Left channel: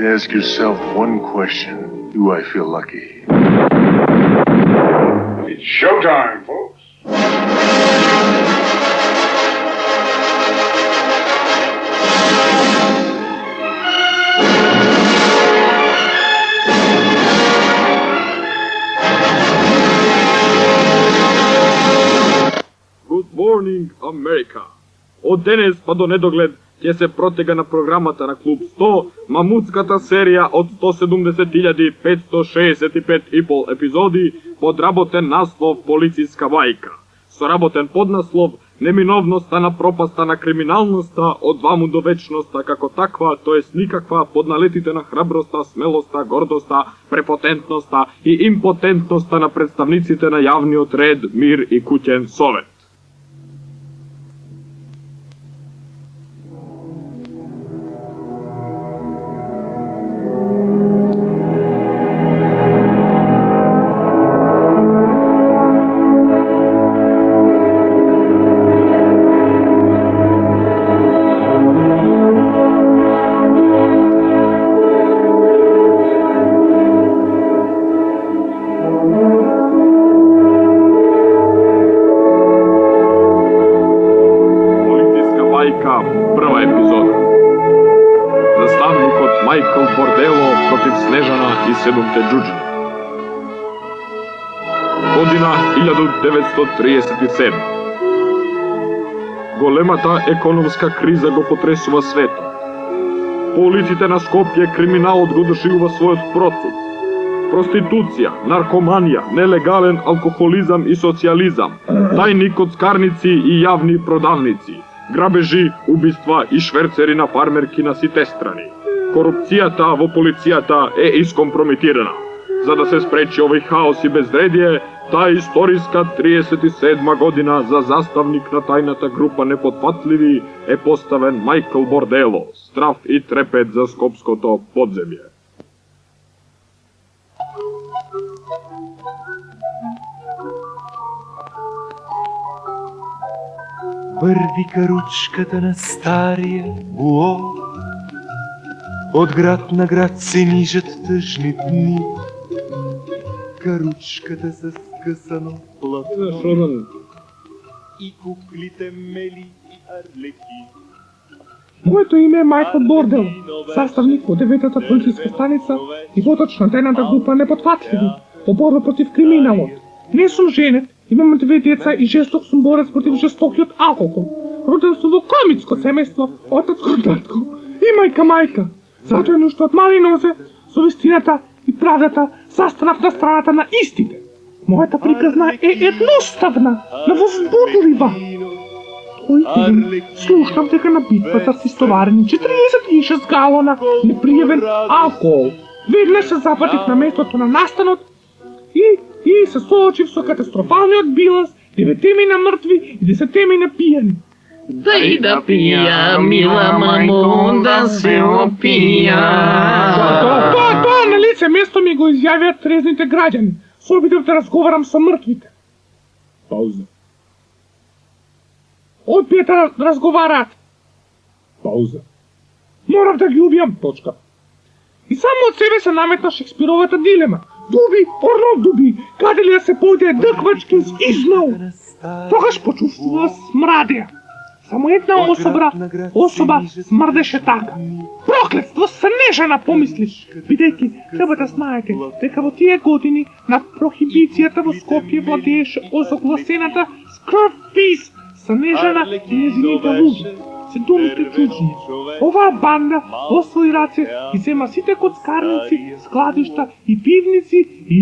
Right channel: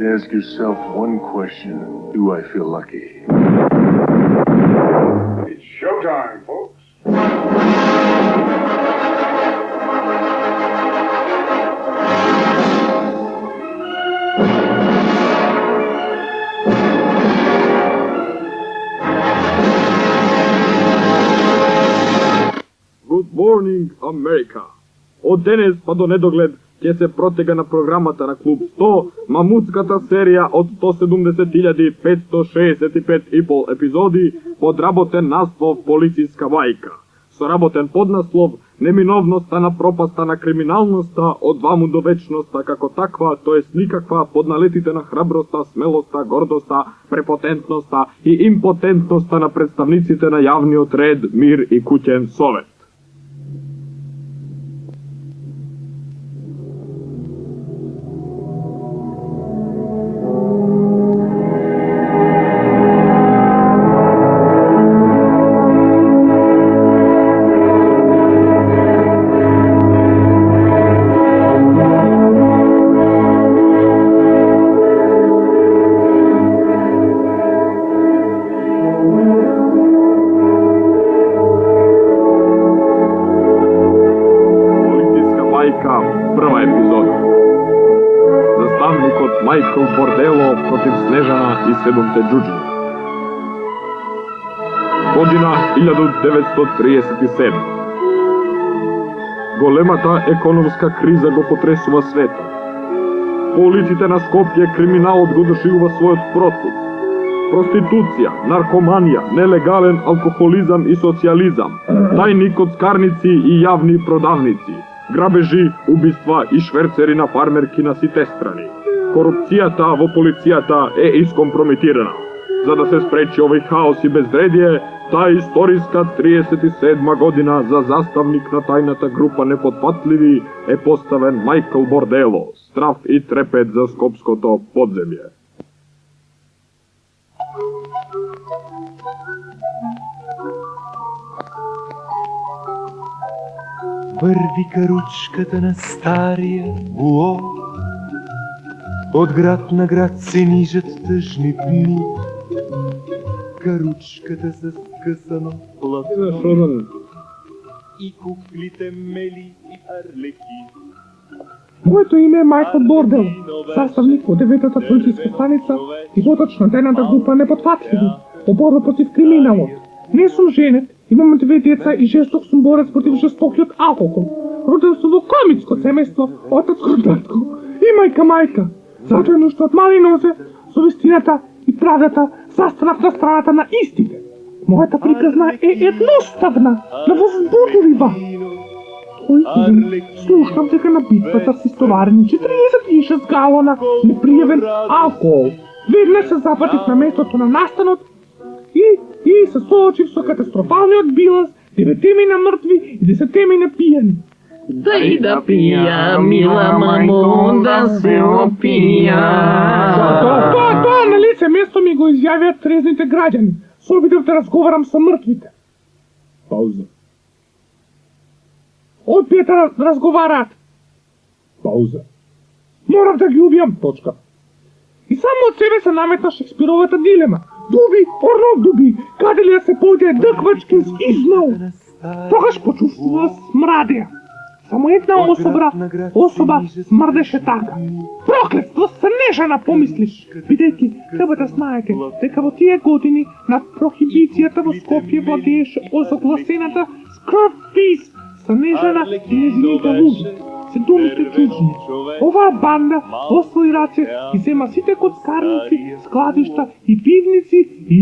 to ask yourself one question. Do I feel lucky? It's showtime, folks. Good morning, America. Od danes pa do nedogled ќе се протега на програмата на Клуб 100 мамутската серија од 170.565,5 епизоди под работен наслов Полициска бајка. Со работен поднаслов Неминовноста на пропаста на криминалноста од ваму до вечноста како таква, тоест никаква, под налетите на храброста, смелоста, гордоста, препотентноста и импотентноста на представниците на јавниот ред, мир и куќен совет. Прва епизода. Заставникот Майкл Бордело против Снежана и седумте џуџини. Година 1937. Големата економска криза го потресува светот. По улиците на Скопје криминалот го дошивува својот процут. Проституција, наркоманија, нелегален алкохолизам и социализам, тајни коцкарници и јавни продавници, грабежи, убиства и шверцери на фармерки на сите страни. Корупцијата во полицијата е искомпрометирана. За да се спречи овој хаос и безредие, таа историска 37 година за заставник на тајната група непотпатливи е поставен Майкл Бордело, страв и трепет за скопското подземје. Върви каручката на стария буо, от град на град се нижат тъжни дни. Каручката с скъсано платно и куклите мели и арлеки. Моето име е Майкъл Бордел, съставник от 9-та полицейска станица и водач на тайната група Непотпатливи по борба против криминалот. Не сум женет, имам 2 деца и жесток сум борец против жестокиот алкохол. Роден сум во комицко семејство, отатко, татко и мајка. Затоа е нушто од мали нозе, со вистината и правдата застанав на страната на истите. Мојата приказна е едноставна, невозбудлива. Тој ден слушнам дека на битвата се истоварени 46 галона непријавен алкохол. Веднаш се запатив на местото на настанот и се соочив со катастрофалниот биланс, 9 мина мртви и 10 мина пијани. Дај да пија, мила мамо, да се опија. Тоа на лице место ми го изјавија трезните граѓани. Се обидов да разговарам со мртвите. Пауза. Одбија да разговараат. Пауза. Морав да ги убијам, точка. И само од себе се наметна Шекспировата дилема. Дуби, орно дуби, каде ли да се појде дъквачки измал? Тогаш почувствува смрадеја. Само една особа смрдеше така. Проклетство, Снежана, помислиш. Бидејќи, треба да знаете, дека во тие години на прохибицијата во Скопје владееше озагласената скрвпис Снежана и незините луѓе. Се думите џуџини. Оваа банда во своји раце иззема сите коцкарници, складишта и пивници и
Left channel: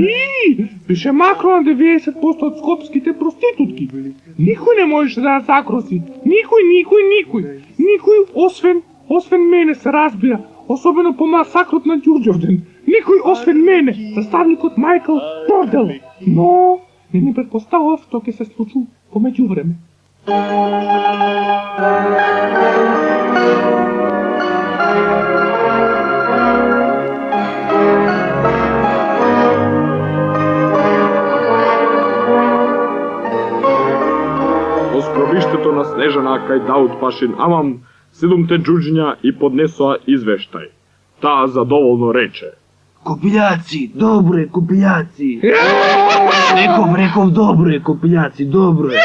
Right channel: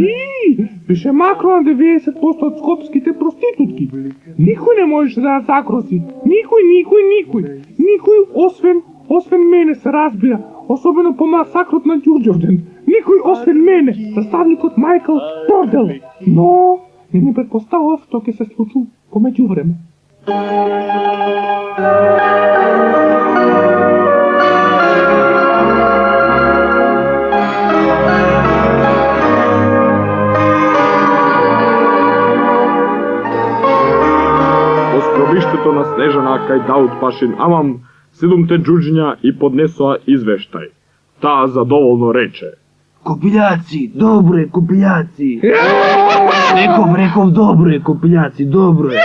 беше макро на 90% од скопските проститутки. Никој не можеше да загрози. Никој, освен мене се разбира, особено по масакрот на Ѓурѓовден. Никој освен мене, заставникот Майкл Бордел. Но не ни предпоставав што ќе се случи по меѓувреме. Гробиштето на Снежана кај Дауд Пашин Амам, 7 џуџиња и поднесоа извештај. Та задоволно рече. Копиляци, добре, копиляци. Реков, добре, копиляци, добре.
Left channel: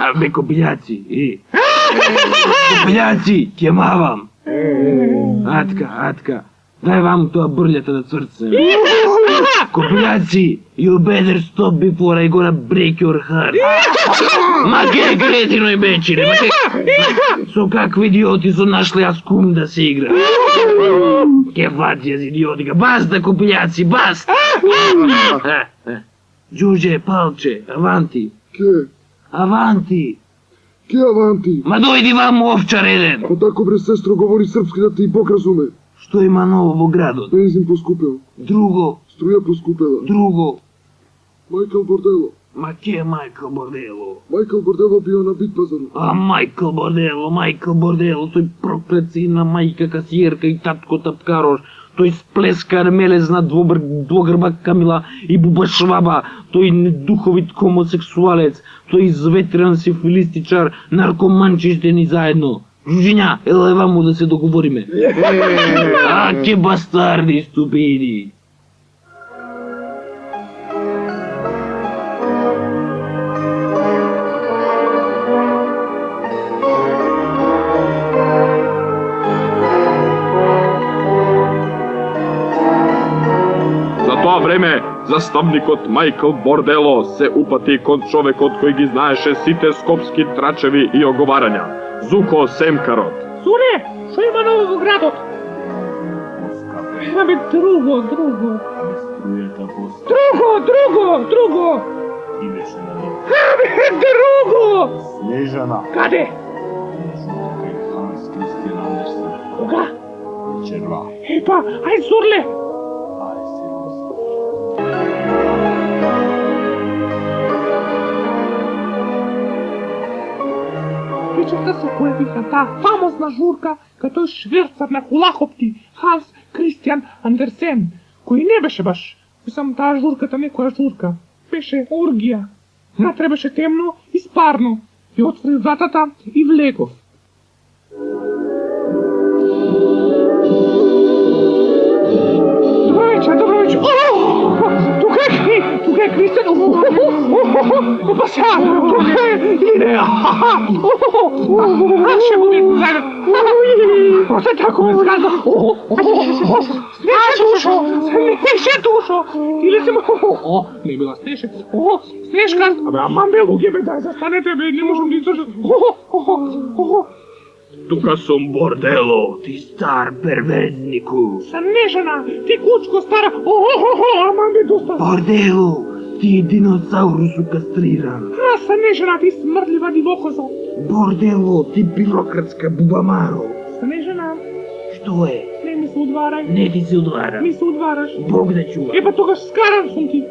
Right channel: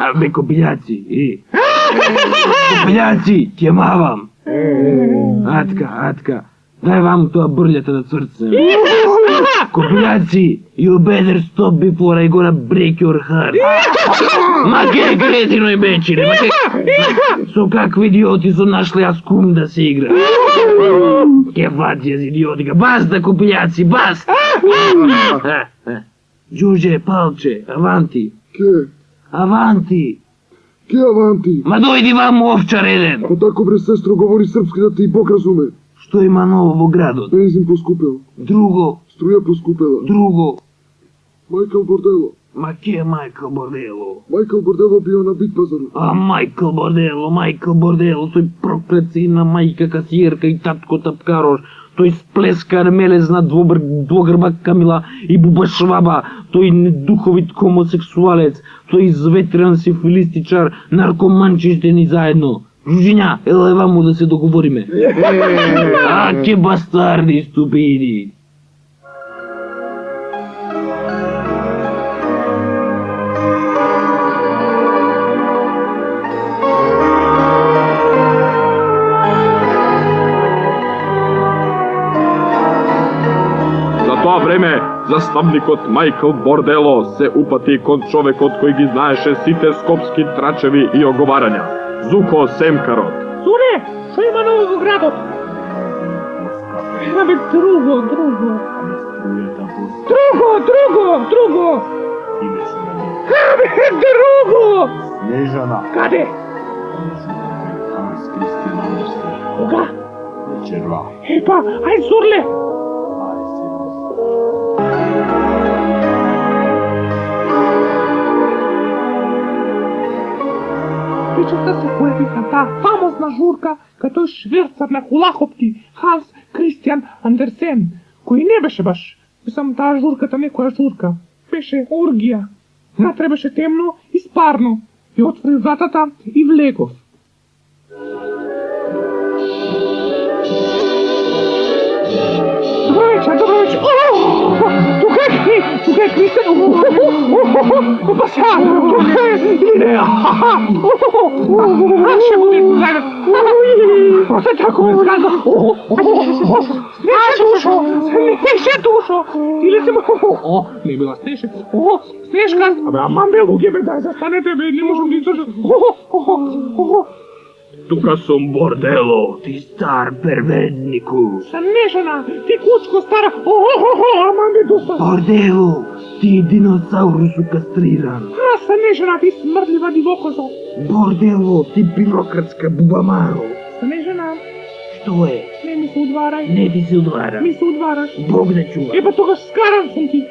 Абе, копиляци, Копиляци, кемавам. Атка, дай вам тоа бърлята на сърце. Копиляци, you better stop before I gonna break your heart. Ма ке кретино и бечери, со какви идиоти со нашли аз кум да се игра. Ке фатија за идиотика, баста копиляци, баста. Джуже, палче, аванти. Ке? Аванти. Ке аванти? Ма дојди вам овчар еден. Ако тако бре сестро говори српски да те и Бог разуме. Што има ново во градот? Бензин поскупел. Друго. Струја поскупела. Друго. Майкъл Бордело. Ма ке Майкъл Бордело? Майкъл Бордело био на бит пазарот. А Майкъл Бордело, тој проклет сина мајка касиерка и татко тапкарош. Тој сплеска армелезна двогрба Камила и буба шваба. Тој недуховит хомосексуалец. Тој изветрен сифилистичар, наркоманчи ни заедно. Жужиња, еле ваму да се договориме. А, ке бастарди, ступиди. За тоа време, заставникот Майкъл Бордело се упати кон човекот кој ги знаеше сите скопски трачеви и оговарања. Зуко Семкарот. Суре, што има ново во градот? Абе, друго. Абе, друго! Снежана. Каде? Ханс Кристиан Андерсен. Кога? Вечерва. Епа, ај Зурле! Вечерта се појавиха таа фамозна журка кај тој шверцар на хулахопки, Ханс Кристиан Андерсен, кој не беше баш, мислам, таа журката некоја журка, беше оргија. Натре беше темно и спарно. И отвори вратата и влегов. Добро вечер. Тука е Кристиан. Баса, не. Ще го видим заедно. Още така ме згаза. Снеше душо. Или си не била Снеше. Снешка. Абе, аман бе, луѓе бе, дай застанете бе, не можам да издржам. Тука сум Бордело. Ти стар перверзнику. Снежана, ти кучко стара. Аман бе, доста. Бордело, ти е диносаурус кастриран. Снежана, ти смрдлива дивокозо. Бордело, ти бюрократска бубамаро. Снежана, Што е? не ми се удварай. Не ти се удвара. Ми се удвараш. Бог да чува. Епа тогаш скаран сум ти.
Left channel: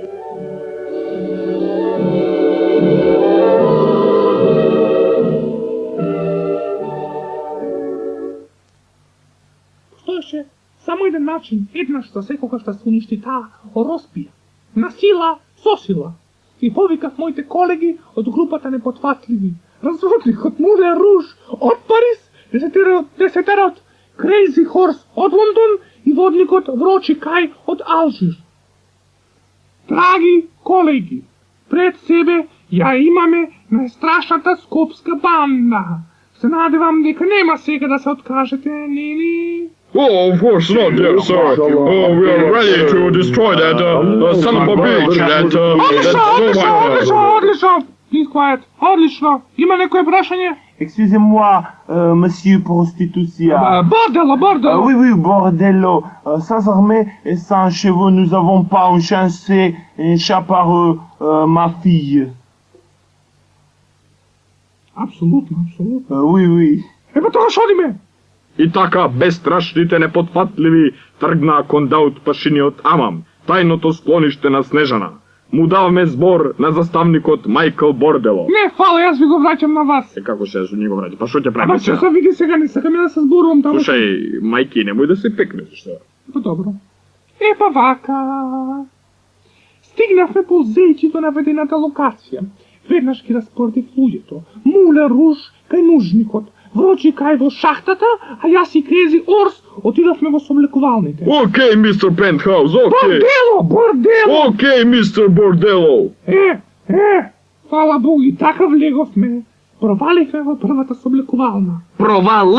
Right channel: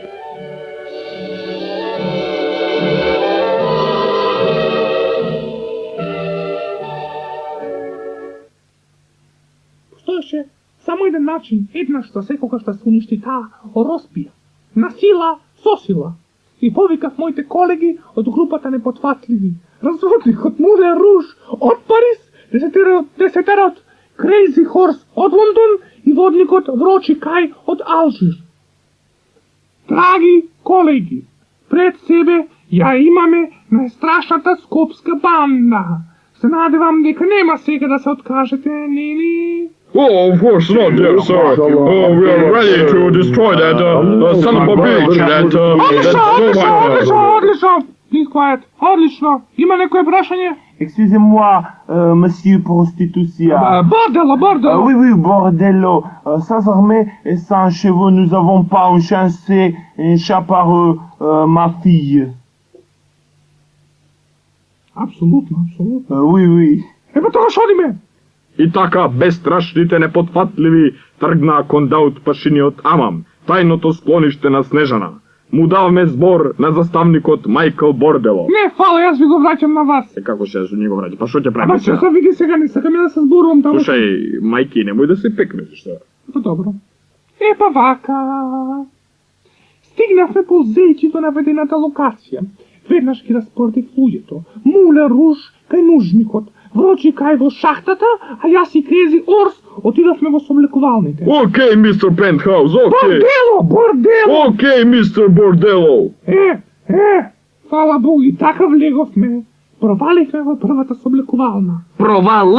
Постоеше само еден начин, еднаш за секогаш да се уништи таа ороспија. На сила, со сила. И повикав моите колеги од групата Непотфатливи. Разводникот Мулен Руж од Париз, десетерот Крейзи Хорс од Лондон и водникот Врочи Кај од Алжир. Драги колеги, пред себе ја имаме најстрашната скопска банда. Се надевам дека нема сега да се откажете, нели? Oh, of course not, dear sir. Oh, we are ready to destroy that son of a bitch. Одлично! Please quiet. Одлично! Има некој прашање? Excusez-moi, monsieur prostitution. Бордело! Oui, bordello. Sans armée et sans cheveux, nous avons pas chassé un chat par ma fille. Апсолутно. Oui. Епа тогаш одиме! И така, безстрашните непотфатливи тргнаа кон Даут Пашиниот Амам, тајното склониште на Снежана. Му даваме збор на заставникот Майкъл Бордело. Не, фала, јас ви го враќам на вас. Е, како се ни го враќа? Па што ќе Ама правиме ќе сега? се види сега, не сакам да се зборувам таму. Слушај, мајки, немој да се пекнеш, што? Па добро. Епа вака. Стигнавме ползејќи до наведената локација. Веднаш ги распордив луѓето. Мулен Руж кај нужникот. вручи кај во шахтата, а јас и Крези Орс отидовме во соблекувалните. Окей, мистер Пентхаус, окей. Бордело, бордело! Окей, мистер Бордело. Фала Богу, и така влеговме. Проваливме во првата соблекувална. Провал!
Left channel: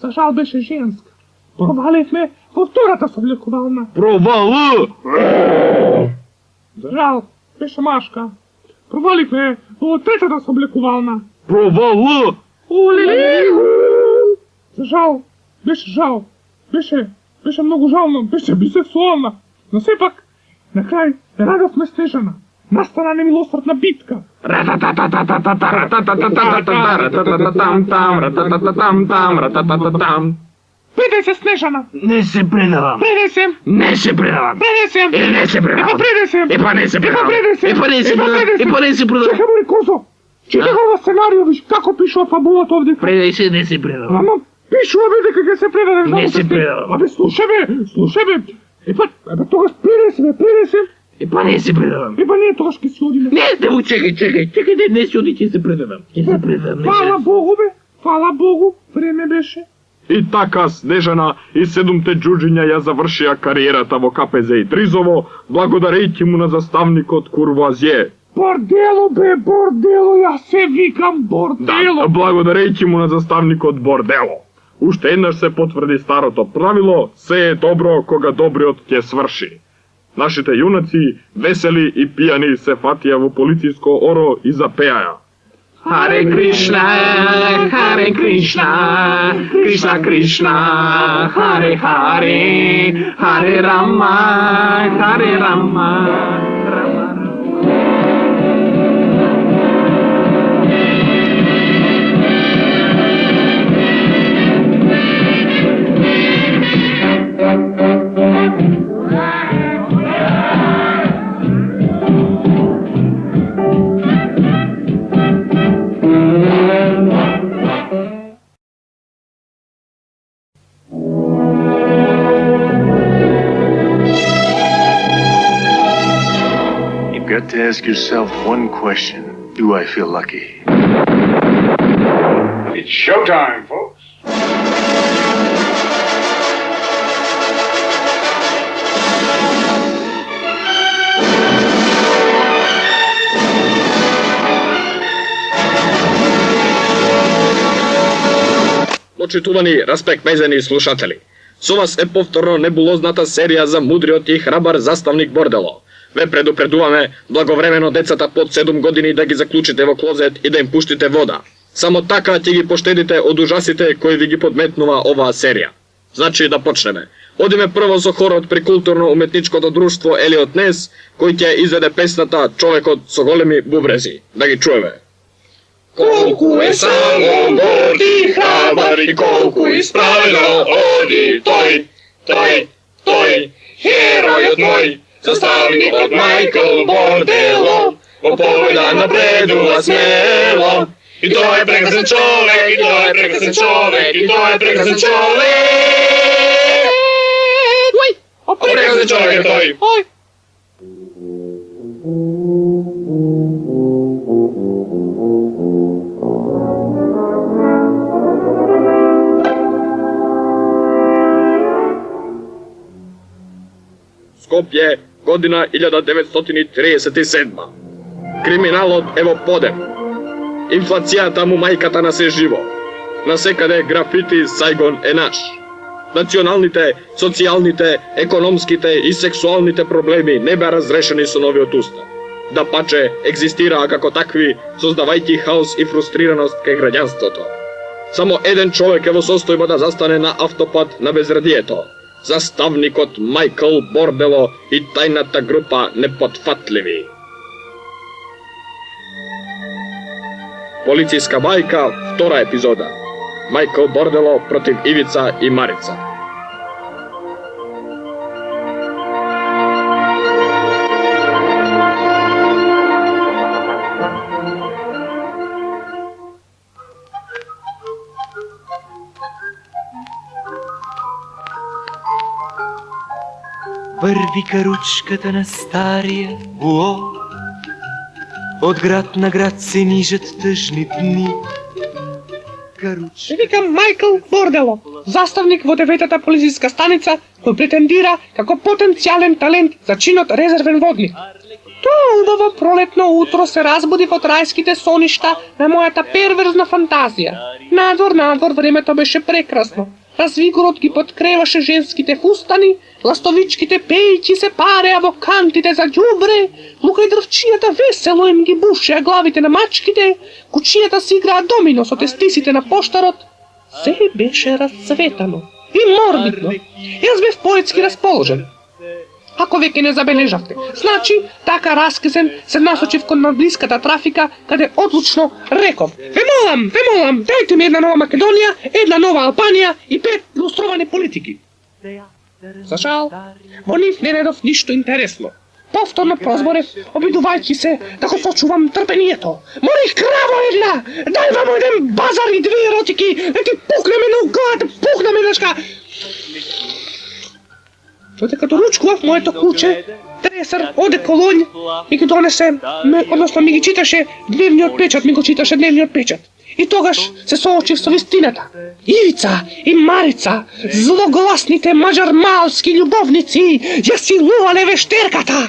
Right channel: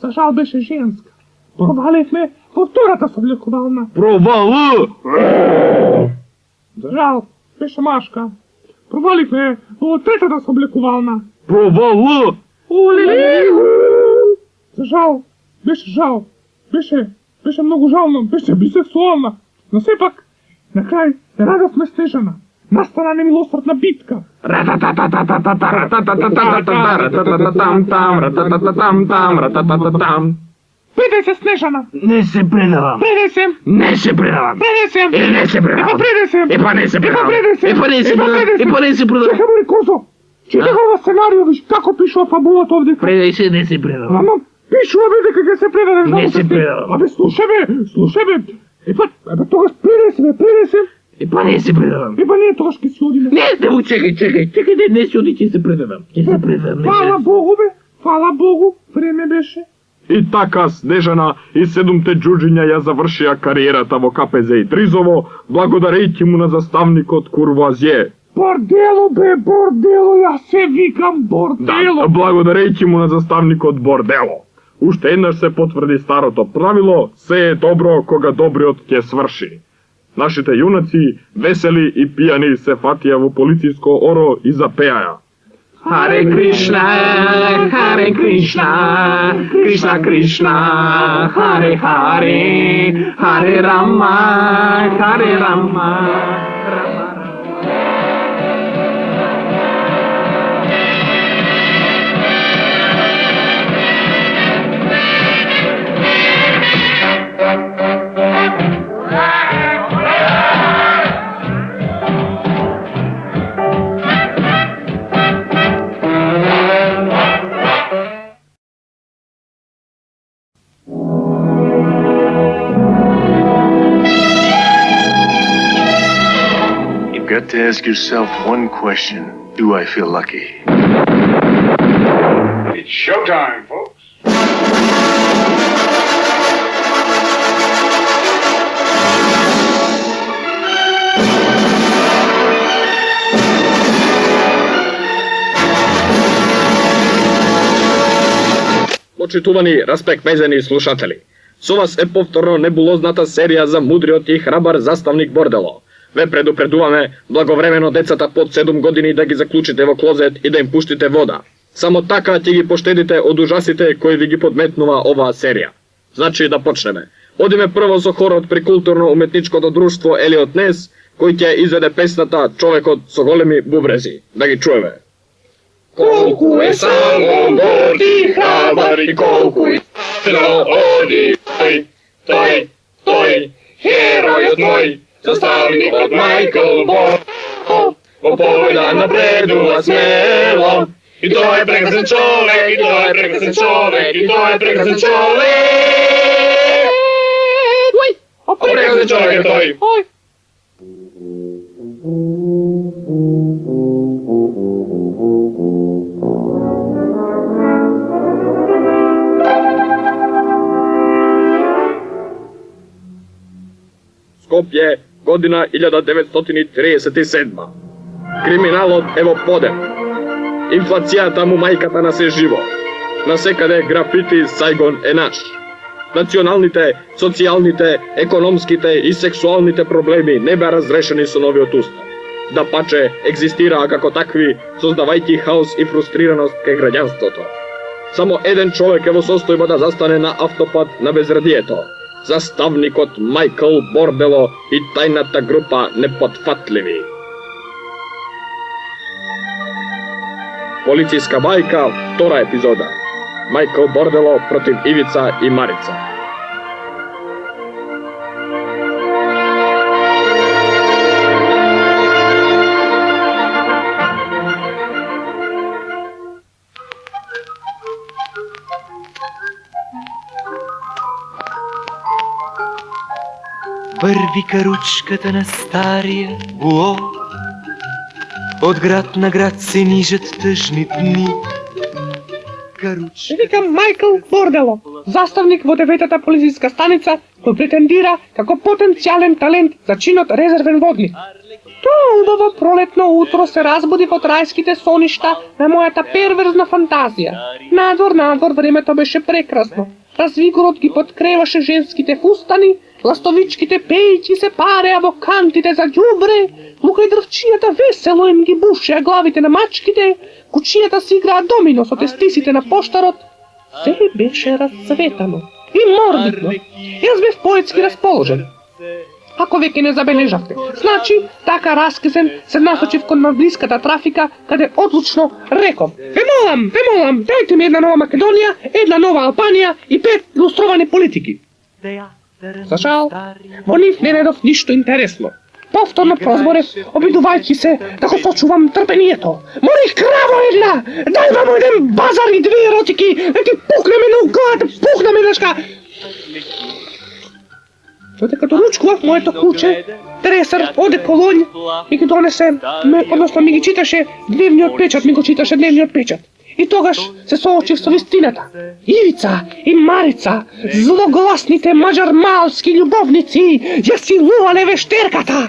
За жал беше женска. Проваливме во втората соблекувална. Провал! За жал беше машка. Проваливме во третата соблекувална. Провал! За жал, беше жал. Беше многу жално, беше бисексуална. Но сепак, на крај, радовме Снежана. Настана немилосрдна битка. Предај се, Снежана! Не се предавам! Предај се! Не се предавам! Предај се! Не се предавам! Предај се! Епа не се предавам! Предај се! Епа не се предавам! Епа не се предавам! Чекај, бори Козо! Читај ова сценарио, виж како пишува фабулата овде. Предај се, не се предавам! Ама, пишува бе дека ќе се предадеш. Не се предавам! Абе, слушај бе! Епа, тогаш предај се! Епа не се предавам! Епа ние тогаш ќе си одиме. Не, чекај, не си оди, ќе се предавам! Ќе се предавам! Фала Богу бе! Фала Богу! Време беше. И така Снежана и 7 джуджиња ја завршија кариерата во КПЗ и Тризово, благодарејќи му на заставникот Курвуазје. Бордело бе, бордело, јас се викам бордело. Да, благодарејќи му на заставникот Бордело. Уште еднаш се потврди старото правило, се е добро кога добриот ќе сврши. Нашите јунаци, весели и пијани, се фатија во полициско оро и запеаја. Hare Krishna, Krishna Krishna, Hare Hare, Hare Rama, Hare Rama. You've got to ask yourself one question. Do I feel lucky? It's showtime, folks. Почитувани, распекмезени слушатели, со вас е повторно небулозната серија за мудриот и храбар заставник Бордело. Ве предупредуваме благовремено децата под 7 години да ги заклучите во клозет и да им пуштите вода. Само така ќе ги поштедите од ужасите кои ви ги подметнува оваа серија. Значи да почнеме. Одиме прво со хорот при културно-уметничкото друштво Елиот Нес, кој ќе изведе песната Човекот со големи бубрези. Да ги чуеме. Колку е само горд и храбар и колку исправено оди тој, херојот мој, заставникот Майкл Бордело, во победа напредува смело. И тој е прекрасен човек, и тој е прекрасен човек, и тој е прекрасен човек. Прекрасен човек е тој. Скопје, година 1937. Криминалот е во подем. Инфлацијата му мајката на се живо. Насекаде графити Сајгон е наш. Националните, социјалните, економските и сексуалните проблеми не беа разрешени со новиот устав. Да паче, екзистираа како такви, создавајќи хаос и фрустрираност кај граѓанството. Само еден човек е во состојба да застане на автопат на безрадието. Заставникот Майкл Бордело и тајната група Непотфатливи. Полициска бајка, втора епизода. Майкл Бордело против Ивица и Марица. Върви каручката на стария буо, От град на град се нижат тъжни дни. Се викам Майкъл Бордело, заставник во 9-та полициска станица, кој претендира како потенцијален талент за чинот резервен водник. Тоа убаво пролетно утро се разбудив од рајските соништа на мојата перверзна фантазија. Надвор, времето беше прекрасно. Развигорот ги подкреваше женските фустани, ластовичките пејќи се пареа во кантите за ѓубре, лука и дрвчијата весело им ги бушеа главите на мачките, кучијата си играа домино со тестисите на поштарот. Се беше расцветано и морбидно. Јас бев поетски расположен. Ако веќе не забележавте, значи, така раскисен се насочив кон наблиската трафика, каде одлучно реков: Ве молам, дајте ми една нова Македонија, една нова Албанија и 5 илустровани политики. За жал, во нив не најдов ништо интересно. Повторно прозборев, обидувајќи се да го сочувам трпението. Морих краво една! Дај вам еден базар и 2 еротики, да ти пукнеме на углата, пукнеме нешка! Додека ручкував моето куче, Тресар оде колонј и ги донесе, односно ми ги читаше дневниот печат, И тогаш се соочив со вистината. Ивица и Марица, злогласните маđар-малски љубовници, ја силувале вештерката.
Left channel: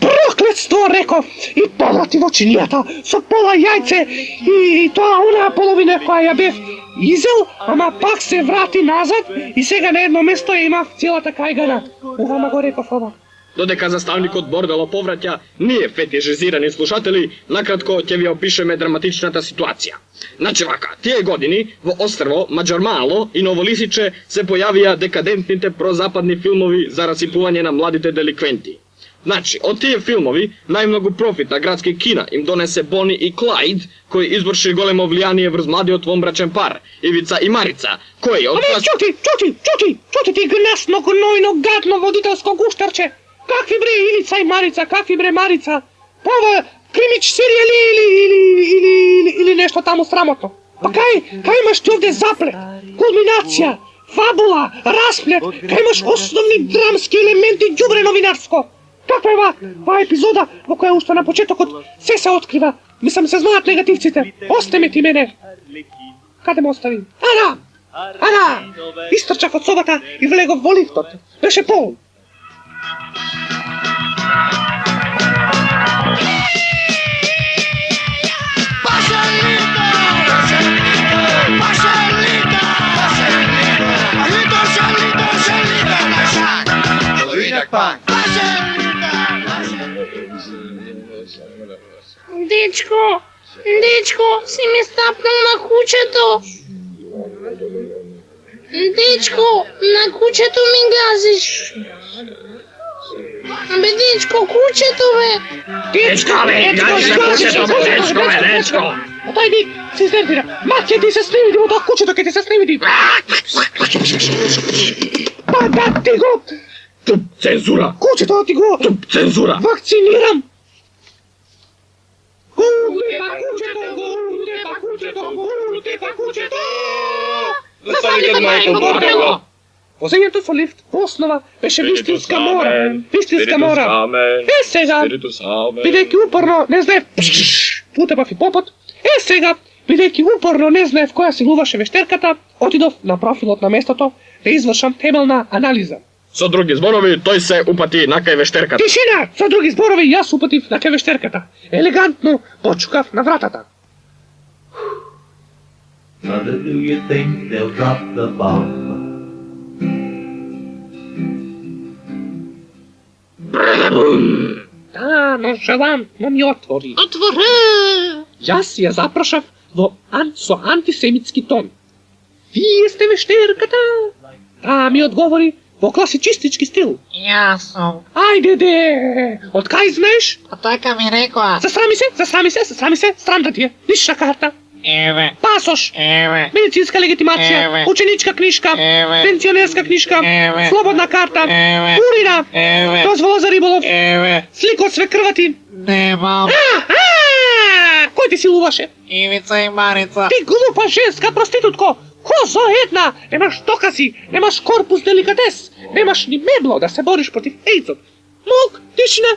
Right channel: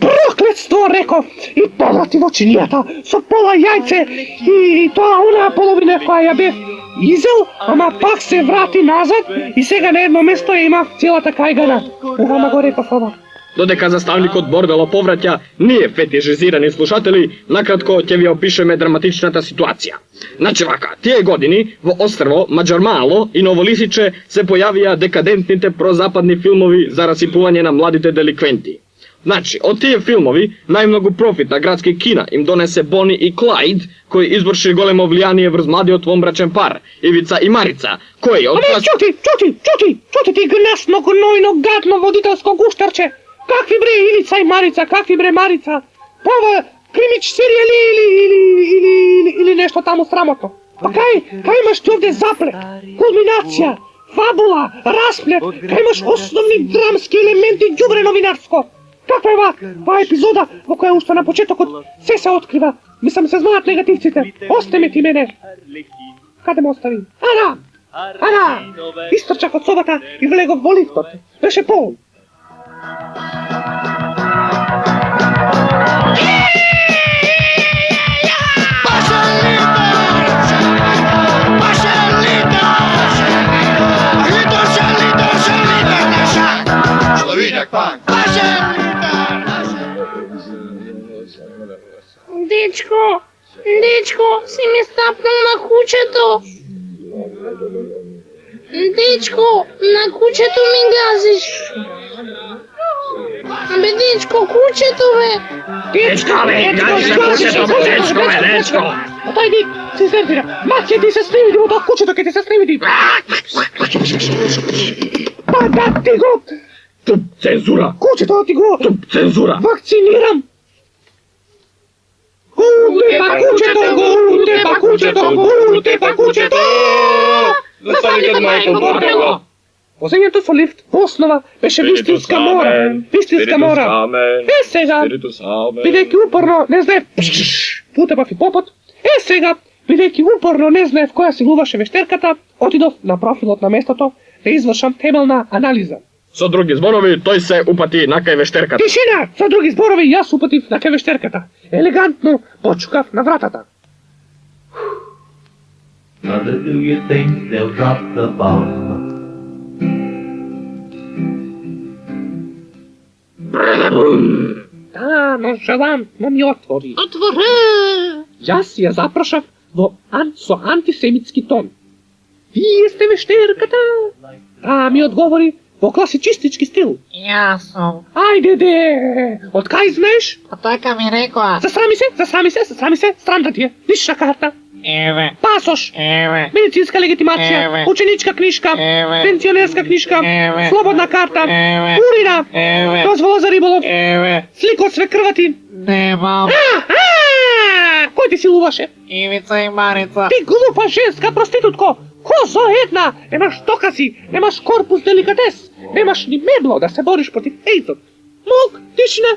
Проклетство, реков, и поврати во чинијата со пола јајце и тоа онаа половина која ја бев изел, ама пак се врати назад и сега на едно место има целата кајгана. Ама го реков ова. Додека заставникот Бордело повраќа, ние фетишизирани слушатели, накратко ќе ви опишеме драматичната ситуација. Значи вака, тие години во острво Маđар-Мало и Новолисиче се појавија декадентните прозападни филмови за расипување на младите деликвенти. Значи, од тие филмови, најмногу профит на градски кина им донесе Бони и Клајд, кои изврши големо влијание врз младиот вонбрачен пар, Ивица и Марица, кои од... Абе, чути ти гнасно, гнојно, гадно водителско гуштарче! Какви бре Ивица и Марица, какви бре Марица? Ова кримич серијали или нешто таму срамотно. Па кај имаш ти овде заплет, кулминација, фабула, расплет, кај имаш основни драмски елементи, ѓубре новинарско. Таква е ова епизода во која уште на почетокот се открива. Мислам се знаат негативците. Остаме ти мене. Каде ме остави? Ана! Истрчав од собата и влегов во лифтот. Беше полн. Дечко, си ми стапнал на кучето. Дечко, на кучето ми газиш. Абе, дечко, кучето, бе. Дечко! Тој ди, се изнервира. Маќе ти се сневиди во тоа кучето, ке ти се сневиди. Па да ти го... Цензура! Кучето ти го... Цензура! Вакцинирам! Гулте па кучето! Заставникот Майкл Бордело! Возењето во лифт во основа беше вистинска мора. Е сега, бидејќи упорно не знаев путепав и попот, бидејќи упорно не знаев која се глуваше вештерката, отидов на профилот на местото да извршам темелна анализа. Со други зборови, тој се упати на кај вештерката. Тишина! Со други зборови, јас упатив на кај вештерката. Елегантно почукав на вратата. Mother, do you think they'll drop the bomb? Да, ноншалантно ми отвори. Отвори! Јас ја запрашав со антисемитски тон. Вие сте вештерката? Таа ми одговори во класичистички стил. Јас сум. Ајде де! Од кај знаеш? Па тојка ми рекоа. Засрами се, странда ти е. Лична карта. Еве. Пасош. Еве. Медицинска легитимација. Еве. Ученичка книжка. Еве. Пензионерска книжка. Еве. Слободна карта. Еве. Урина. Еве. Дозвола за риболов. Еве. Слика од свекрвати. Немам. Кој ти силуваше? Ивица и Марица. Ти глупа женска проститутко! Козо една! Немаш докази, немаш корпус деликатес, немаш ни мебло да се бориш против ејдзот. Мок, тишина!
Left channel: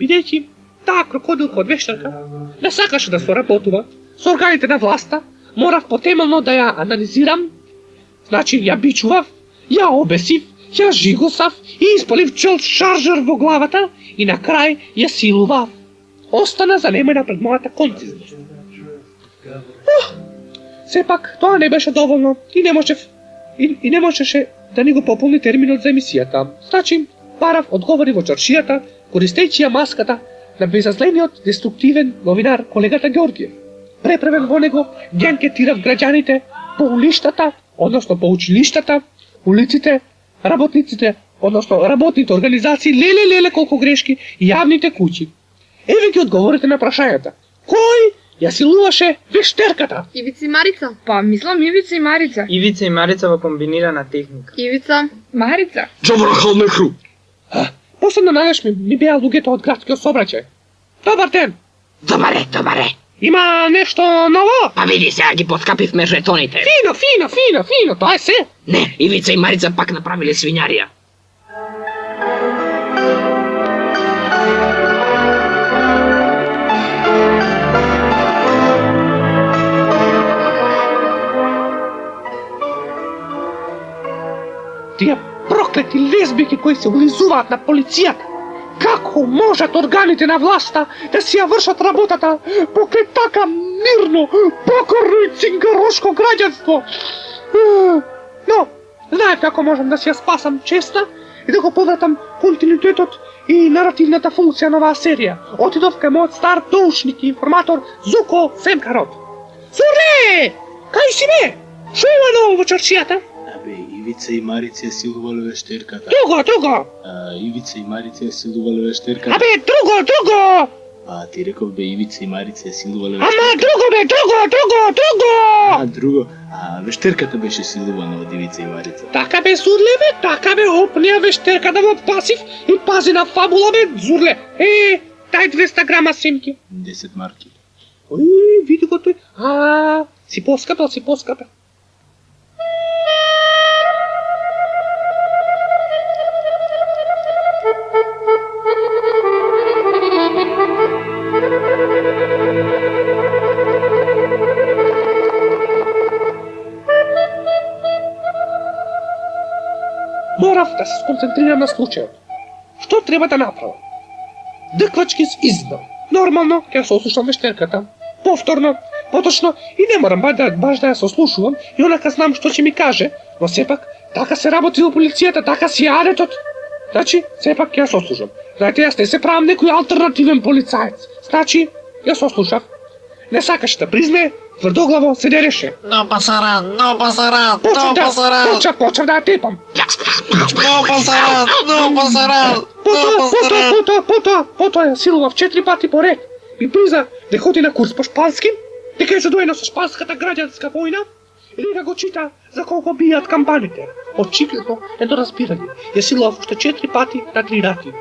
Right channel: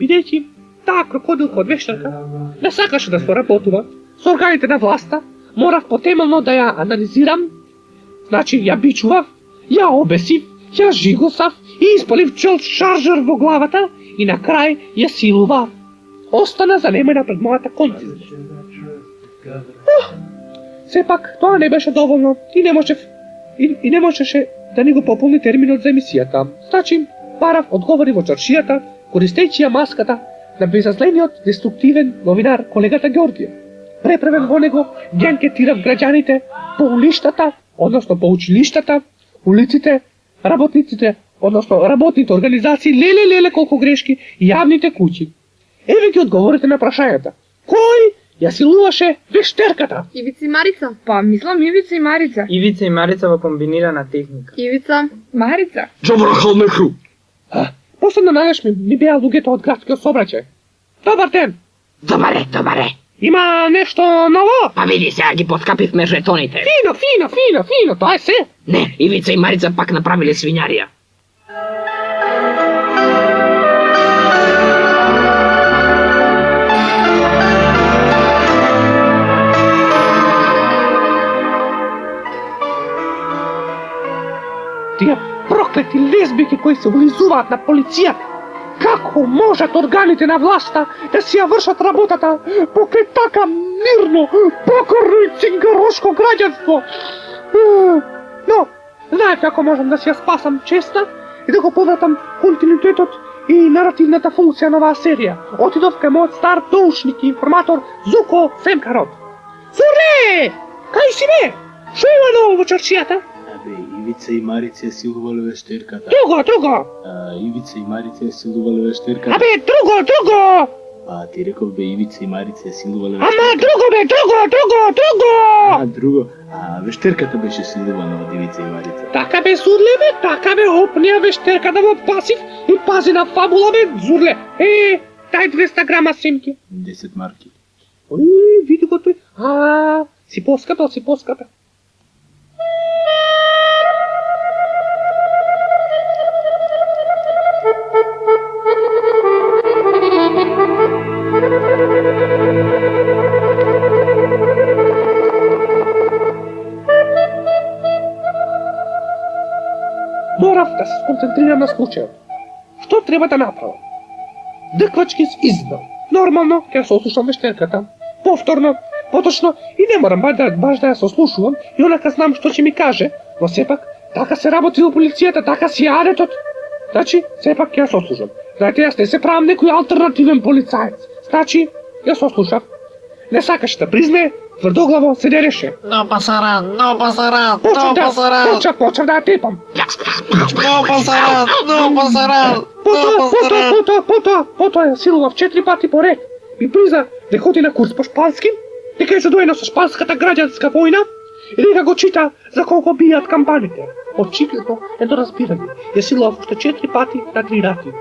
Бидејќи таа крокодилка од вештерка не сакаше да соработува со органите на власта, морав потемелно да ја анализирам. Значи, ја бичував, ја обесив, ја жигосав и испалив шаржер во главата и на крај ја силував. Остана занемена пред мојата концизност. Сепак, тоа не беше доволно и не можеше да ни го пополни терминот за емисијата. Значи, Парав одговори во чаршијата, користејќи ја маската на безазлениот деструктивен новинар колегата Ѓорѓиев. Преправен во него, ги анкетирав граѓаните по улиштата, односно по училиштата, улиците, работниците, односно работните организации, леле колку грешки, и јавните куќи. Еве ги одговорите на прашањата. Кој ја силуваше вештерката? Ивица и Марица. Па, мислам Ивица и Марица. Ивица и Марица во комбинирана техника. Ивица. Марица. Джаврахал Нехру. Последно најаш ми беа луѓето од градскиот сообраќај. Добар ден. Добаре. Има нешто ново? Па види сега ги подкапивме жетоните. Фино, тоа е се. Не, Ивица и Марица пак направиле свињарија. Тие проклети лесбики кои се влизуваат на полицијата. Како можат органите на власта да си ја вршат работата покрај така мирно, покорно и цингарошко граѓанство? Но, знаев како можам да си ја спасам честа и да го повратам континуитетот и наративната функција на оваа серија. Отидов кај мојот стар доушник и информатор Зуко Семкарот. Зурле! Кај си бе? Шо има ново во чаршијата? Ивица и Марица ја силувале вештерката. Друго! Ивица и Марица ја силувале вештерката. Друго! Ти реков бе Ивица и Марица ја силувале Ама вештерката. друго! Вештерката беше силувана од Ивица и Марица. Така бе, Зурле бе, така бе, опнија вештерката во пасив и пази на фабула бе, Зурле. Дај 200 грама симки. 10 марки. Види го тој. Си поскапел. Морав да се сконцентрирам на случајот. Што треба да направам? Дъквачки с изда. Нормално, ќе се ослушам вештерката. Повторно, поточно и не морам баш да ја се ослушувам и онака знам што ќе ми каже, но сепак, така се работи во полицијата, така си адетот. Значи, сепак ќе ја се ослушам. Знаете, јас не се правам некој алтернативен полицаец. Значи, ја се ослушав. Не сакаш да призне, тврдоглаво се дереше. Но пасаран. Почав да ја тепам. Но пасаран. Потоа ја силував 4 пати поред и призна да ходи на курс по шпански, дека е задоено со шпанската граѓанска војна и дека го чита за колку бијат кампаните. Очигледно недоразбирање. Ја силував уште 4 пати на 3 рати.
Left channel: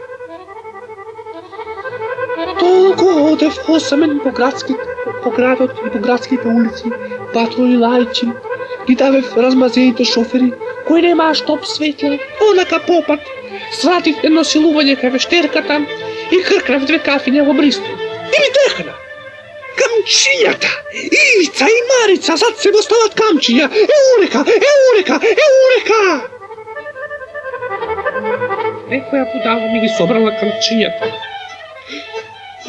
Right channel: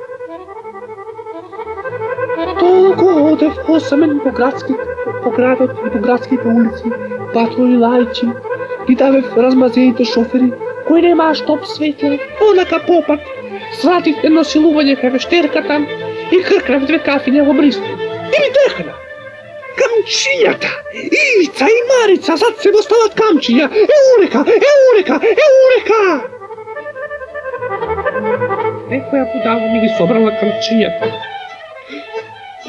Толку одев осамен по градот и по градските улици, патроли лајчи, ги давев размазените шофери, кои немаа штоп светле, онака попат, свратив едно силување кај вештерката и кркнав 2 кафиња во Бристол. И ми тркна! Камчијата! Ивица и Марица зад се остават камчиња! Еурека! Некоја будала ми ги собрала камчињата.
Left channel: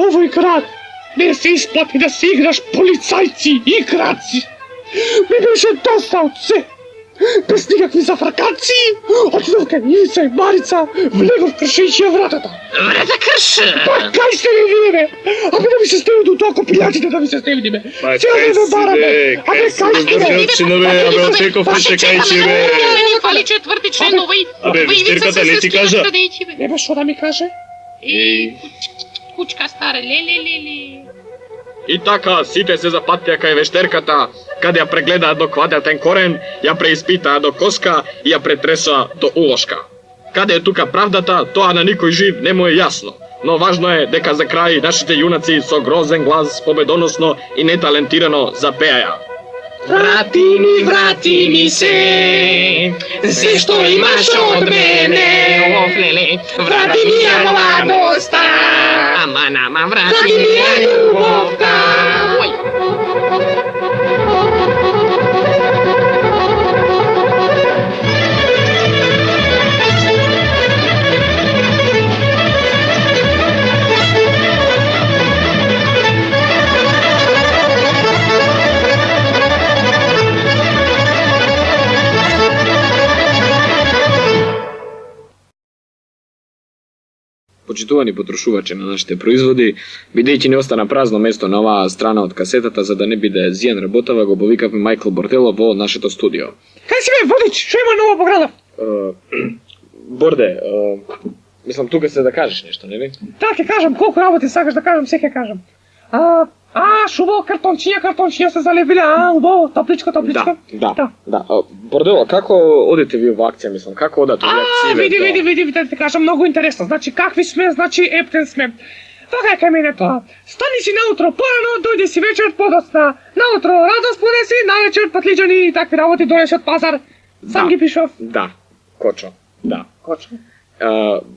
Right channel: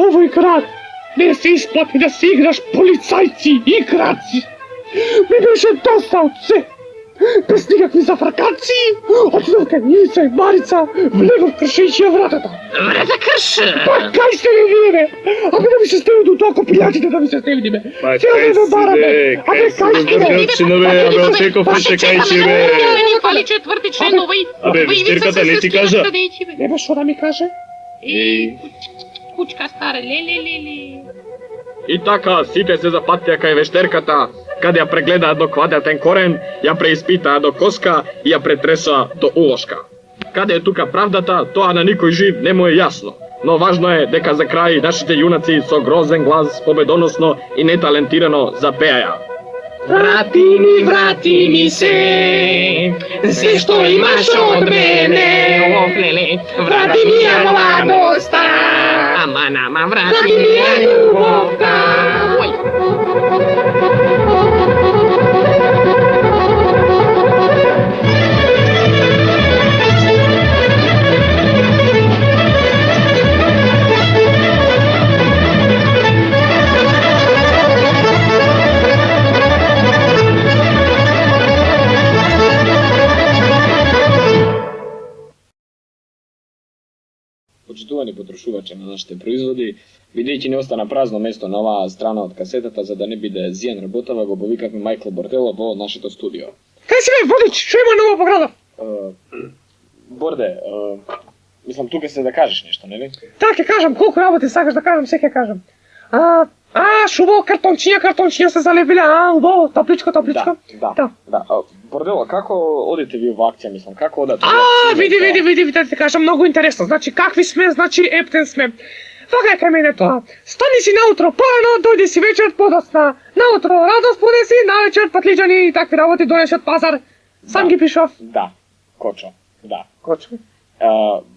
Овој град не се исплати да се играш полицајци и краци. Ми беше доста од се. Без никакви зафракации, отидов кај Ивица и Марица, влегов кршејќи ја вратата. Врата крши! Па кај сте ми вие бе? Абе да ми се стевни до толку пријатите да ми се стевни бе. Па кај си бе, кај си бе, абе отеков още кај си бе. Фали четврти член, Абе, вештерката не ти кажа. Не бе, шо да ми каже? Кучка стара, леле. И така, сите се запатија кај вештерката, каде ја прегледаа до квадратен корен, ја преиспитаа до коска и ја претресаа до улошка. Каде е тука правдата, тоа на никој жив не му е јасно. Но важно е дека за крај нашите јунаци со грозен глас победоносно и неталентирано запеаја. Врати ми се што имаш од мене, врати ми ја младоста, ама pa nama vrati ljubovta. Почитувани потрошувачи на нашите производи, бидејќи не остана празно место на оваа страна од касетата за да не биде зијан работава, го повикавме Майкл Бордело во нашето студио. Кај си бе, Водич, што има ново по градот? Борде, мислам тука се да кажеш нешто, нели? Так ќе кажам, колку работи сакаш да кажам, се ќе кажам. Шубаво, картончиња се залепиле, убаво, топличко. Да. Бордело, како одите ви во акција, мислам, како одат? Види, да ти кажам, многу интересно. Значи, какви сме, значи, ептен сме. Вака е кај мене тоа. Стани си наутро поено, дојди си вечер подосна. Наутро радост подеси, навечер патлиџани и такви работи донеше од пазар. Сам ги пишав. Да, Кочо.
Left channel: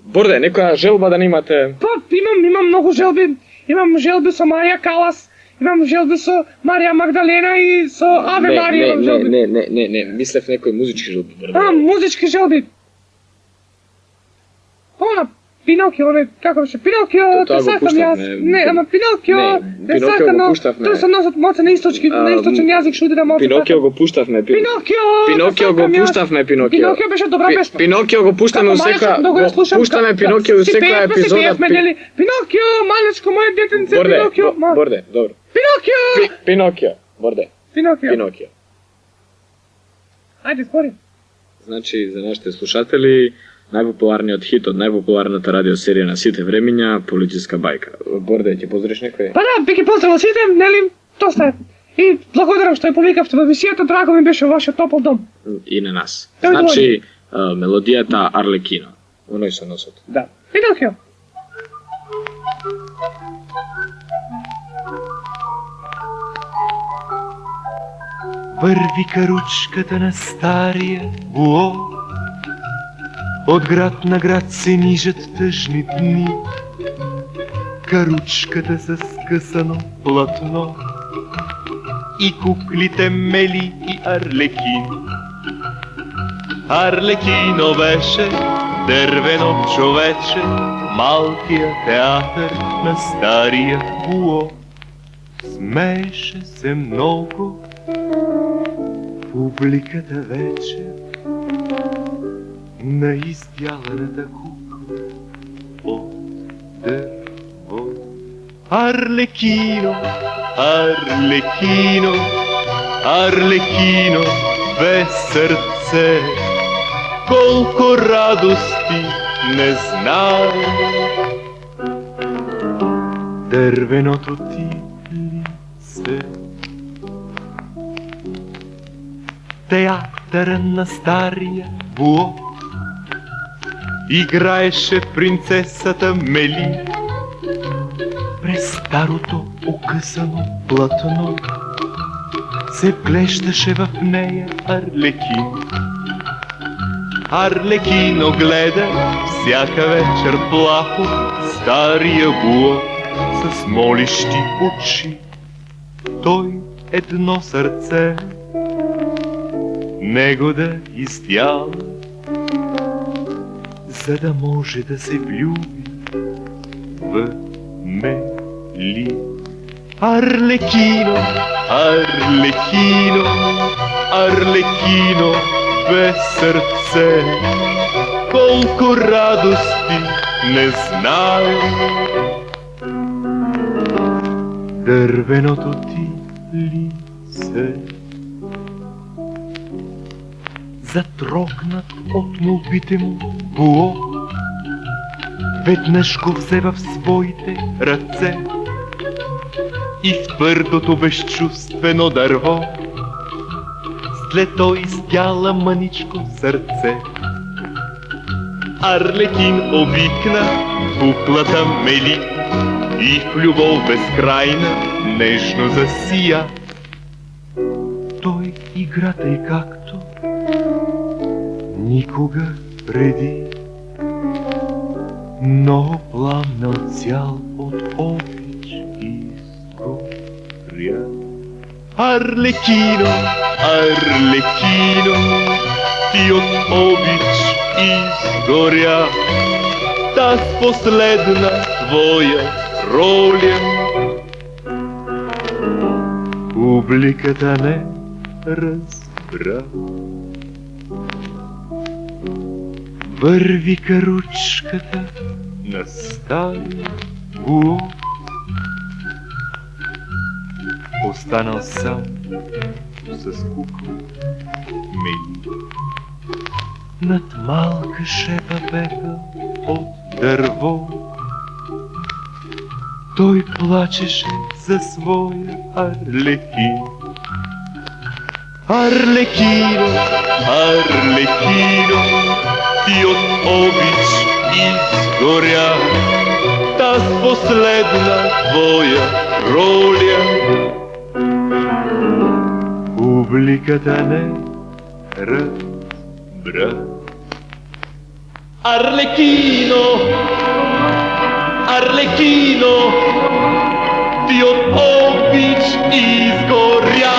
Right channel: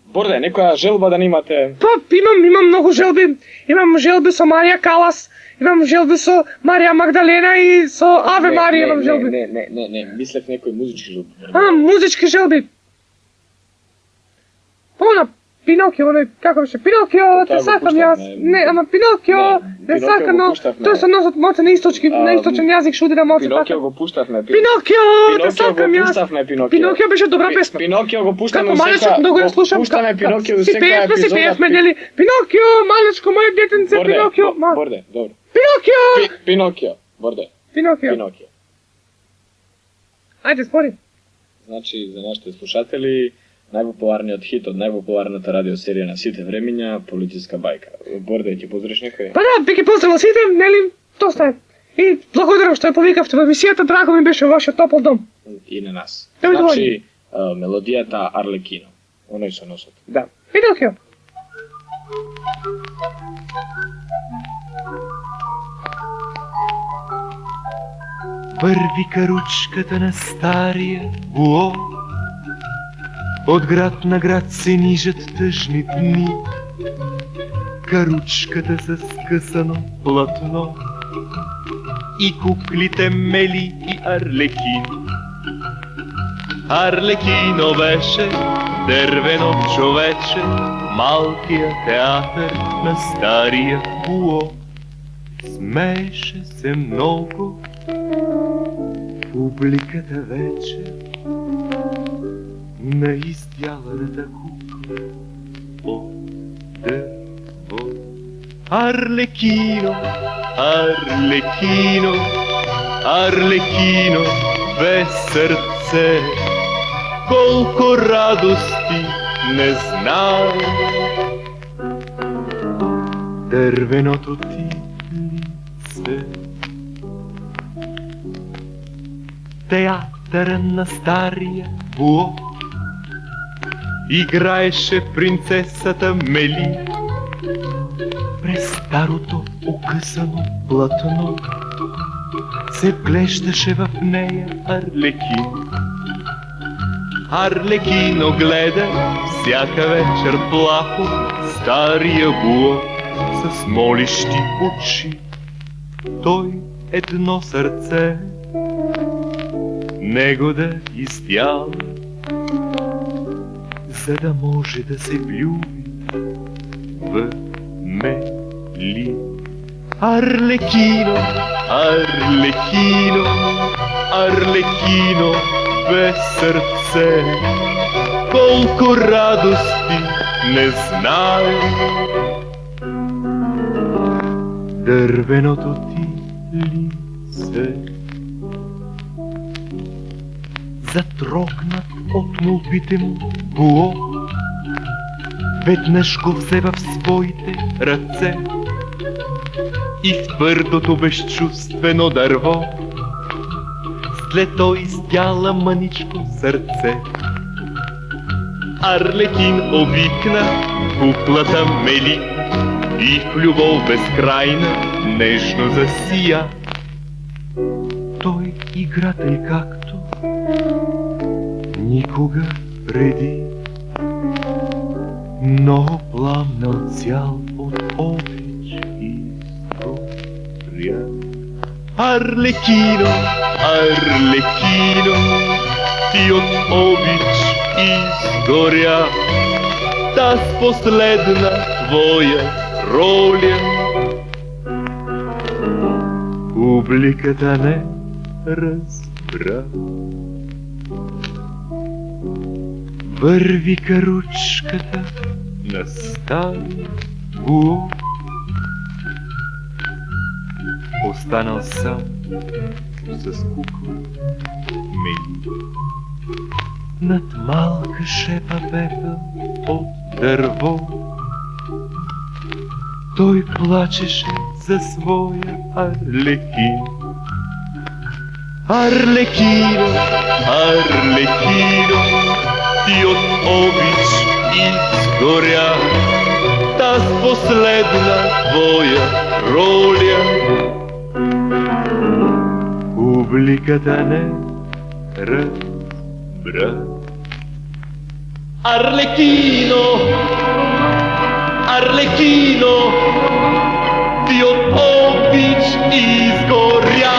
Борде, некоја желба да немате? Па, имам многу желби. Имам желби со Марија Калас, имам желби со Марија Магдалена и со Аве Марија имам желби. Не, мислев некои музички желби. Музички желби. Она Пинокио, како беше? Пинокио, те сакам јас. Не, ама Пинокио, те сакам, но тоа се носат моце на источен јазик, шуди да моце. Пинокио го пуштавме. Пинокио го пуштавме. Пинокио беше добра песма. Пинокио го пуштаме во секоја. Пуштаме Пинокио во секоја епизода. Пинокио, малечко моје детенце, Пинокио. Борде, добро. Пинокио, Борде. Пинокио. Ајде, спори. Значи, за нашите слушатели, најпопуларниот хит од најпопуларната радиосерија на сите времиња, Полициска бајка. Борде, ќе поздравиш некој? Па да, би ги поздравил сите, нели? Тоа е. И благодарам што ја повикавте во емисијата, драго ми беше вашиот топол дом. И на нас. Значи, мелодијата Арлекино. Оној со носот. Да. Пинокио. Върви каручката на стария буо, от град на град се нижат тъжни дни. Каручката с скъсано платно и куклите Мели и Арлекин. Арлекино беше дървено човече, малкия театър на стария буо. Смееше се много публиката вече на издяланата кукла от дърво. Арлекино, Арлекино, Арлекино без сърце, колко радости не знае. Дървеното ти лице. Театъра на стария буо играеше принцесата Мели. През старото окъсано платно се вглеждаше в нея Арлекин. Арлекино гледа всяка вечер плахо стария буо с молещи очи. Той едно сърце него да издява, за да може да се влюби в Мели. Арлекино, Арлекино, Арлекино без сърце, колко радости не знае. Дървеното ти лице. Затрогнат от молбите му буо, веднъж го взе в своите ръце и в твърдото безчувствено дърво след то издяла мъничко сърце. Арлекин обикна куклата Мели и в любов безкрайна нежно засия. Той играта и както никога преди. Много пламна цял от обич изгоря. Арлекино, Арлекино, ти от обич изгоря. Таз последна твоя роля публиката не разбра. Върви каручката на стария гуо, останал сам с кукла Мели. Над малка шепа пепел от дърво, той плачеше за своя Арлекин. Арлекино, Арлекино, ти от обич изгоря. Таз последна твоя роля публиката не разбра. Арлекино, Арлекино, ти от обич изгоря.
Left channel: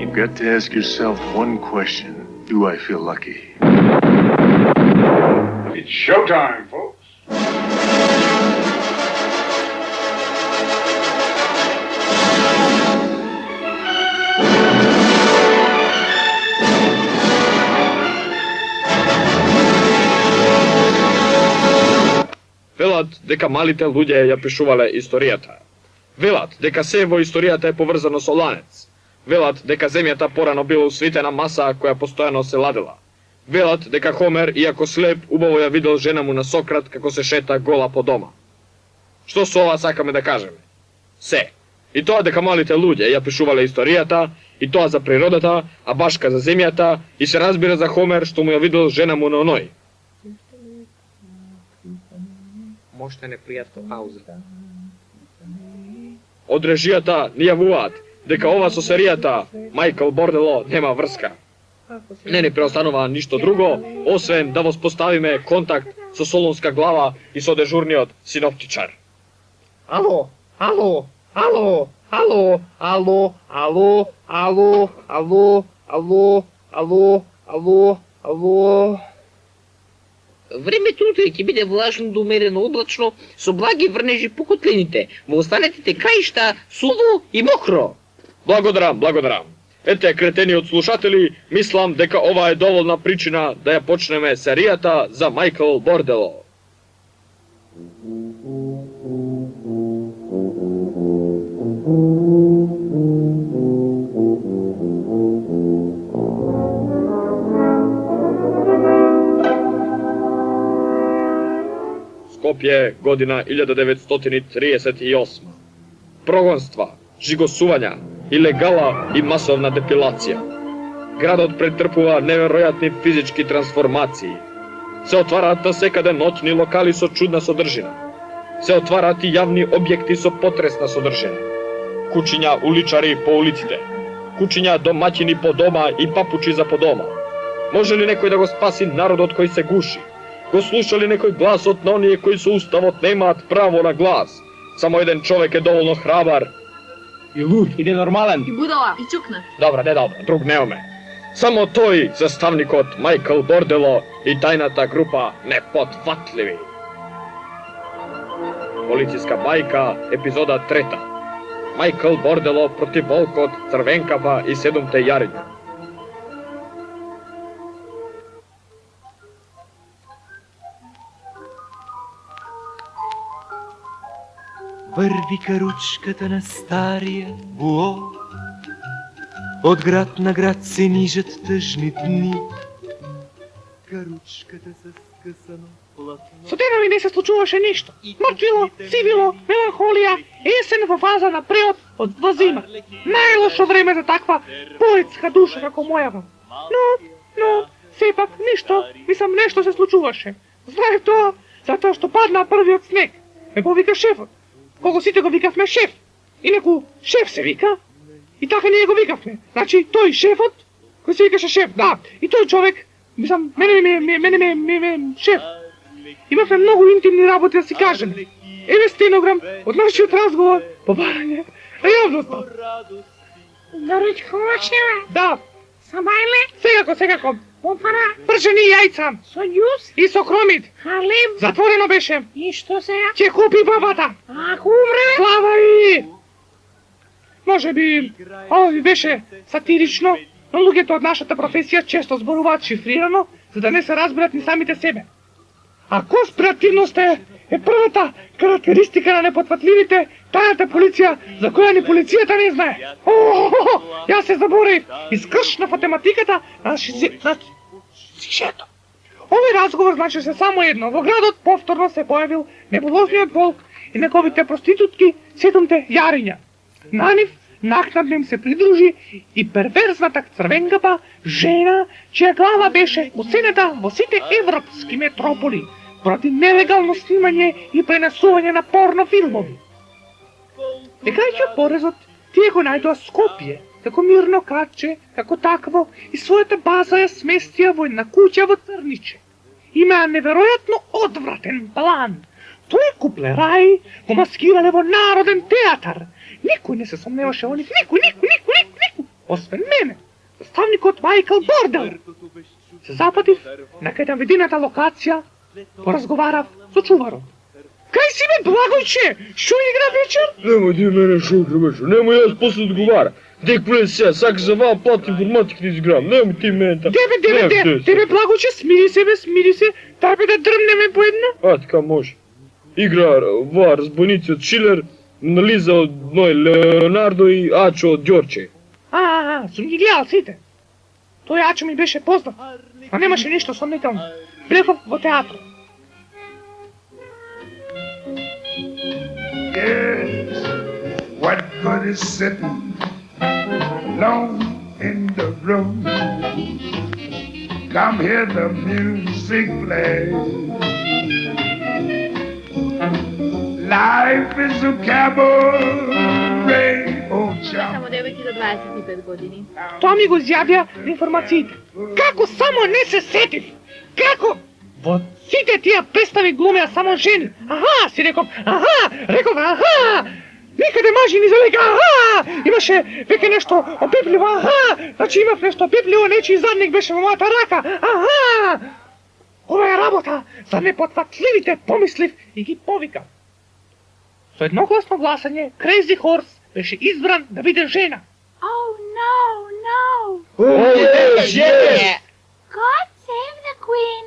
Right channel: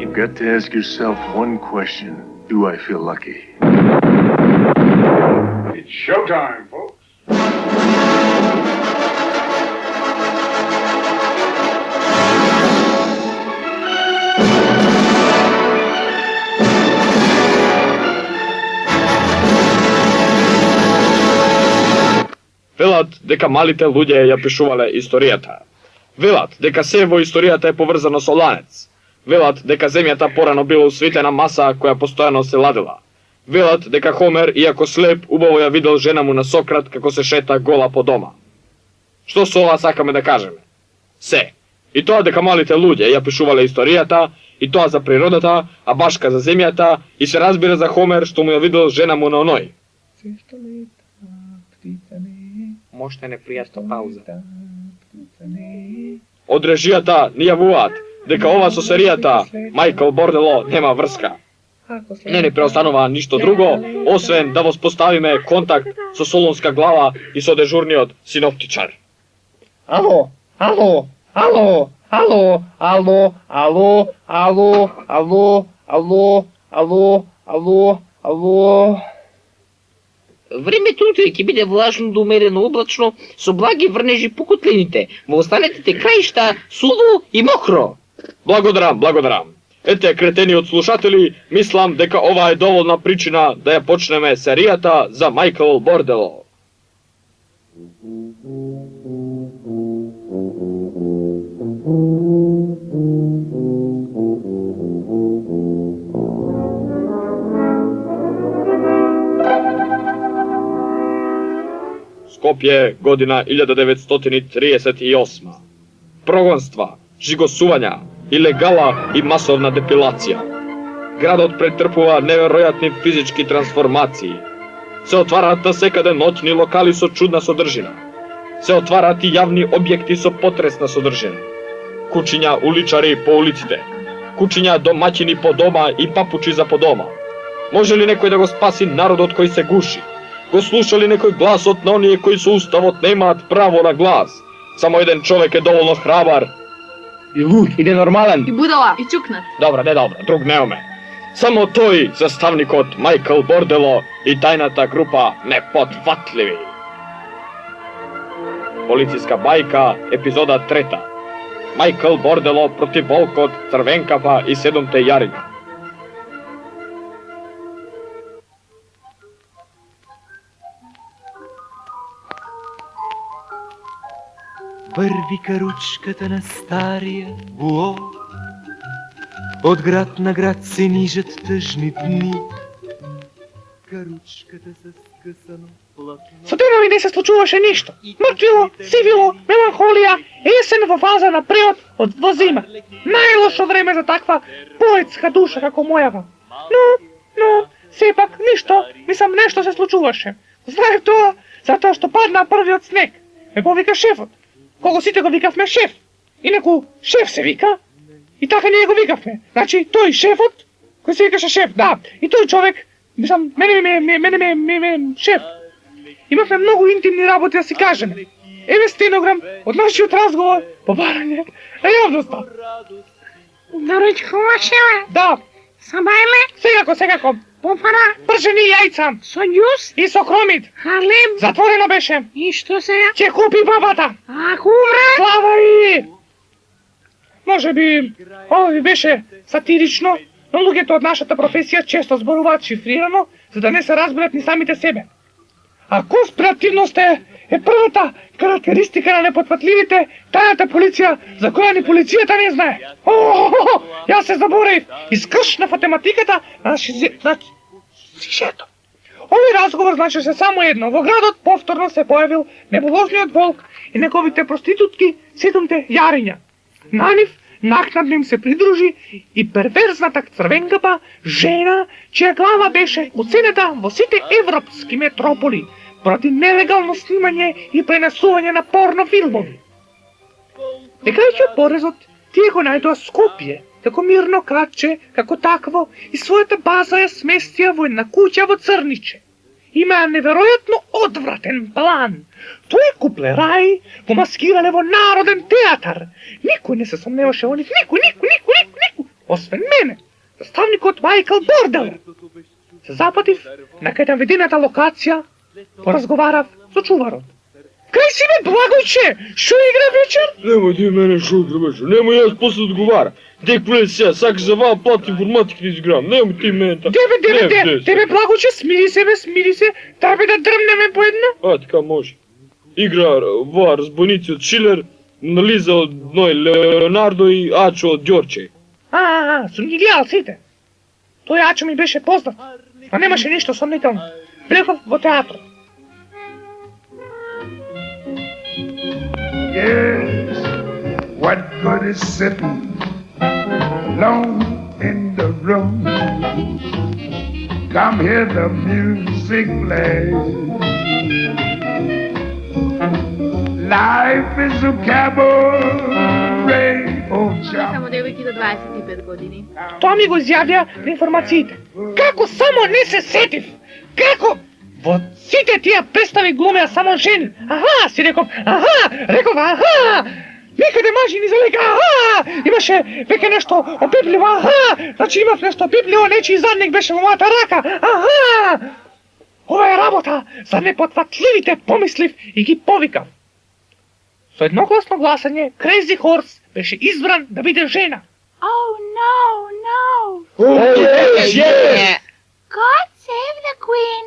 You've got to ask yourself one question. Do I feel lucky? It's showtime, folks. Велат дека малите луѓе ја пишувале историјата. Велат дека се во историјата е поврзано со ланец. Велат дека земјата порано била усвитена маса која постојано се ладила. Велат дека Хомер, иако слеп, убаво ја видел жена му на Сократ како се шета гола по дома. Што со ова сакаме да кажеме? Се. И тоа дека малите луѓе ја пишувале историјата, и тоа за природата, а башка за земјата, и се разбира за Хомер што му ја видел жена му на оној. Можете непријатна пауза. Од режијата ни јавуваат дека ова со серијата Майкл Бордело нема врска. Не ни преостанува ништо друго, освен да воспоставиме контакт со Солунска глава и со дежурниот синоптичар. Ало, ало, ало, ало, ало, ало, ало, ало, ало, ало, ало, ало. Времето утре ќе биде влажно до умерено облачно, со благи врнежи по котлините. Во останатите краишта суво и мокро. Благодарам, благодарам. Ете, кретени од слушатели, мислам дека ова е доволна причина да ја почнеме серијата за Майкл Бордело. Скопје, година 1938. Прогонства, жигосувања, илегала и масовна депилација. Градот претрпува неверојатни физички трансформации. Се отвараат насекаде ноќни локали со чудна содржина. Се отвараат и јавни објекти со потресна содржина. Кучиња уличари по улиците. Кучиња домаќини по дома и папучи за по дома. Може ли некој да го спаси народот кој се гуши? Го слуша ли некој гласот на оние кои со уставот немаат право на глас? Само еден човек е доволно храбар. И луд, и ненормален. И будала, и чукнат. Добре, друг немаме. Само тој, заставникот Майкл Бордело и тајната група Непотватливи. Полициска бајка, епизода 3. Майкл Бордело против волкот, Црвенкапа и 7-те јариња. Върви каручката на стария буо, от град на град се нижат тъжни дни. Каручката с скъсано платно. Со денови не се случуваше ништо. Мртвило, сивило, меланхолија, есен во фаза на превод од возима. Најлошо време за таква поетска душа како мојава. Но, сепак ништо, мислам нешто се случуваше. Знаев тоа, затоа што падна првиот снег. Ме повика шефот. кога сите го викавме шеф. Инаку шеф се вика. И така ние го викавме. Значи тој шефот, кој се викаше шеф, да. И тој човек, мислам, мене шеф. Имавме многу интимни работи да си кажеме. Еве стенограм од нашиот разговор по барање ревноста. Наречува шефе. Да. Со мајле? Секако. Помпара? Пржени јајца. Со њус? И со кромит. Халем? Затворено беше. И што сега? Ќе купи бабата. Ако умре? Слава и! Може би, ови беше сатирично, но луѓето од нашата професија често зборуваат шифрирано, за да не се разберат ни самите себе. А конспиративност е првата карактеристика на непотпатливите, тајната полиција, за која ни полицијата не знае. Јас се заборев, искршна математиката на шишето. Овој разговор значеше само едно. Во градот повторно се појавил небулозниот волк и неговите проститутки, 7 јариња. На нив накнадно им се придружи и перверзната црвенгава жена, чија глава беше уценета во сите европски метрополи поради нелегално снимање и пренесување на порно филмови. Декајќи од порезот, тие го најдоа Скопје, како мирно кратче, како такво, и својата база ја сместија во една куќа во Црниче. Имаа неверојатно одвратен план. Тој куплераи го маскирале во Народен театар. Никој не се сомневаше во нив, никој, освен мене, заставникот Майкл Бордел. Се запатив на кај наведената локација, поразговарав со чуварот. Кај си бе, Благојче? Шо игра вечер? Немој да мене шо игра вечер, немој јас после одговара. Дек влез сега, сакаш за вал плат информатика да изиграм, немој ти мене така. Тебе, Благојче, смири се, треба да дрмнеме по едно? А, така може. Игра во разбойници од Шилер, Лиза од Ној Леонардо и Ачо од Ѓорче. Сум ги гледал сите. Тој Ачо ми беше познат, а немаше ништо сомнително. Влегов во театрот. Yes, what good is sitting alone in the room? Come hear the music play. Life is a cabaret. Само девојки до 25 години. Тоа ми го изјавија на информациите. Како само не се сетив? Како? Во сите тие представи глумеа само жени. Си реков, никаде мажи ни залека, имаше веќе нешто опипливо, значи имав нешто опипливо, нечи задник беше во мојата рака, ова е работа за непотватливите, помислив и ги повикав. Со едногласно гласање, Crazy Horse беше избран да биде жена. Oh, no. God save the queen.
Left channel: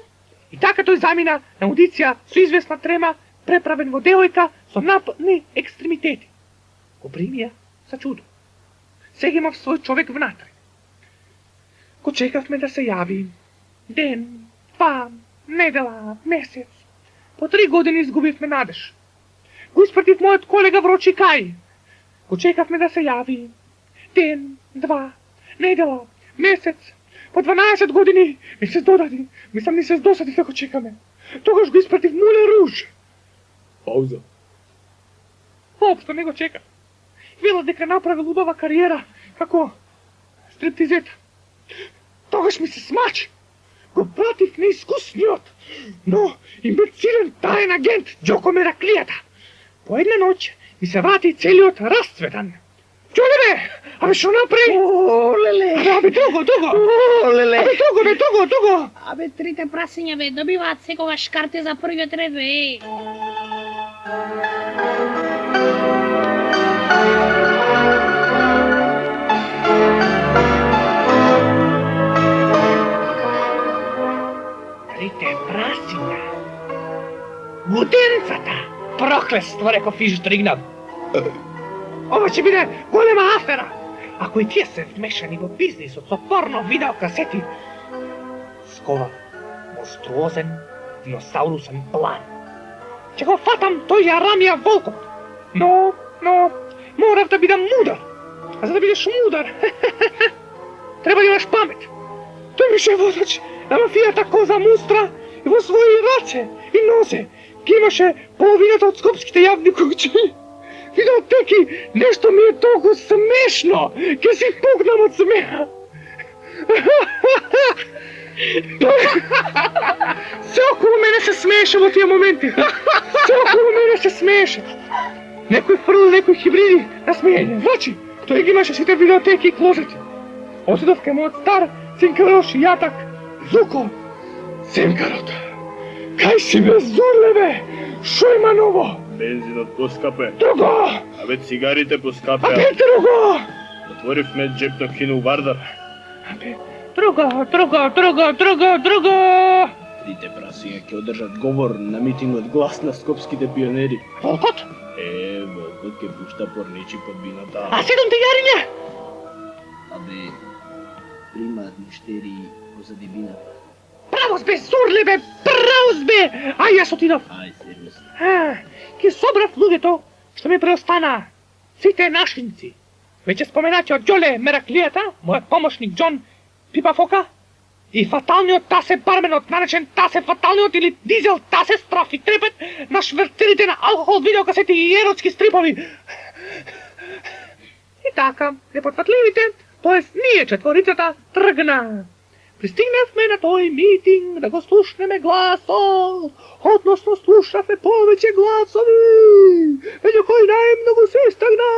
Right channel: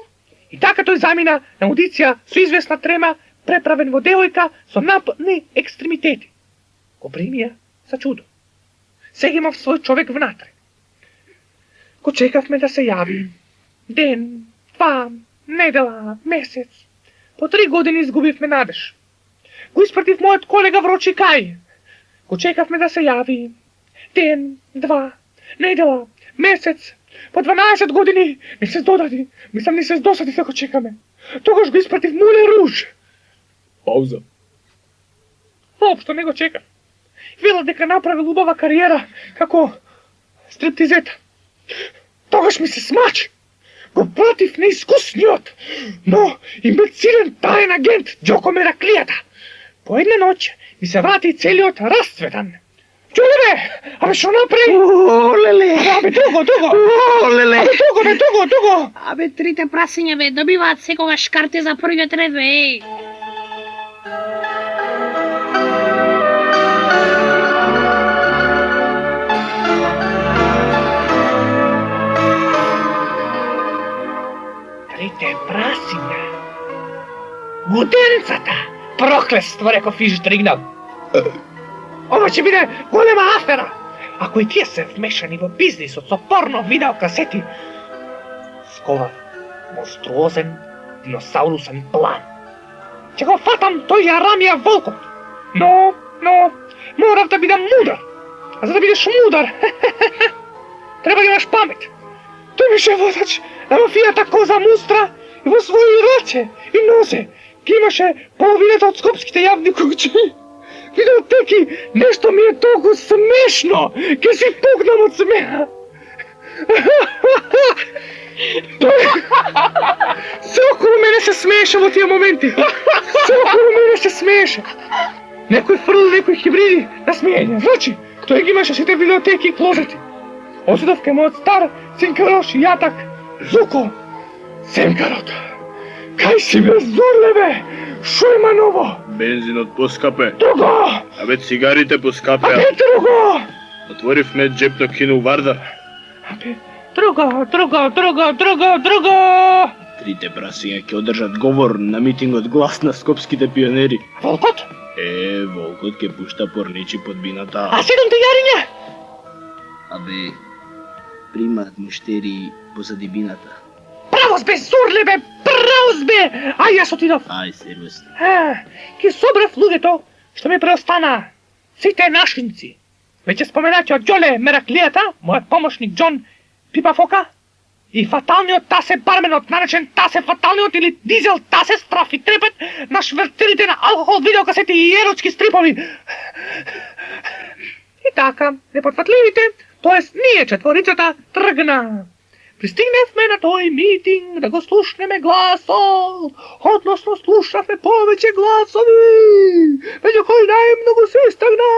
И така тој замина на аудиција со известна трема, преправен во девојка со нападни екстремитети. Го примија за чудо. Сега имав свој човек внатре. Го чекавме да се јави. Ден, 2, недела, месец. По 3 години изгубивме надеж. Го испратив мојот колега Врочи Кај. Го чекавме да се јави. Ден, 2, недела, месец. По 12 години ми се додади. Мислам ни се здосади да го чекаме. Тогаш го испратив Муле Руж. Пауза. Воопшто не го чека. Вела дека направил убава кариера како стриптизета. Тогаш ми се смачи. Го пратив неискусниот, но имбецилен таен агент Ѓоко Мераклијата. По една ноќ ми се врати целиот расцветан. Чуле, абе шо направи? Олеле. Абе дуго. Олеле. Абе дуго. Абе, трите прасиња бе, добиваат секогаш карте за првиот ред, бе. Трите прасиња. Гуденцата. Проклество, реков Фишдригнал. Ова ќе биде голема афера. Ако и тие се вмешани во бизнисот со порно видеокасети, сковав монструозен диносаурусен план. Ќе го фатам тој Јарамија волкот. Но, морав да бидам мудар. А за да бидеш мудар, треба да имаш памет. Тој беше водач на мафијата Коза Мустра и во своји раце и нозе ги имаше половината од скопските јавни куќи. Видеотеки, нещо ми е толкова смешно, ке си пукнам от смеха. Все около мене се смееше в тия моменти. Все около мене се смееше. Некои фърли, некои хибриди на смеене. Значи, той ги имаше сите видеотеки и клозети. Отидов към моят стар цинкарош и ятак, Зуко. Цинкарот. Кай си бе зурле бе? Шо има ново? Бензинот поскапе. Друго! Абе цигарите поскапе. Абе друго! Отворивме джепно кино Вардар. Абе друго! Трите прасиња ќе одржат говор на митингот Глас на скопските пионери. Волкот? Волкот ќе пушта порничи под бината. А 7 јариња? Абе, примат муштери позади бината. Правос бе, зурле бе, правос бе! Ај, јас отидов. Ај, сервис. Ки собрав луѓето што ми преостана. Сите нашинци. Веќе споменати од Ѓоле Мераклијата, мојот помошник Џон Пипафока, и фаталниот Тасе барменот, наречен Тасе фаталниот или Дизел Тасе Страф и Трепет, на шверцерите на алкохол, видеокасети и еротски стрипови. И така, непотфатливите, тоест ние четворицата, тргна. Пристигнавме на тој митинг да го слушнеме гласот, односно слушавме повеќе гласови, меѓу кои најмногу се истакна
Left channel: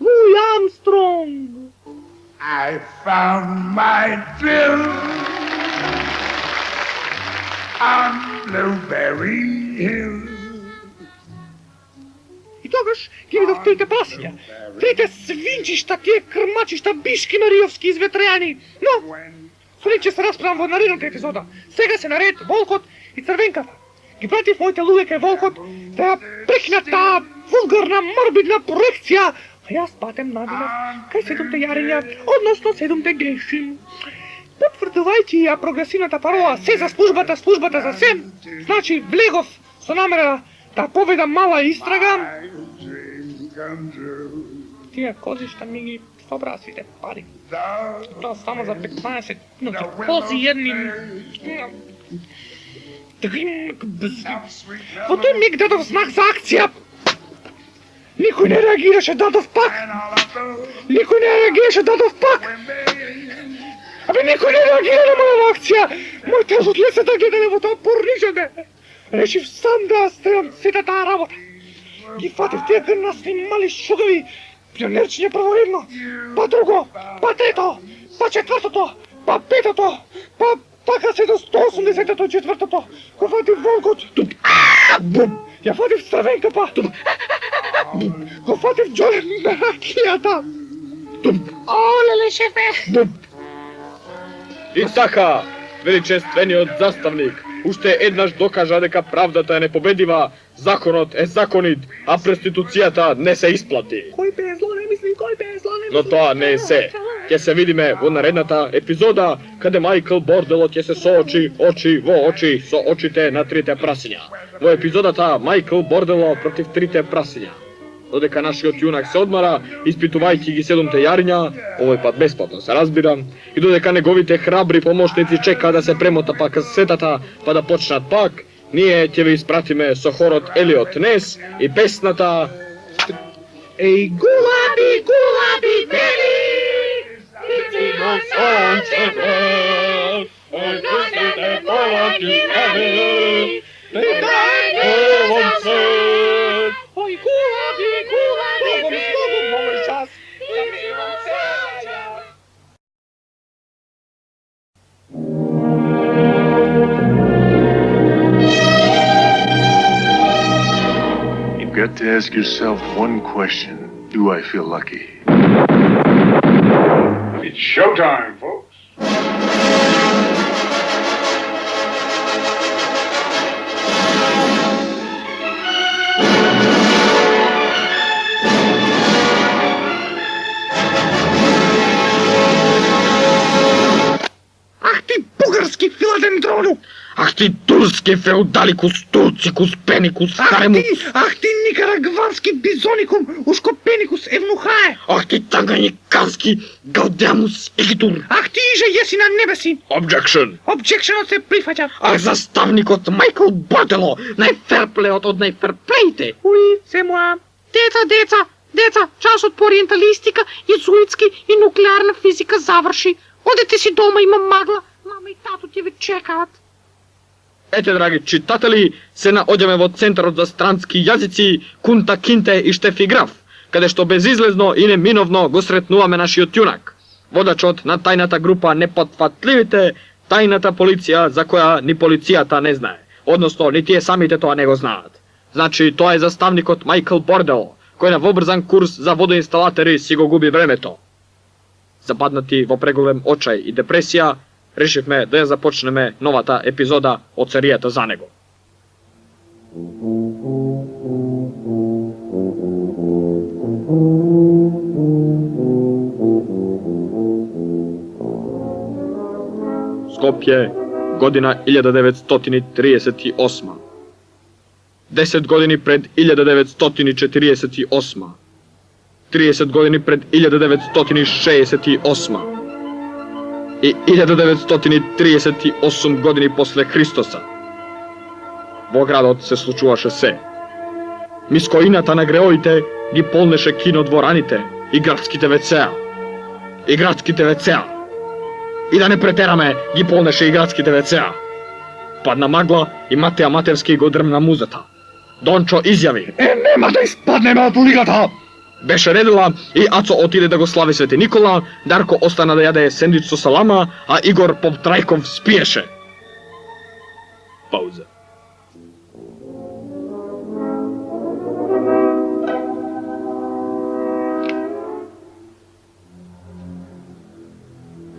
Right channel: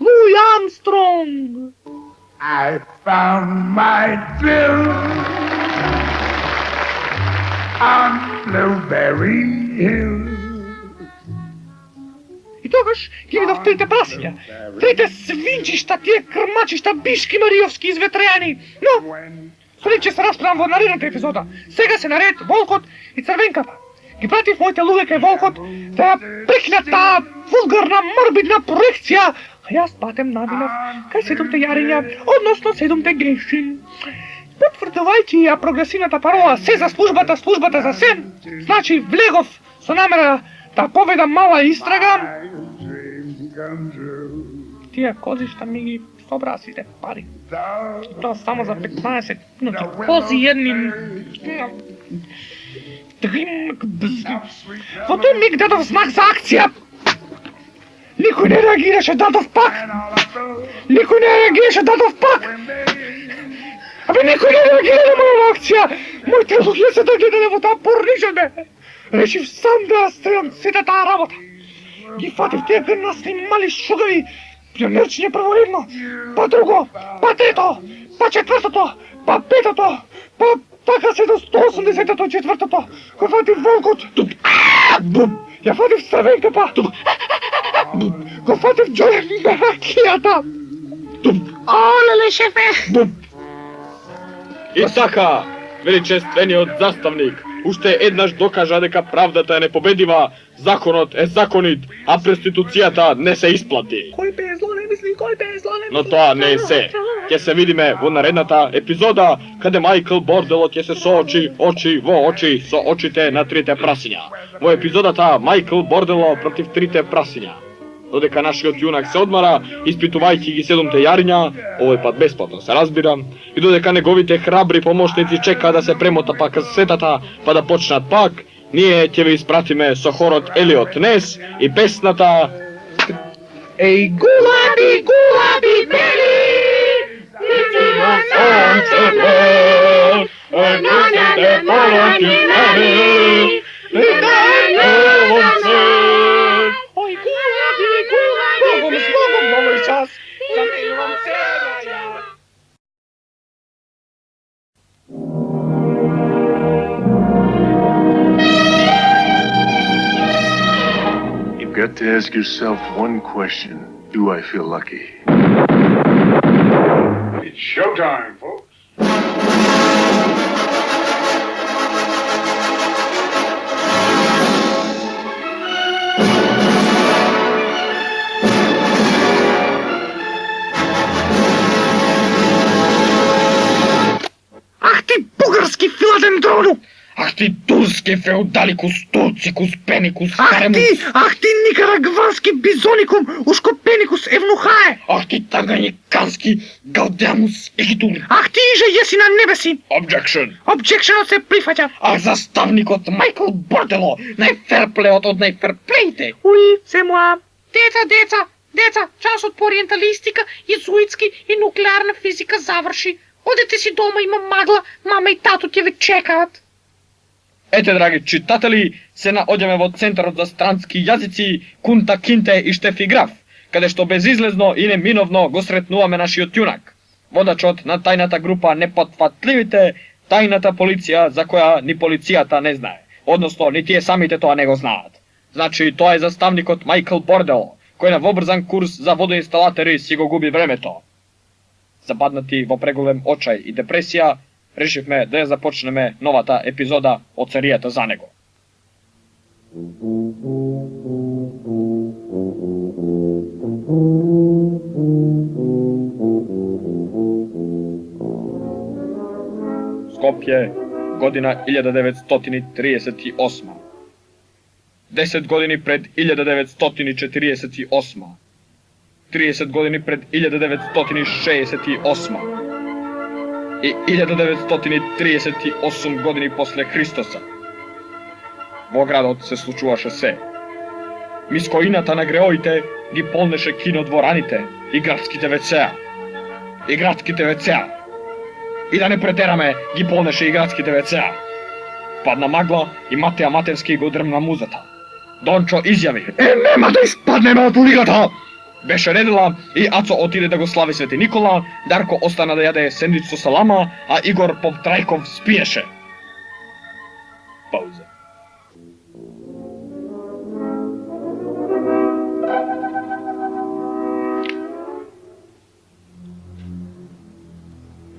Луи Армстронг. I found my thrill on Blueberry Hill. И тогаш ги видов трите прасиња, трите свинчишта, тие крмачишта, бишки мариовски изветреани. Но, судим, че се расправам во наредната епизода. Сега се наред Волкот и Црвенката. Ги пратив моите луѓе кај Волкот да прекинат таа вулгарна, морбидна проекција, а јас патем навинав кај 7 јариња, односно 7 греши. Потврдувајќи ја прогресивната парола се за службата, службата за се, значи влегов со намера да поведам мала истрага. Тие козишта ми ги собраа сите пари. Тоа само за 15 минути. Кози едни... Во тој миг дадов знак за акција. Никој не реагираше, дадов пак. Никој не реагираше, дадов пак. Абе, никој не реагира на моја акција. Моите луѓе се да гледаде во таа порнижа, бе. Решив сам да стрелам сите таа работа. Ги фатив тие грнасни мали шугави. Пионерчиње прворедно, па друго, па трето, па четвртото, па петото, па така се до 180-тото, четвртото. Го фатив Волкот. Ја фатив Црвенката. Го фатив Ѓоле Мераклијата. Олеле, шефе! И така, величествениот заставник уште еднаш докажа дека правдата е непобедива, законот е законит, а преституцијата не се исплати. Кој бе зло не мисли, кој бе зло не мисли. Но тоа не е се. Ќе се видиме во наредната епизода, каде Мајкл Борделот ќе се соочи очи во очи со очите на трите прасиња. Во епизодата Мајкл Бордело против трите прасиња. Додека нашиот јунак се одмара, испитувајќи ги 7 јариња, овој пат бесплатно се разбирам, и додека неговите храбри помошници чека да се премота па касетата, па да почнат пак, ние ќе ве испратиме со хорот Елиот Нес и песната Еј, гулаби, гулаби, бели! Нитино сонце бе, носите полоти нели, и дај вонце. Ој, гулаби, гулаби, Богом, с Богом, новој час, замилувам сега ја. You've got to ask yourself one question. Do I feel lucky? It's showtime, folks. Ах ти бугарски филадендрону! Ах ти турски феудаликус, турцикус, пеникус, Ах ти никарагвански бизоникум, ускопеникус евнухае! Ах ти таганикански гаудямус егитур! Ах ти иже јеси на небеси! Objection! Обжекшенот се прифаќа! Ах заставникот Мајкл Бордело, најферплеот од најферплеите! Уи, се моја! Деца, часот по ориенталистика, језуитски и нуклеарна физика заврши. Одете си дома, имам магла, мама и тато ти ве чекаат. Ете, драги читатели, се наоѓаме во Центарот за странски јазици Кунта Кинте и Штефи Граф, каде што безизлезно и неминовно го сретнуваме нашиот јунак, водачот на тајната група Непотфатливите, тајната полиција за која ни полицијата не знае, односно ни тие самите тоа не го знаат. Значи, тоа е заставникот Майкл Бордело, кој на вобрзан курс за водоинсталатори си го губи времето. Западнати во преголем очај и депресија, решивме да ја започнеме новата епизода од серијата за него. Скопје, година 1938. 10 години пред 1948. 30 години пред 1968. И 1938 години после Христоса. Во градот се случуваше се. Мискоината на греоите ги полнеше кинодвораните и градските вецеа. И градските вецеа. И да не претераме, ги полнеше и градските вецеа. Падна магла и Матеа Матевски го дрмна музата. Дончо изјави: Нема да испаднеме од улигата! Беше редела и Ацо отиде да го слави Свети Никола, Дарко остана да јаде сендвич со салама, а Игор Повтрајков спиеше. Пауза.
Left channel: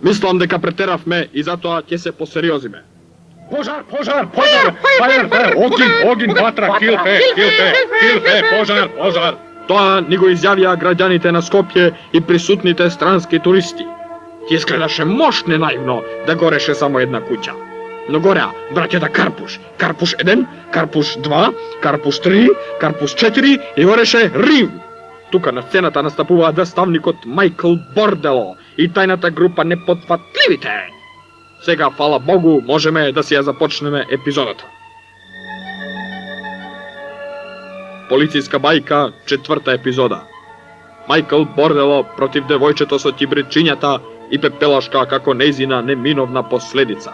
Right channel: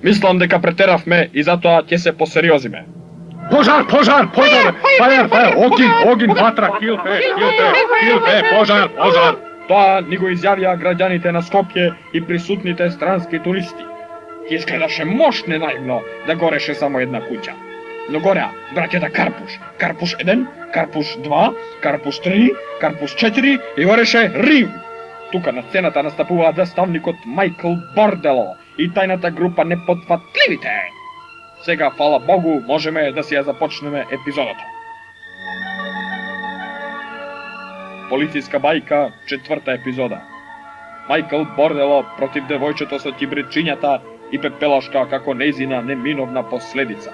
Мислам дека претеравме и затоа ќе се посериозиме. Пожар! Фајер! Огин, ватра, килфе, пожар! Тоа ни го изјавија граѓаните на Скопје и присутните странски туристи. Ќе изгледаше мощне наивно да гореше само една куќа. Но гореа браќата Карпуш, Карпуш 1, Карпуш 2, Карпуш 3, Карпуш 4 и гореше Рим. Тука на сцената настапуваа заставникот Майкл Бордело и тајната група Непотфатливите. Сега, фала Богу, можеме да си ја започнеме епизодата. Полицијска бајка, 4-та епизода. Майкл Бордело против девојчето со ќибричињата и пепелашка како нејзина неминовна последица.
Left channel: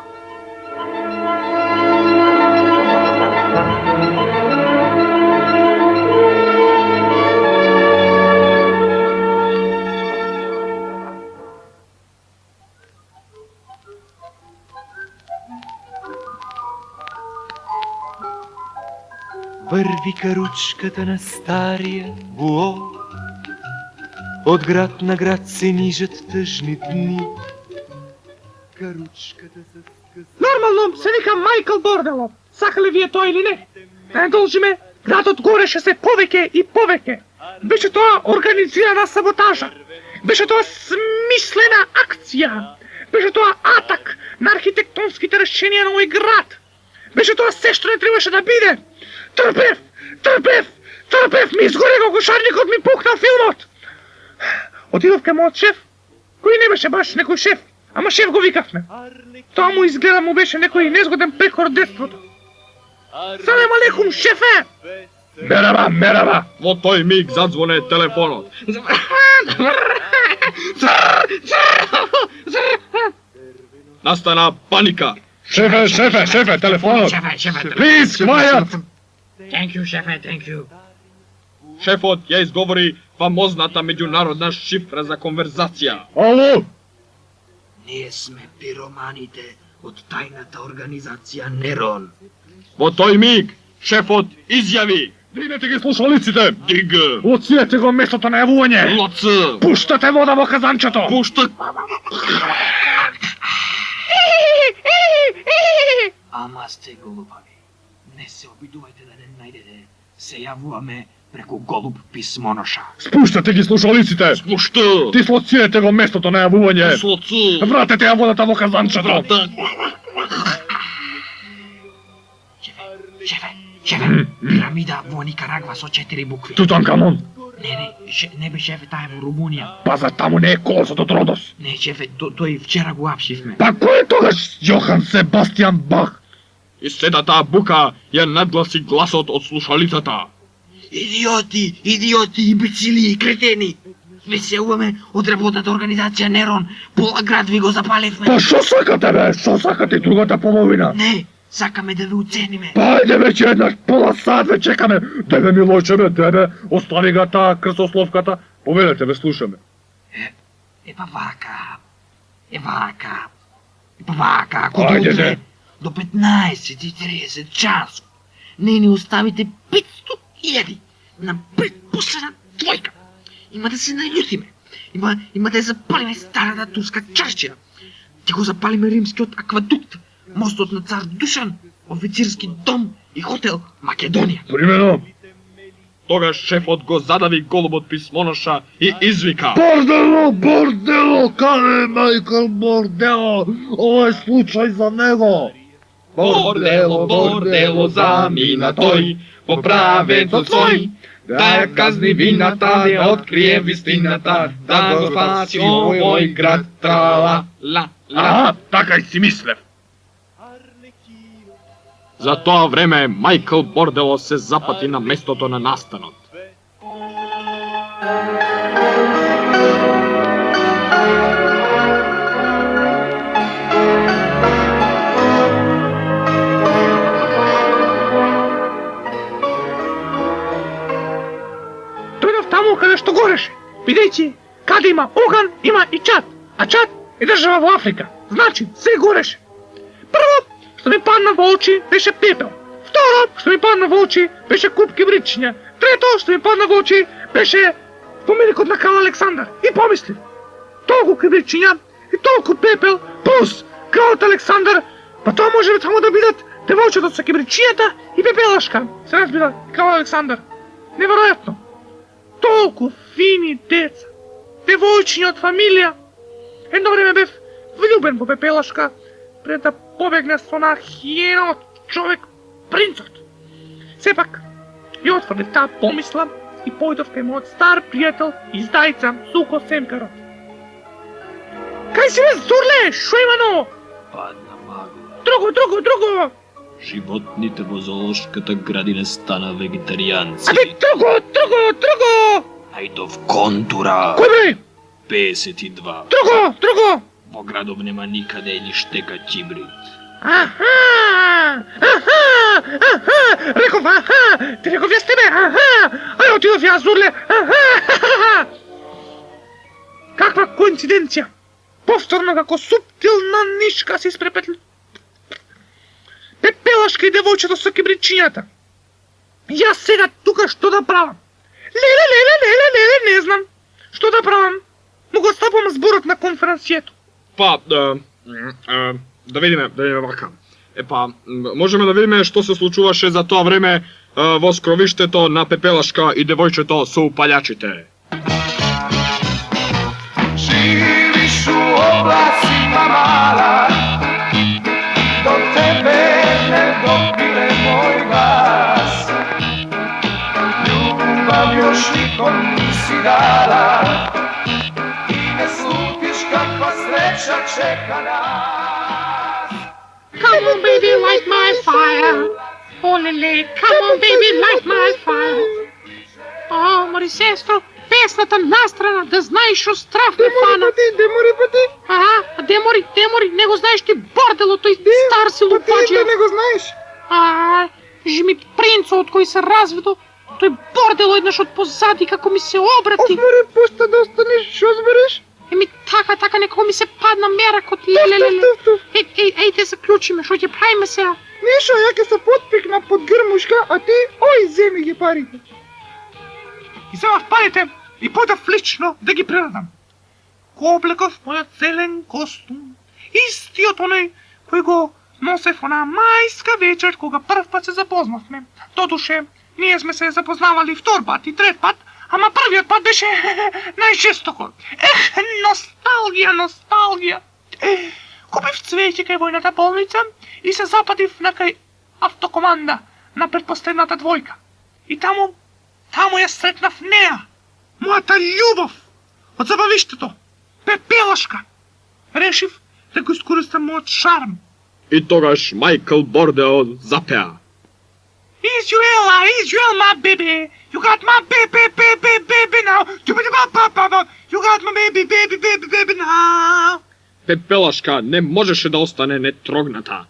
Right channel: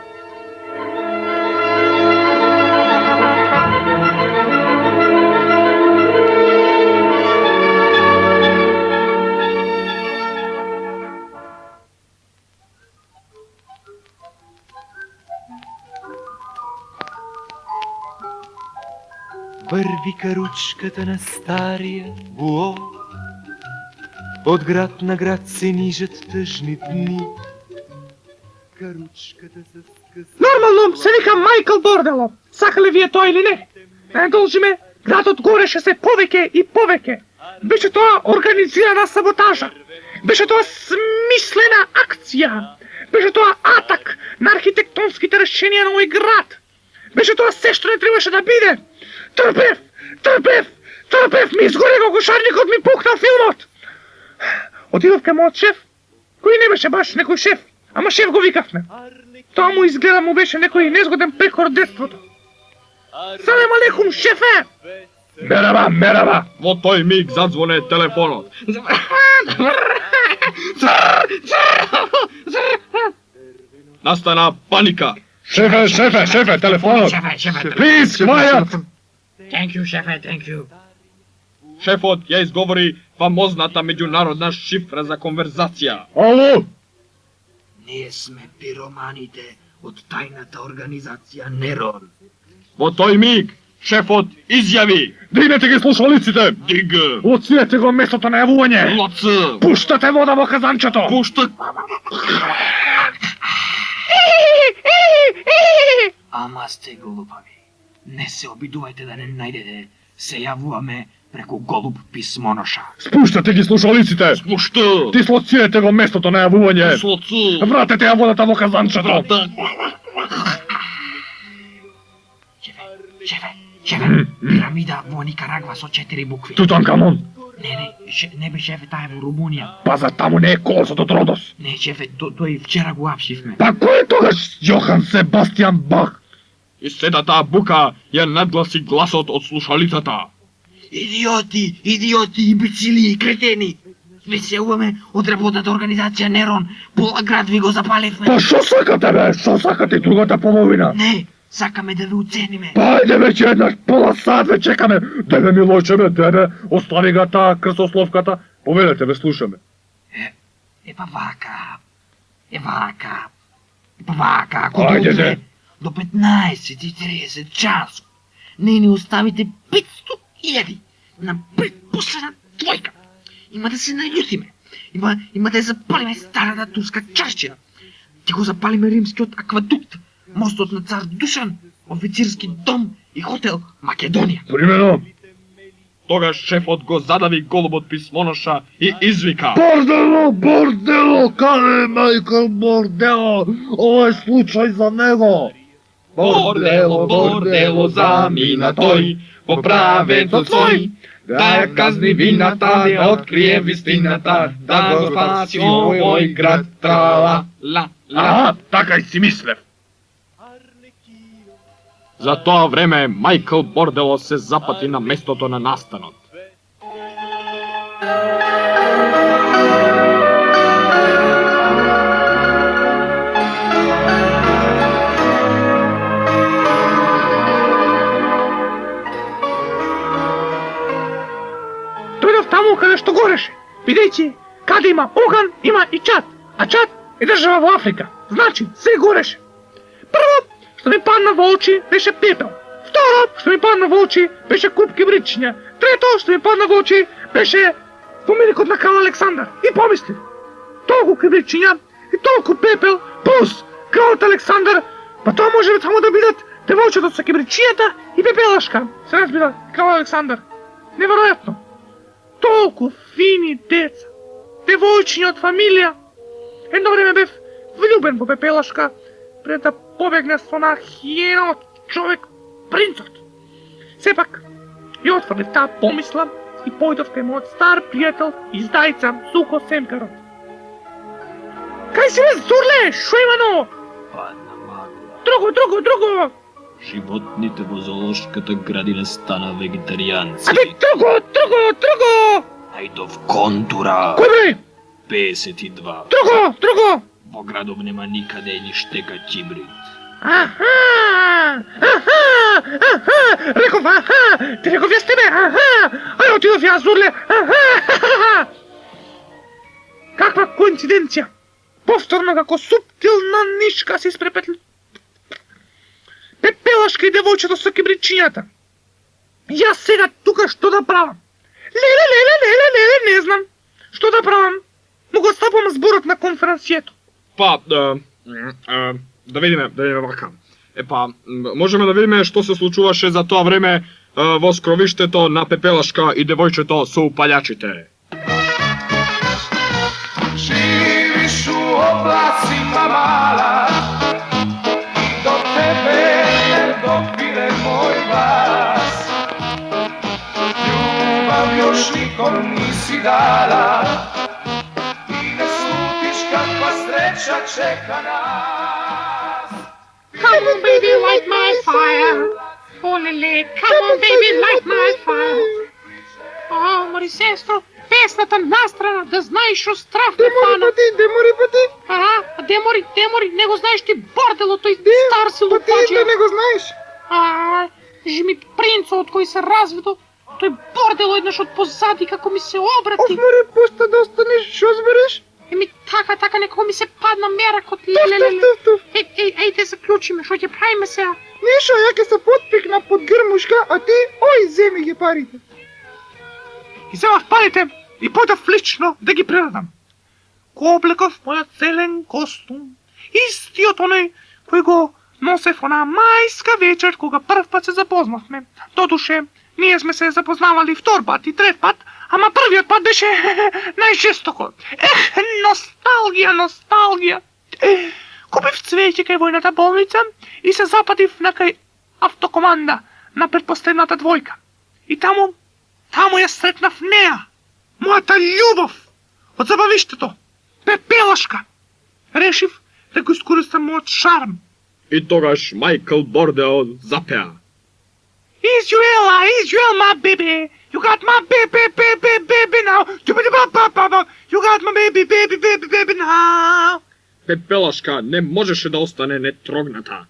Върви каручката на стария буо, от град на град се нижат тъжни дни. Каручката с къса... Нормално се вика Майкъл Бордело. Сака ли вие той или не? Не должиме, градот гореше се повеќе и повеќе. Беше тоа организирана саботажа. Беше тоа смислена акција. Беше тоа атак на архитектонските решенија на овој град. Беше тоа се што не требаше да биде. Трпев! Ми изгоре го гушарникот, ми пукна филмот! Отидов кај мојот шеф, кој не беше баш некој шеф, ама шеф го викавме. Тоа му изгледа му беше некој незгоден прехор од детството. Салем алейкум, шефе! Мераба! Во тој миг задзвоне телефонот. Настана паника. Шефе, телефонот! Please, quiet! Thank you, шефе, thank you. Шефот ја изговори фамозната меѓународна шифра за конверзација. Ало! Ние сме пироманите од тајната организација Нерон. Во тој миг шефот изјави: Дигнете ги слушалиците! Дига! Лоцирате го местото на јавување! Лоци! Пуштате вода во казанчето! Пуштат! Ама сте глупави. Не се обидувајте да не најдете. Се јавуваме преку голуб писмоноша. Спуштате ги слушалиците! Спушта! Дислоцирате го местото на јавување! Дислоци! Вратете ја водата во казанчето! Шефе, пирамида во Никарагва со 4 букви. Тутанкамон! Не бе шефе, таа е во Румунија. Пазар, таму не е колосот од Родос! Не шефе, тој вчера го апшивме. Па кој тогаш? Јохан Себастијан Бах! И сета таа бука ја надгласи гласот од слушалицата. Идиоти, имбецили и кретени! Све се уваме од работната организација Нерон. Пола град ви го запаливме. Па што сакате бе? Што сакате и другата половина? Не, сакаме да ви уцениме. Па ајде веќе еднаш пола сат ве чекаме. Тебе Милојче бе, тебе, остави ga таа крсословката. Повелете ве, слушаме. Епа вака, ако Ајде, дојде не. до 15:30 часот, не ни оставите 500.000 на предпоследна двојка. Има да се наљутиме. Има да ја запалиме старата турска чаршина. Ти го запалиме римскиот аквадукт, мостот на цар Душан, официрски дом и хотел Македонија. Примено. Тогаш шефот го задави голубот писмоноша и извика: Бордело, каде Майкл Бордело? Ова е случај за него. Бордело, замина тој, по правецот свој, да казни вината, не открие вистината, да го спаси овој град, трала, ла. Така и си мислев. За тоа време Майкл Бордело се запати на местото на настанот. Дојдов таму каде што гореше, бидејќи каде има оган, има и Чад, а Чад е држава во Африка, значи се гореше. Прво, што ми падна во очи, беше пепел. Второ, што ми падна во очи, беше куп кибричиња. Трето, што ми падна во очи, беше споменикот на крал Александар. И помислив, толку кибричиња и толку пепел, плюс кралот Александар, па тоа може би само да бидат девојчето со кибричињата и пепелашка. Се разбирал, крал Александар. Неверојатно. Толку фини деца, девојчиња од фамилија. Едно време бев влюбен во пепелашка, пред да побегне со на хиенот човек, принцот. Сепак, ја отврдив таа помисла и појдов кај мојот стар пријател и здајца Сухо Семперот. Кај си бе, Зурле, шо имено? Падна магла. Друго! Животните во зоолошката градина стана вегетаријанци. Аде, друго! Ајдов контура. Кој бе? 52. Друго! Во градов нема никаде ни штека ќибрид. Реков, ти реков јас тебе, ај отидов јас, Зурле, Каква коинциденција! Повторно како суптилна нишка се испрепетли. Пепелашка и девојчето со кибричињата. Јас сега тука што да правам? Леле, не знам. Што да правам? Му го стапам зборот на конференцијето. Па, да видиме вака. Можеме да видиме што се случуваше за тоа време во скровиштето на Пепелашка и девојчето со упалјачите. Živiš u oblacima mala, do tebe ne dopire moj glas. Ljubav još nikom nisi dala, ne slutiš kakva sreća čeka nas. Come on baby, light my fire. Oh lele, come on baby, light my fire. Oh, мори сестро, песната настрана, да знаеш шо страф ме фана. Демори пати. Демори, не го знаеш ти бордело, тој стар си лупаджија. Не го знаеш? Жми принцот кој се разведо, тој бордело еднаш од позади како ми се обрати. Море, пушта да останеш, шо збереш? Еми така, некој ми се падна меракот, леле. Еј, те заклучиме, шо ќе правиме сега? Нишо, ја ќе се потпикна под грмушка, а ти, земи ги парите. И земав парите и појдов лично да ги прерадам. Го облеков мојот целен костум, истиот оној кој го носев она мајска вечер кога прв пат се запознавме. Додуше, ние сме се запознавали втор пат и трет пат, ама првиот пат беше најжестоко. Носталгија. Купив цвеќе кај војната болница и се запатив некај автокоманда на предпоследната двојка. И таму ја сретнав неа, мојата љубов од забавиштето, Пепелашка. Решив да го искористам мојот шарм. И тогаш Майкл Бордело запеа. Israel, my baby. You got my baby now. You got my baby now. Pepelaška ne možeš da ostane netrogната.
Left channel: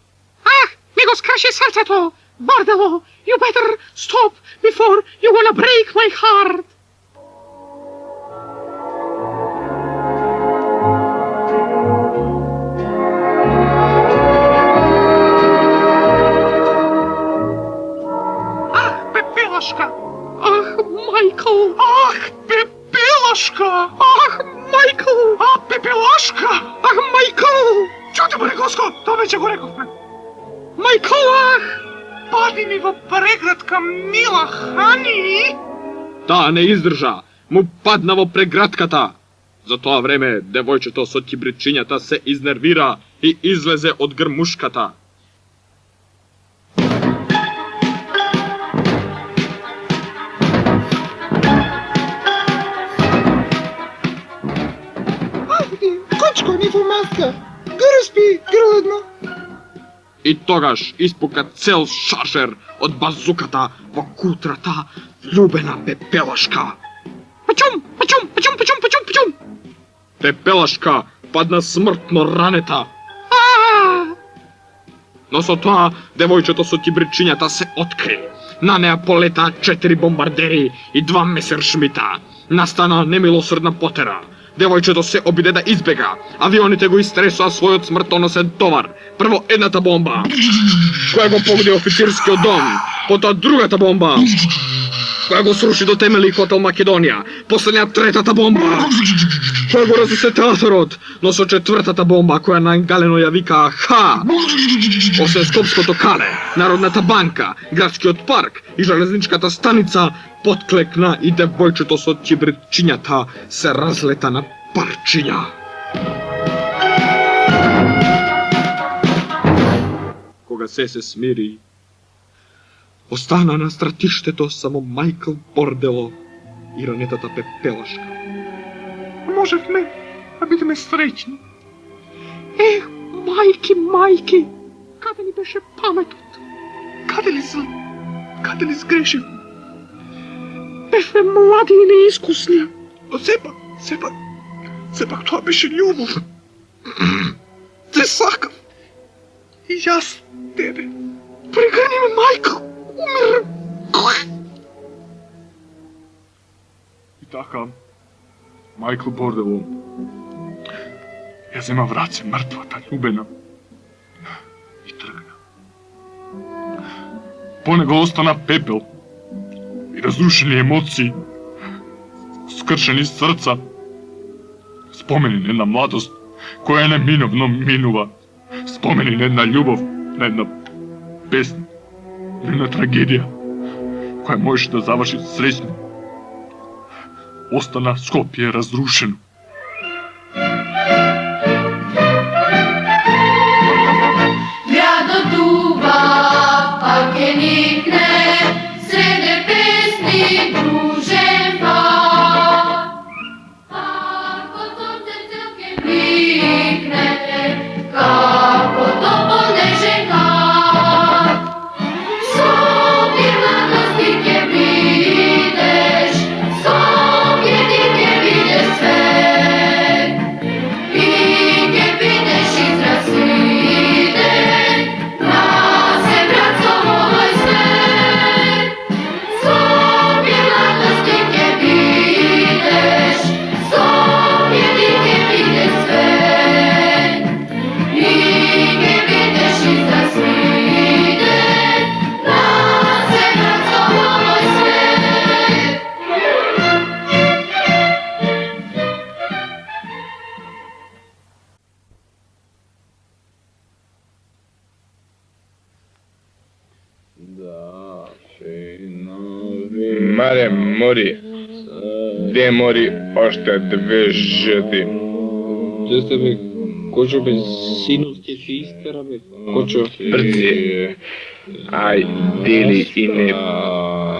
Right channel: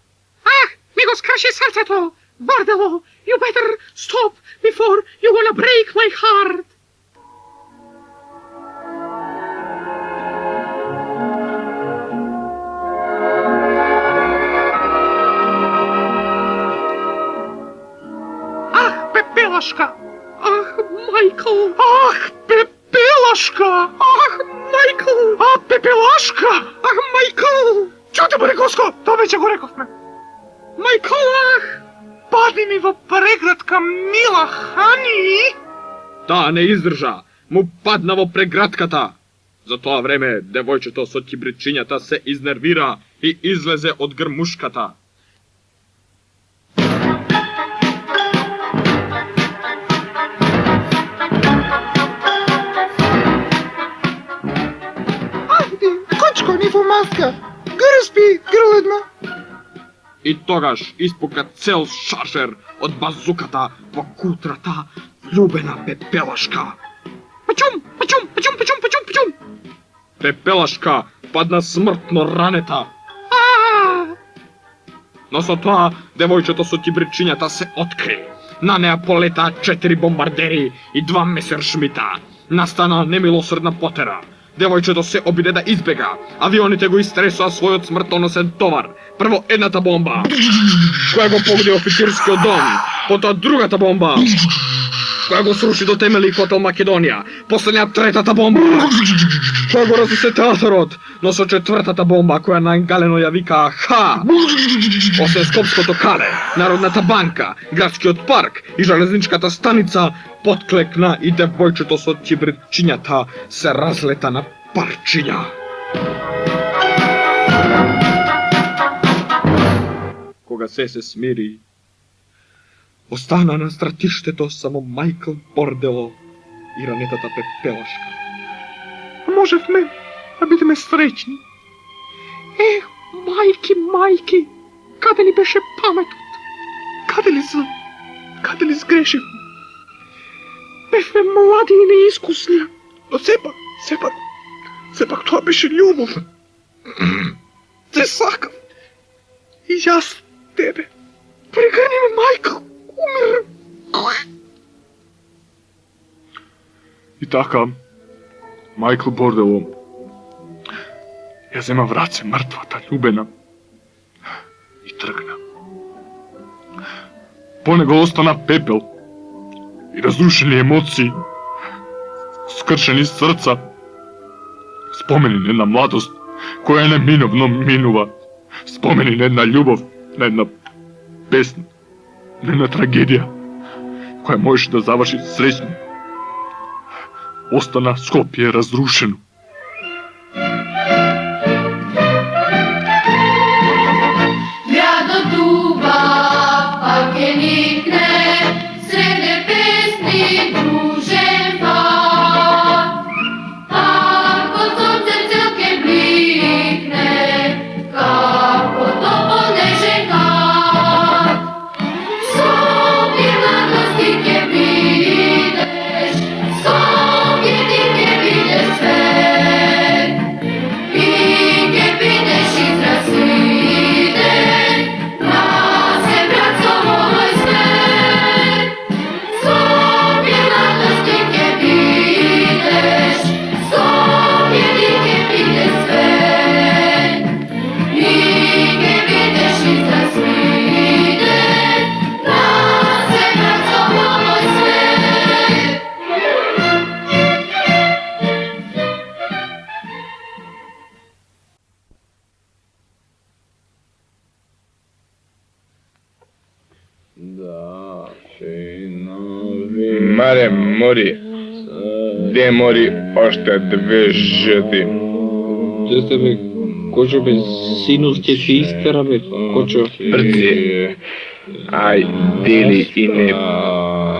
Nego skraši srca to. Bordelo, you better stop before you wanna break my heart. Pepelaška! Michael! Pepelaška! Michael! Pepelaška! Michael! Čuti mu rekosko! To već go rekovme! Michael! Padni mi во преградка, мила Хани! Та не издржа, му падна во преградката. За тоа време, девојчето со кибричињата се изнервира и излезе од грмушката. Кучко ни во маска! Грспи, грледна! И тогаш испука цел шаржер од базуката во кутрата љубена Пепелашка. Пачум! Пепелашка падна смртно ранета. Но со тоа, девојчето со кибричињата се откри. На неа полета 4 бомбардери и 2 месершмита. Настана немилосрдна потера. Девојчето се обиде да избега. Авионите го истресоа својот смртоносен товар. Прво едната бомба, која го погоди официрскиот дом, потоа другата бомба, која го сруши до темели хотел Македонија, последња третата бомба, која го разнесе театарот, но со четвртата бомба, која најгалено ја викаа ха, освен Скопското кале, Народната банка, Градскиот парк и железничката станица, потклекна и девојчето со чибричињата се разлета на парчиња. Кога се смири, остана на стратиштето само Майкл Бордело и ранетата Пепелашка. Можевме да бидеме среќни. Мајки, каде ли беше паметот? Каде ли сгрешивме? Бевме млади и неискусни, но сепак тоа беше љубов. Те сакав. И јас тебе. Прегрни ме, Майкл. Умирам. И така, Майкл Бордело ја зема в раце мртвата љубена и тргна. По него остана пепел и разрушени емоции, скршени срца, спомени на една младост која неминовно минува, спомени на една љубов, на една песна, на една трагедија која можеше да заврши среќно. Остана Скопје разрушено. Градот дуба, пак никне, среде песни дружен пар. Како сонце целке бликне, како топол нежен кар. Скопје младости ќе видиш, Скопје ти ќе видиш свет. И ќе видиш израслиден, на земјата мој свет. Скопје младости ќе видиш, Скопје ти ќе видиш свет. И ќе видиш израслиден, на земјата мој свет. Маре, мори. Де мори още 2 жити. Де сте бе, Кочо бе, синус ќе се истера бе, Кочо. Брце. Ај, дели и не.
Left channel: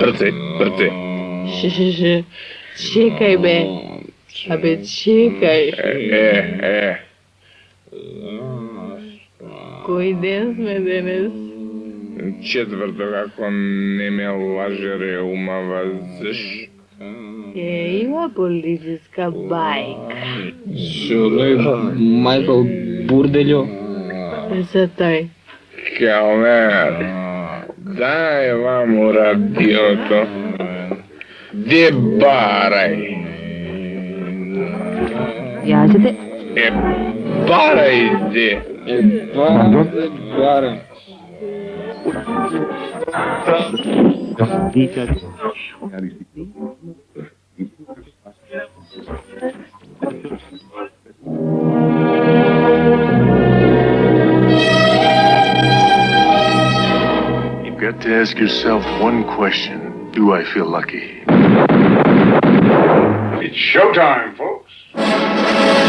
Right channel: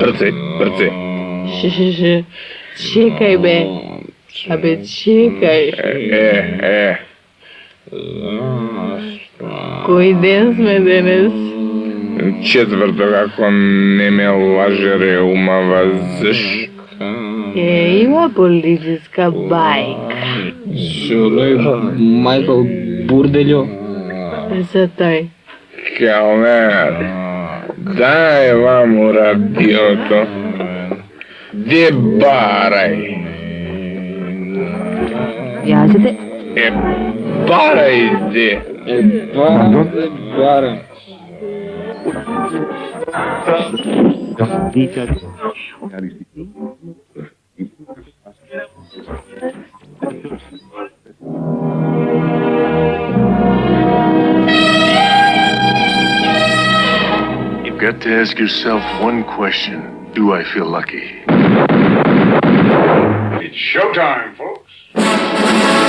Брце. Чекај бе. Абе, чекај. Кој ден сме денес? Четвърто, ако не ме лаже реумава зъж. Има политическа байка. Майкъл Бурделю. За той. Калнер, дай вам радиото. Де барай. Язите? Барай де. Барай. You've got to ask yourself one question. Do I feel lucky? It's showtime, folks.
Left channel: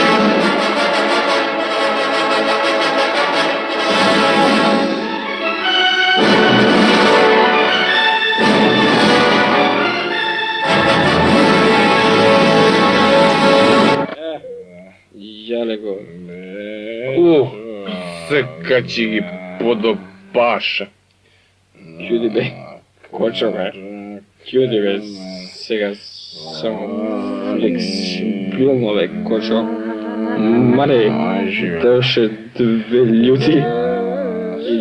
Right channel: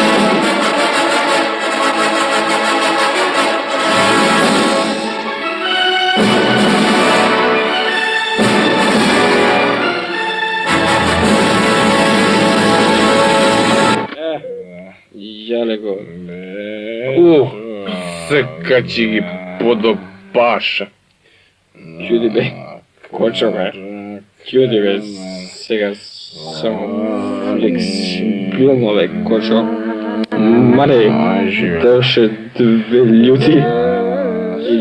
Яле го. Се качи ги подопаша. Чуди бе. Кочо бе. Чуди бе. Сега само флексибилно бе, кочо. Маре, дойше две люди и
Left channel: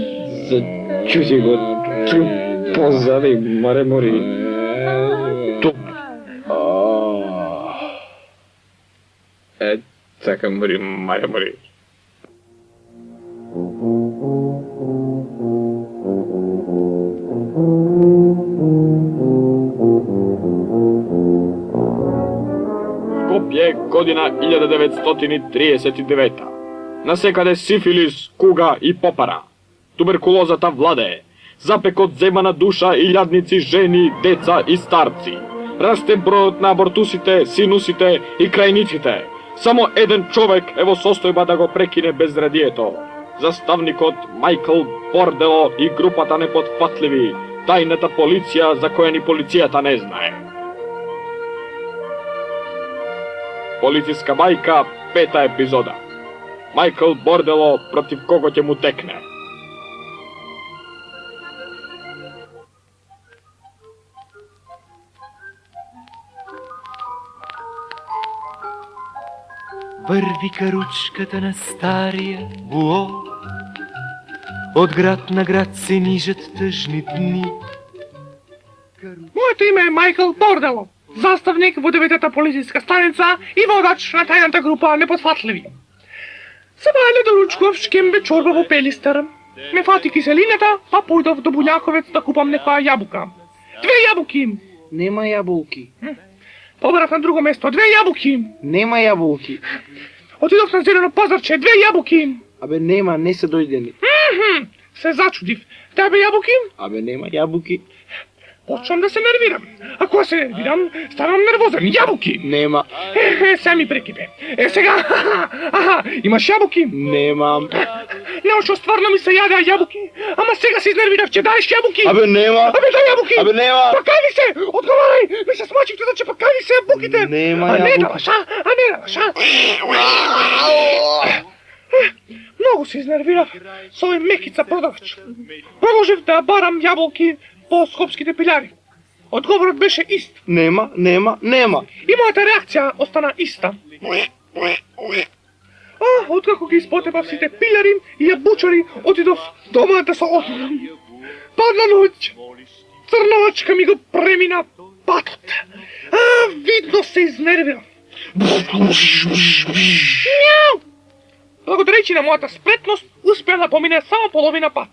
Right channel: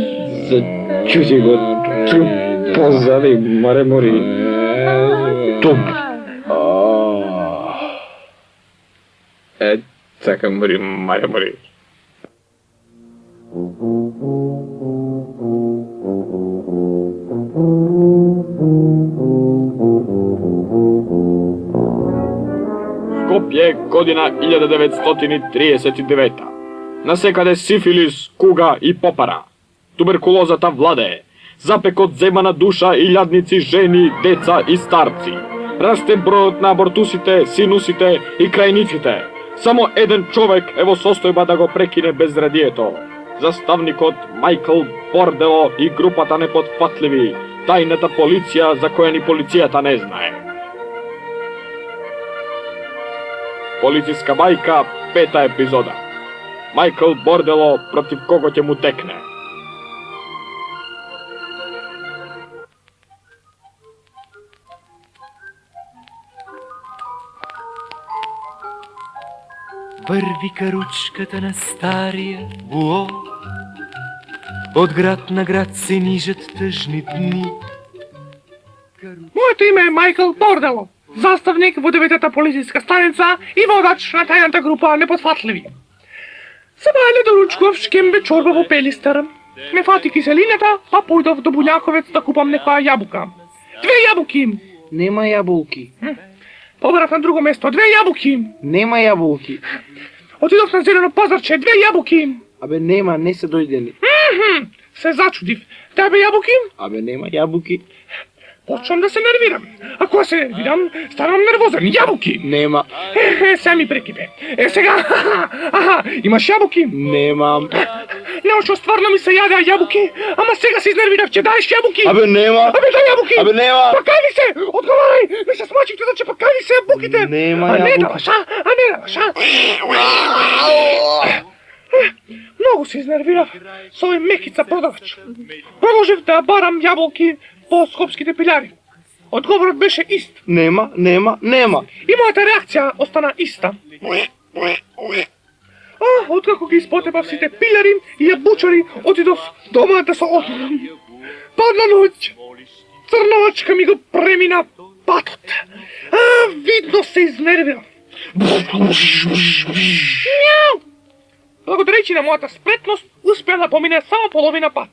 зачути го труп позади, маре мори. Туп. Така мори, маре мори. Скопје, година 1939. Насекаде сифилис, куга и попара. Туберкулозата владее. Запекот зема на душа и лјадници жени, деца и старци. Расте бројот на абортусите, синусите и крајниците. Само еден човек е во состојба да го прекине безредието. Заставникот Майкл Бордело и групата непотфатливи, тајната полиција за која ни полицијата не знае. Полициска бајка, 5-та епизода. Майкл Бордело против кого ќе му текне. Върви каручката на стария буо, от град на град се нижат тъжни дни. Моето име е Майкъл Бордело, заставник во 9-та полициска станица и водач на тајната група Непотфатливи. Сега е недоручков шкембе чорба во Пелистера. Ме фати киселината, па појдов до Буљаковец да купам некоја јабука. 2 јабуки! Нема јаболки. Побрав на друго место, 2 јабуки! Нема јаболки. Отидов на зелено пазарче, 2 јабуки! Абе нема, не се дојдени. Се зачудив. Тебе јабуки? Абе нема јабуки. Почнам да се нервирам. Ако се нервирам, станам нервозен. Јабуки! Нема. Сега ми прекипе. Сега, имаш јабуки? Немам. Неошо стварно ми се јадеа јабуки, ама сега се изнервирав, че даеш јабуки. Абе нема. Абе дај јабуки. Абе нема. Па кај се, одговарај. Ми се смачив тука, че па кај се буките. Нема а не јабуки. даваш, а не даваш, Многу се изнервирав со овој мекица продавач. Продолжив да барам јаболки по скопските пилјари. Одговорот беше ист. Нема. И мојата реакција остана иста. Откако ги испотепав сите пилјари и јабучари, отидов дома да се отморам. Падна ноќ. Црновачка ми го премина патот. Видно се изнервирав. Благодарејќи на мојата спретност, успеа да помине само половина пат.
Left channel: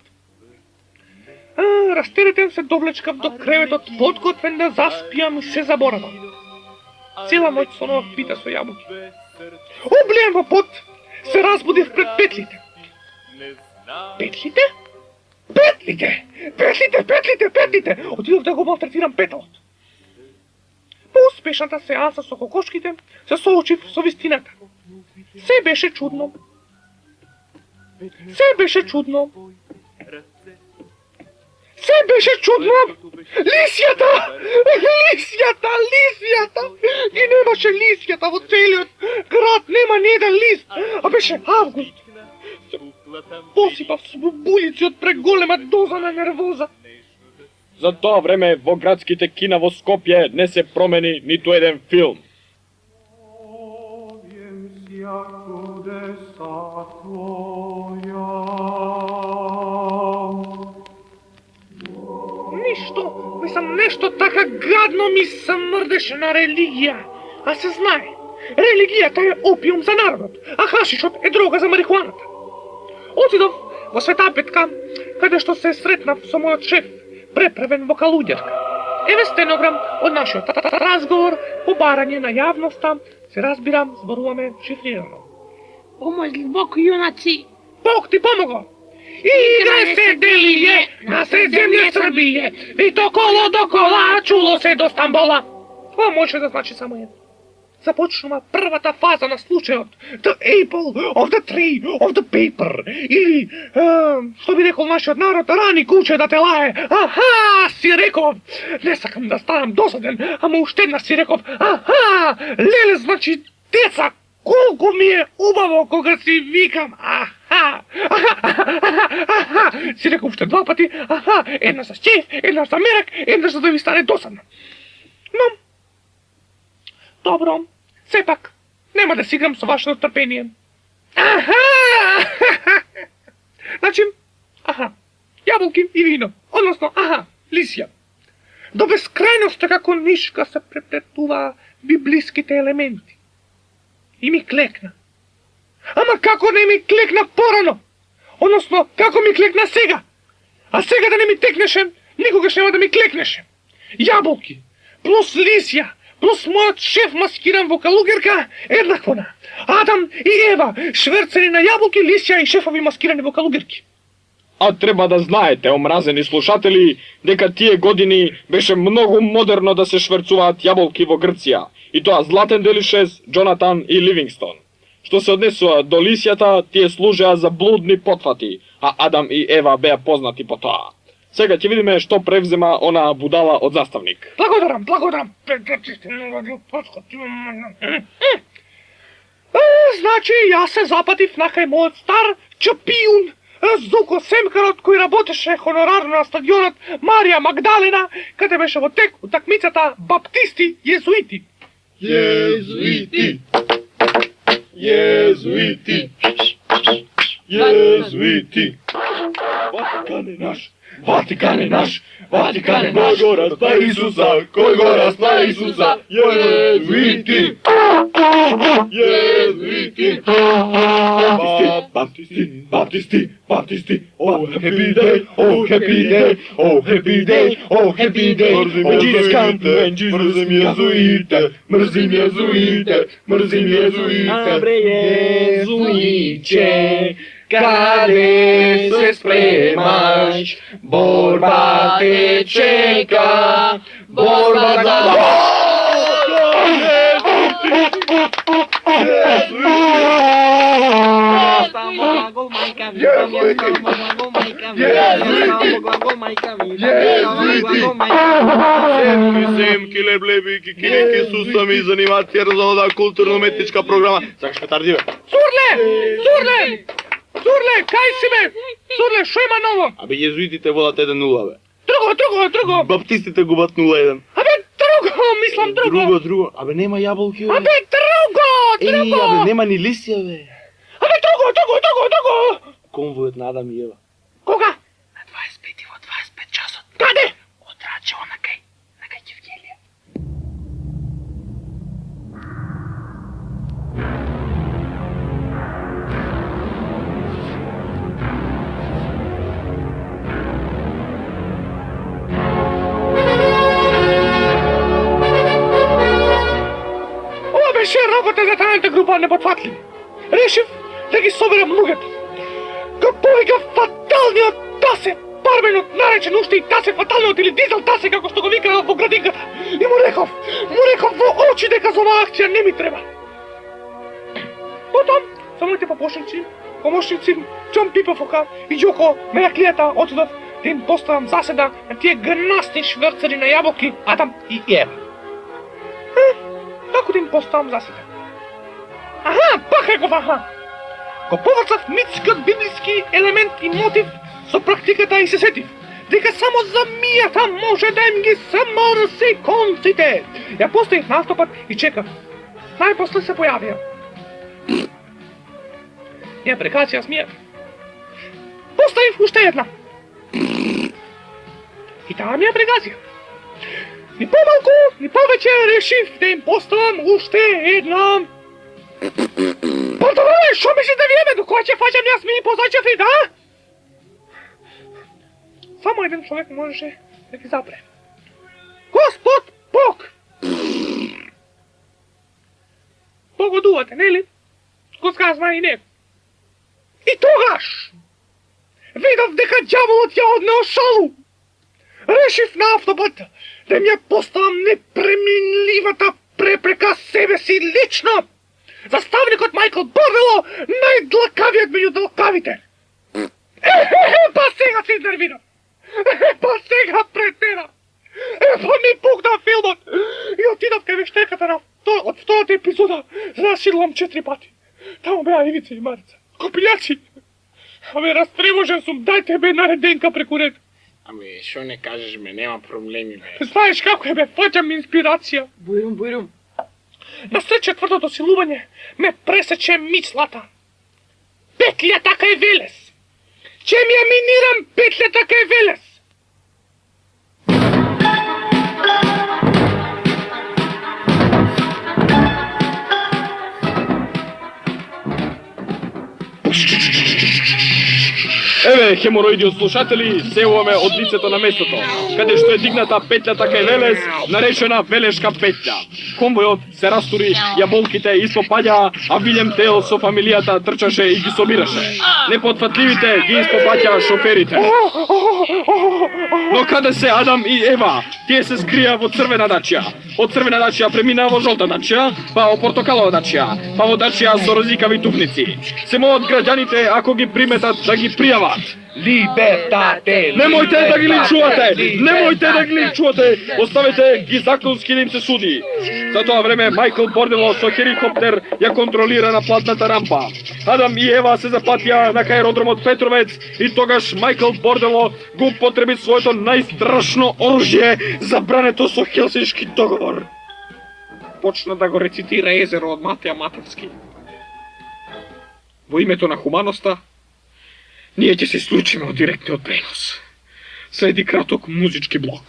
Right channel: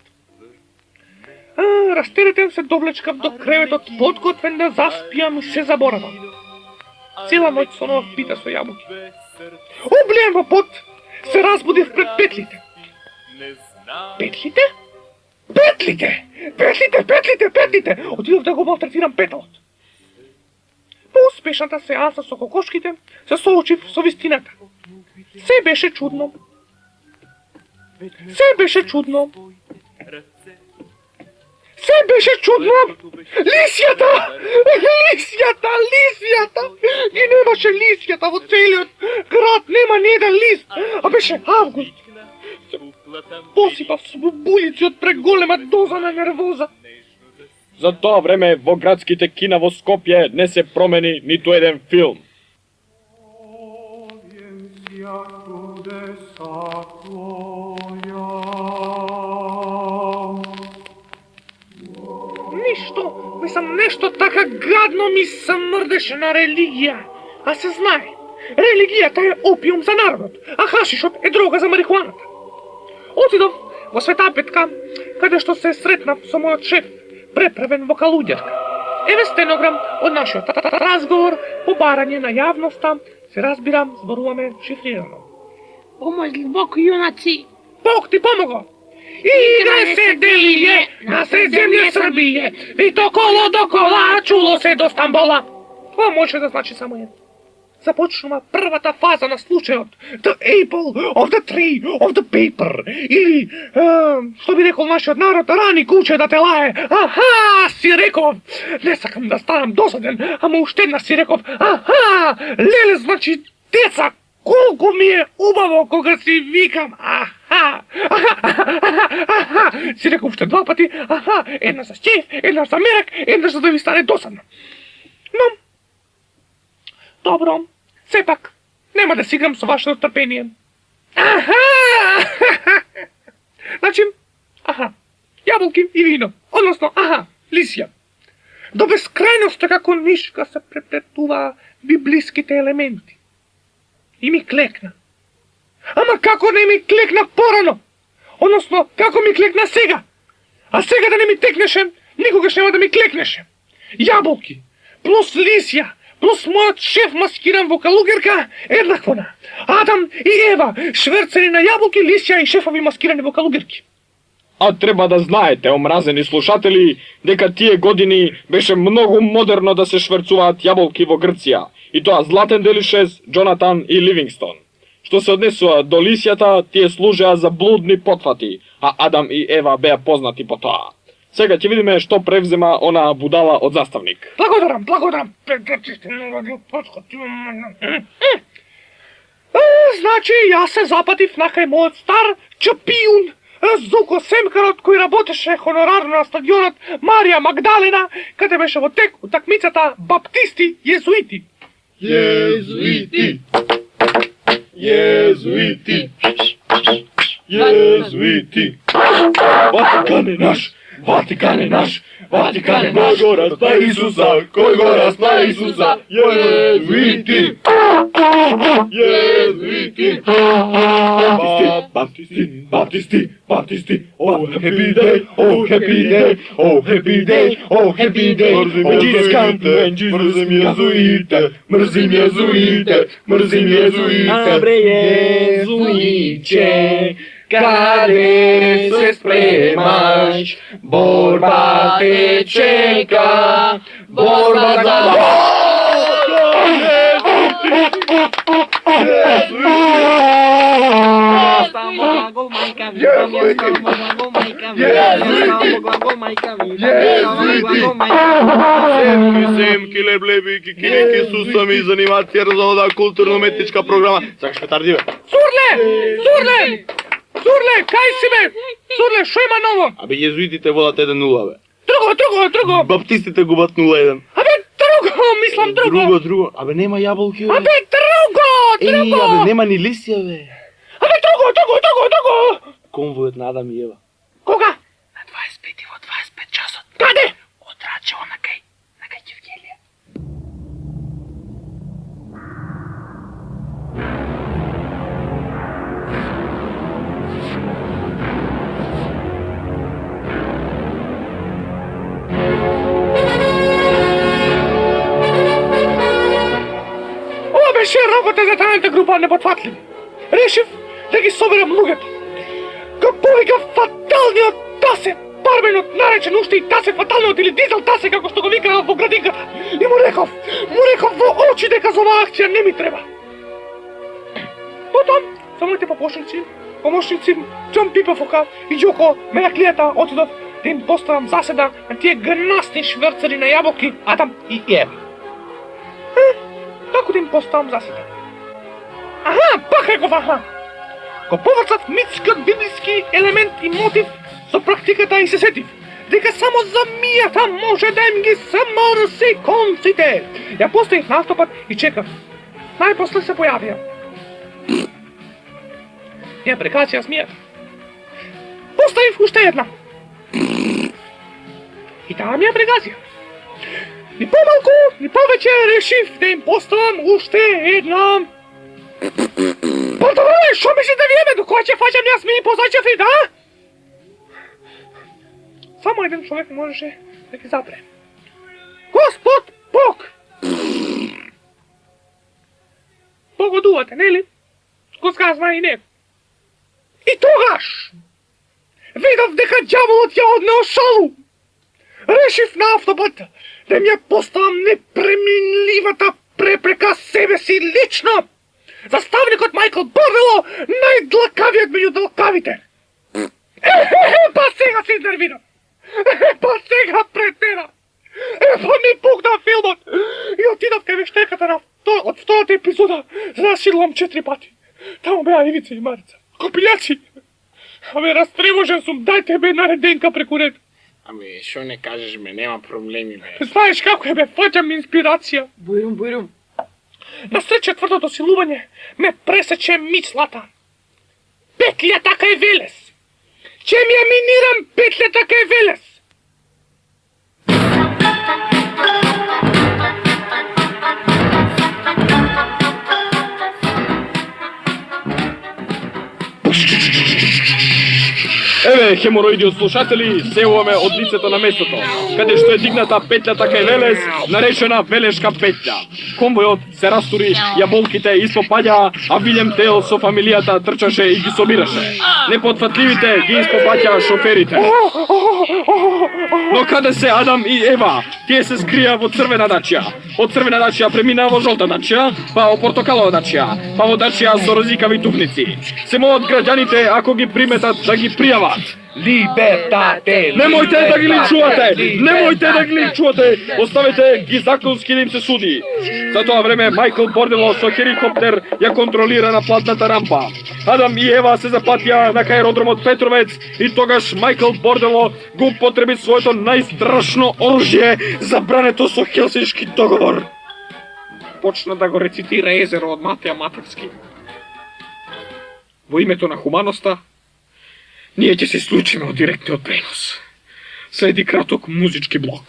Растеретен се довлечкав до креветот, подготвен да заспијам и се заборавам. Цела ноќ сонував пита со јабуки. Облијан во пот, се разбудив пред петлите. Петлите? Петлите! Отидов да го малтретирам петалот. По успешната сеанса со кокошките, се соочив со вистината. Се беше чудно. Лисјата! И немаше лисјата во целиот град, нема ни еден лист, а беше август. посипав с булици од преголема доза на нервоза. За тоа време во градските кина во Скопје не се промени ниту еден филм. Нешто така гадно ми се мрдеше на религија. А се знае, религијата е опиум за народот, а хашишот е дрога за марихуаната. Отидов во Света Петка, каде што се сретнав со мојот шеф, преправен вокалуѓерка. Еве стенограм од нашиот разговор по барање на јавноста, се разбирам, зборуваме шифрирано. О, мој длбоко јунаци! Бог ти помогла! Игра се делије на сред земја Србије, и то кола до кола чуло се до Стамбола. Ова може да значи само едно. Започнува првата фаза на случајот, the apple of the tree of the paper, или, што би рекол нашиот народ, рани куче да те лае. Аха, си реков, не сакам да станам досаден, ама уште една си реков, аха, леле значи деца, колку ми е убаво кога си викам, аха, си реков уште два пати, аха, една за шеф, една за мерак, една за да ви стане досадно. Но, добро, сепак, нема да си играм со вашето трпение. Аха! Значи, аха, јаболки и вино, односно, аха, лисија. До бескрајноста како нишка се преплетува библиските елементи. И ми клекна. Ама како не ми клекна порано? Односно, како ми клекна сега? А сега да не ми текнеше, никогаш нема да ми клекнеше. Јаболки, плюс лисија, плюс мојот шеф маскиран вокалугерка, еднакво на Адам и Ева, шверцери на јаболки, лисија и шефови маскирани вокалугерки. А треба да знаете, омразени слушатели, дека тие години беше многу модерно да се шверцуваат јаболки во Грција. И тоа Златен Делишес, Джонатан и Ливингстон. Што се однесува до лисјата, тие служеа за блудни потфати, а Адам и Ева беа познати по тоа. Сега ќе видиме што превзема она будала од заставник. Благодарам. Значи, јас се запатив на кај мојот стар чапијун, Зуко Семкарот, кој работеше хонорарно на стадионот Марија Магдалена, каде беше во тек утакмицата Баптисти-Језуити. Језуити. Ватикан е наш, Ватикан е наш, Ватикан е наш. Кој го распна Исуса, кој го распна Исуса. Језуити. Баптисти, oh happy day, oh happy day, oh happy day, oh happy day. Jesus come and Jesus мрзим језуите. Абре језуиче, каде се спремаш? Борба те чека, борба за... Семки, леблеби, кикирики, сусами, занимација, разода, културно-уметничка програма. Сакаш петарди, бе? Сурле, кај си бе? Сурле, шо има ново? Абе, језуитите водат 1-0, бе. Друго. Баптистите губат 0-1. Абе, друго, мислам друго. Друго. Абе, нема јаболки, бе. Абе, друго. Абе, нема ни лисија, бе. Абе, друго. Конвојот на Адам и Ева. Кога? На 25 во 25 часот. Каде? Од Рачево на кај Евгелија. Ова беше работа за тајната група непотфатливи. Решив да ги соберам луѓето. Го повикав фаталниот Тасе, барменот наречен уште и Тасе фаталниот или Дизел Тасе, како што го викаа во градинката. И му реков во очи дека за оваа акција не ми треба. Потом, со моите помошници, Џон Пипафока и Џоко Мераклијата отидов да им поставам заседа на тие гнасни шверцери на јаболки Адам и Ева. Како да им поставам заседа? Аха, пак реков аха. Ко површат митска библиски елемент и мотив со практиката и се сетив дека само замијата може да им ги самрси конците. Ја поставив на автопат и чекав. Најпосле се појавија. Ја прекација смија. Поставив уште една. И таа ми ја прекација. Ни помалку, ни повеќе решив да им поставам уште една. Пардоне, шо мислите вие до која ќе фаќам јас ми позачев и да? Само еден човек можеше да ги запре. Господ Бог! Погодувате, нели? Го сказва и него. И тогаш видов дека ѓаволот ја однел шалу. Решив на автопат да ми ја поставам непреминливата препрека себе си лично. Заставникот Майкл Бордело, најдлакавиот меѓу длакавите. Па сега се изнервирам. Па сега претера. Па ми пукна филмот. И отидав кај вештеката од втората епизода, за да сидлам 4 пати. Таму беа Ивица и Марица. Копилјаци. Абе, растревожен сум, дајте бе нареденка преку ред. Ами, шо не кажеш, ме, нема проблеми, бе. Знаеш како е, бе, фаќам инспирација. Бујрум. На сред четвртото силување ме пресече мислата. Петлјата кај Велес. Ќе ми ја минирам петлјата кај Велес. Еве, хемороиди од слушатели, сеуваме од лицето на местото, каде што е дигната петлјата кај Велес, наречена Велешка петља. Конвојот се растури, јаболките испопаѓа, а Вилјем Тел со фамилијата трчаше и ги собираше. Непотфатливите ги испопаќа шоферите. Но каде се Адам и Ева? Тие се скрија во црвена дачја. Од црвена дачја премина во жолта дачја, па во портокалова дачја, па во дачја со розикави туфници. Се молат граѓаните, ако ги приметат, да ги пријават. Либертате! Немојте да ги линчувате! Немојте да ги линчувате! Оставете ги законски да им се суди. За тоа време Майкл Бордело со хеликоптер ја контролира на платната рампа. Адам и Ева се запатија на аеродромот Петровец и тогаш Майкл Бордело го употреби своето најстрашно оружје, забрането со Хелсиншки договор. Почна да го рецитира Езеро од Матеја Матерски. Во името на хуманоста, ние ќе се исклучиме од директниот пренос. Следи краток музички блок.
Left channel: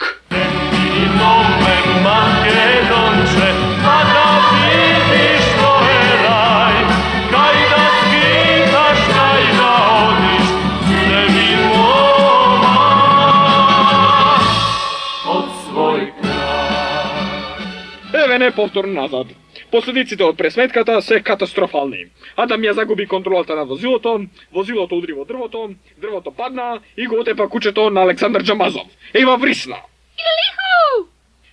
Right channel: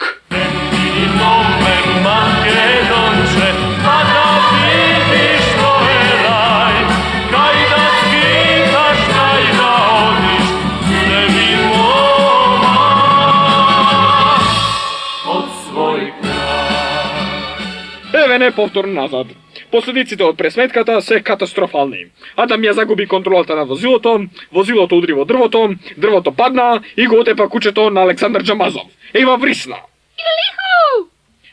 Еве не повторно назад. Последиците од пресметката се катастрофални. Адам ја загуби контролата на возилото, возилото удри во дрвото, дрвото падна и го отепа кучето на Александар Джамазов. Ева врисна.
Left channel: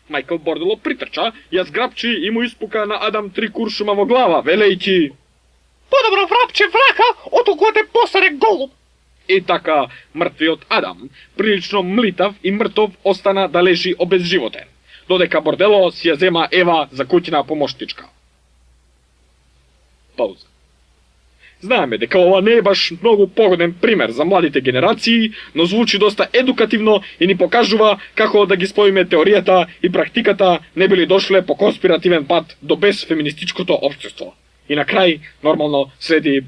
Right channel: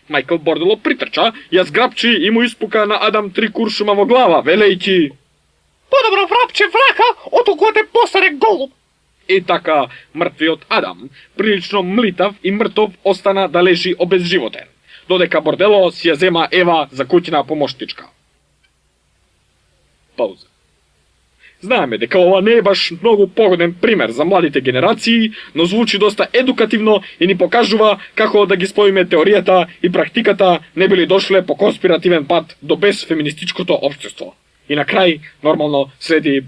Майкл Бордело притрча, ја зграпчи и му испука на Адам 3 куршума во глава, велејќи: Подобро врапче врака, од огоде посере голуб. И така, мртвиот Адам, прилично млитав и мртов, остана да лежи обезживотен, додека Бордело си ја зема Ева за куќна помоштичка. Пауза. Знаеме дека ова не е баш многу погоден пример за младите генерации, но звучи доста едукативно и ни покажува како да ги споиме теоријата и практиката не били дошле по конспиративен пат до безфеминистичкото општество. И на крај, нормално, следи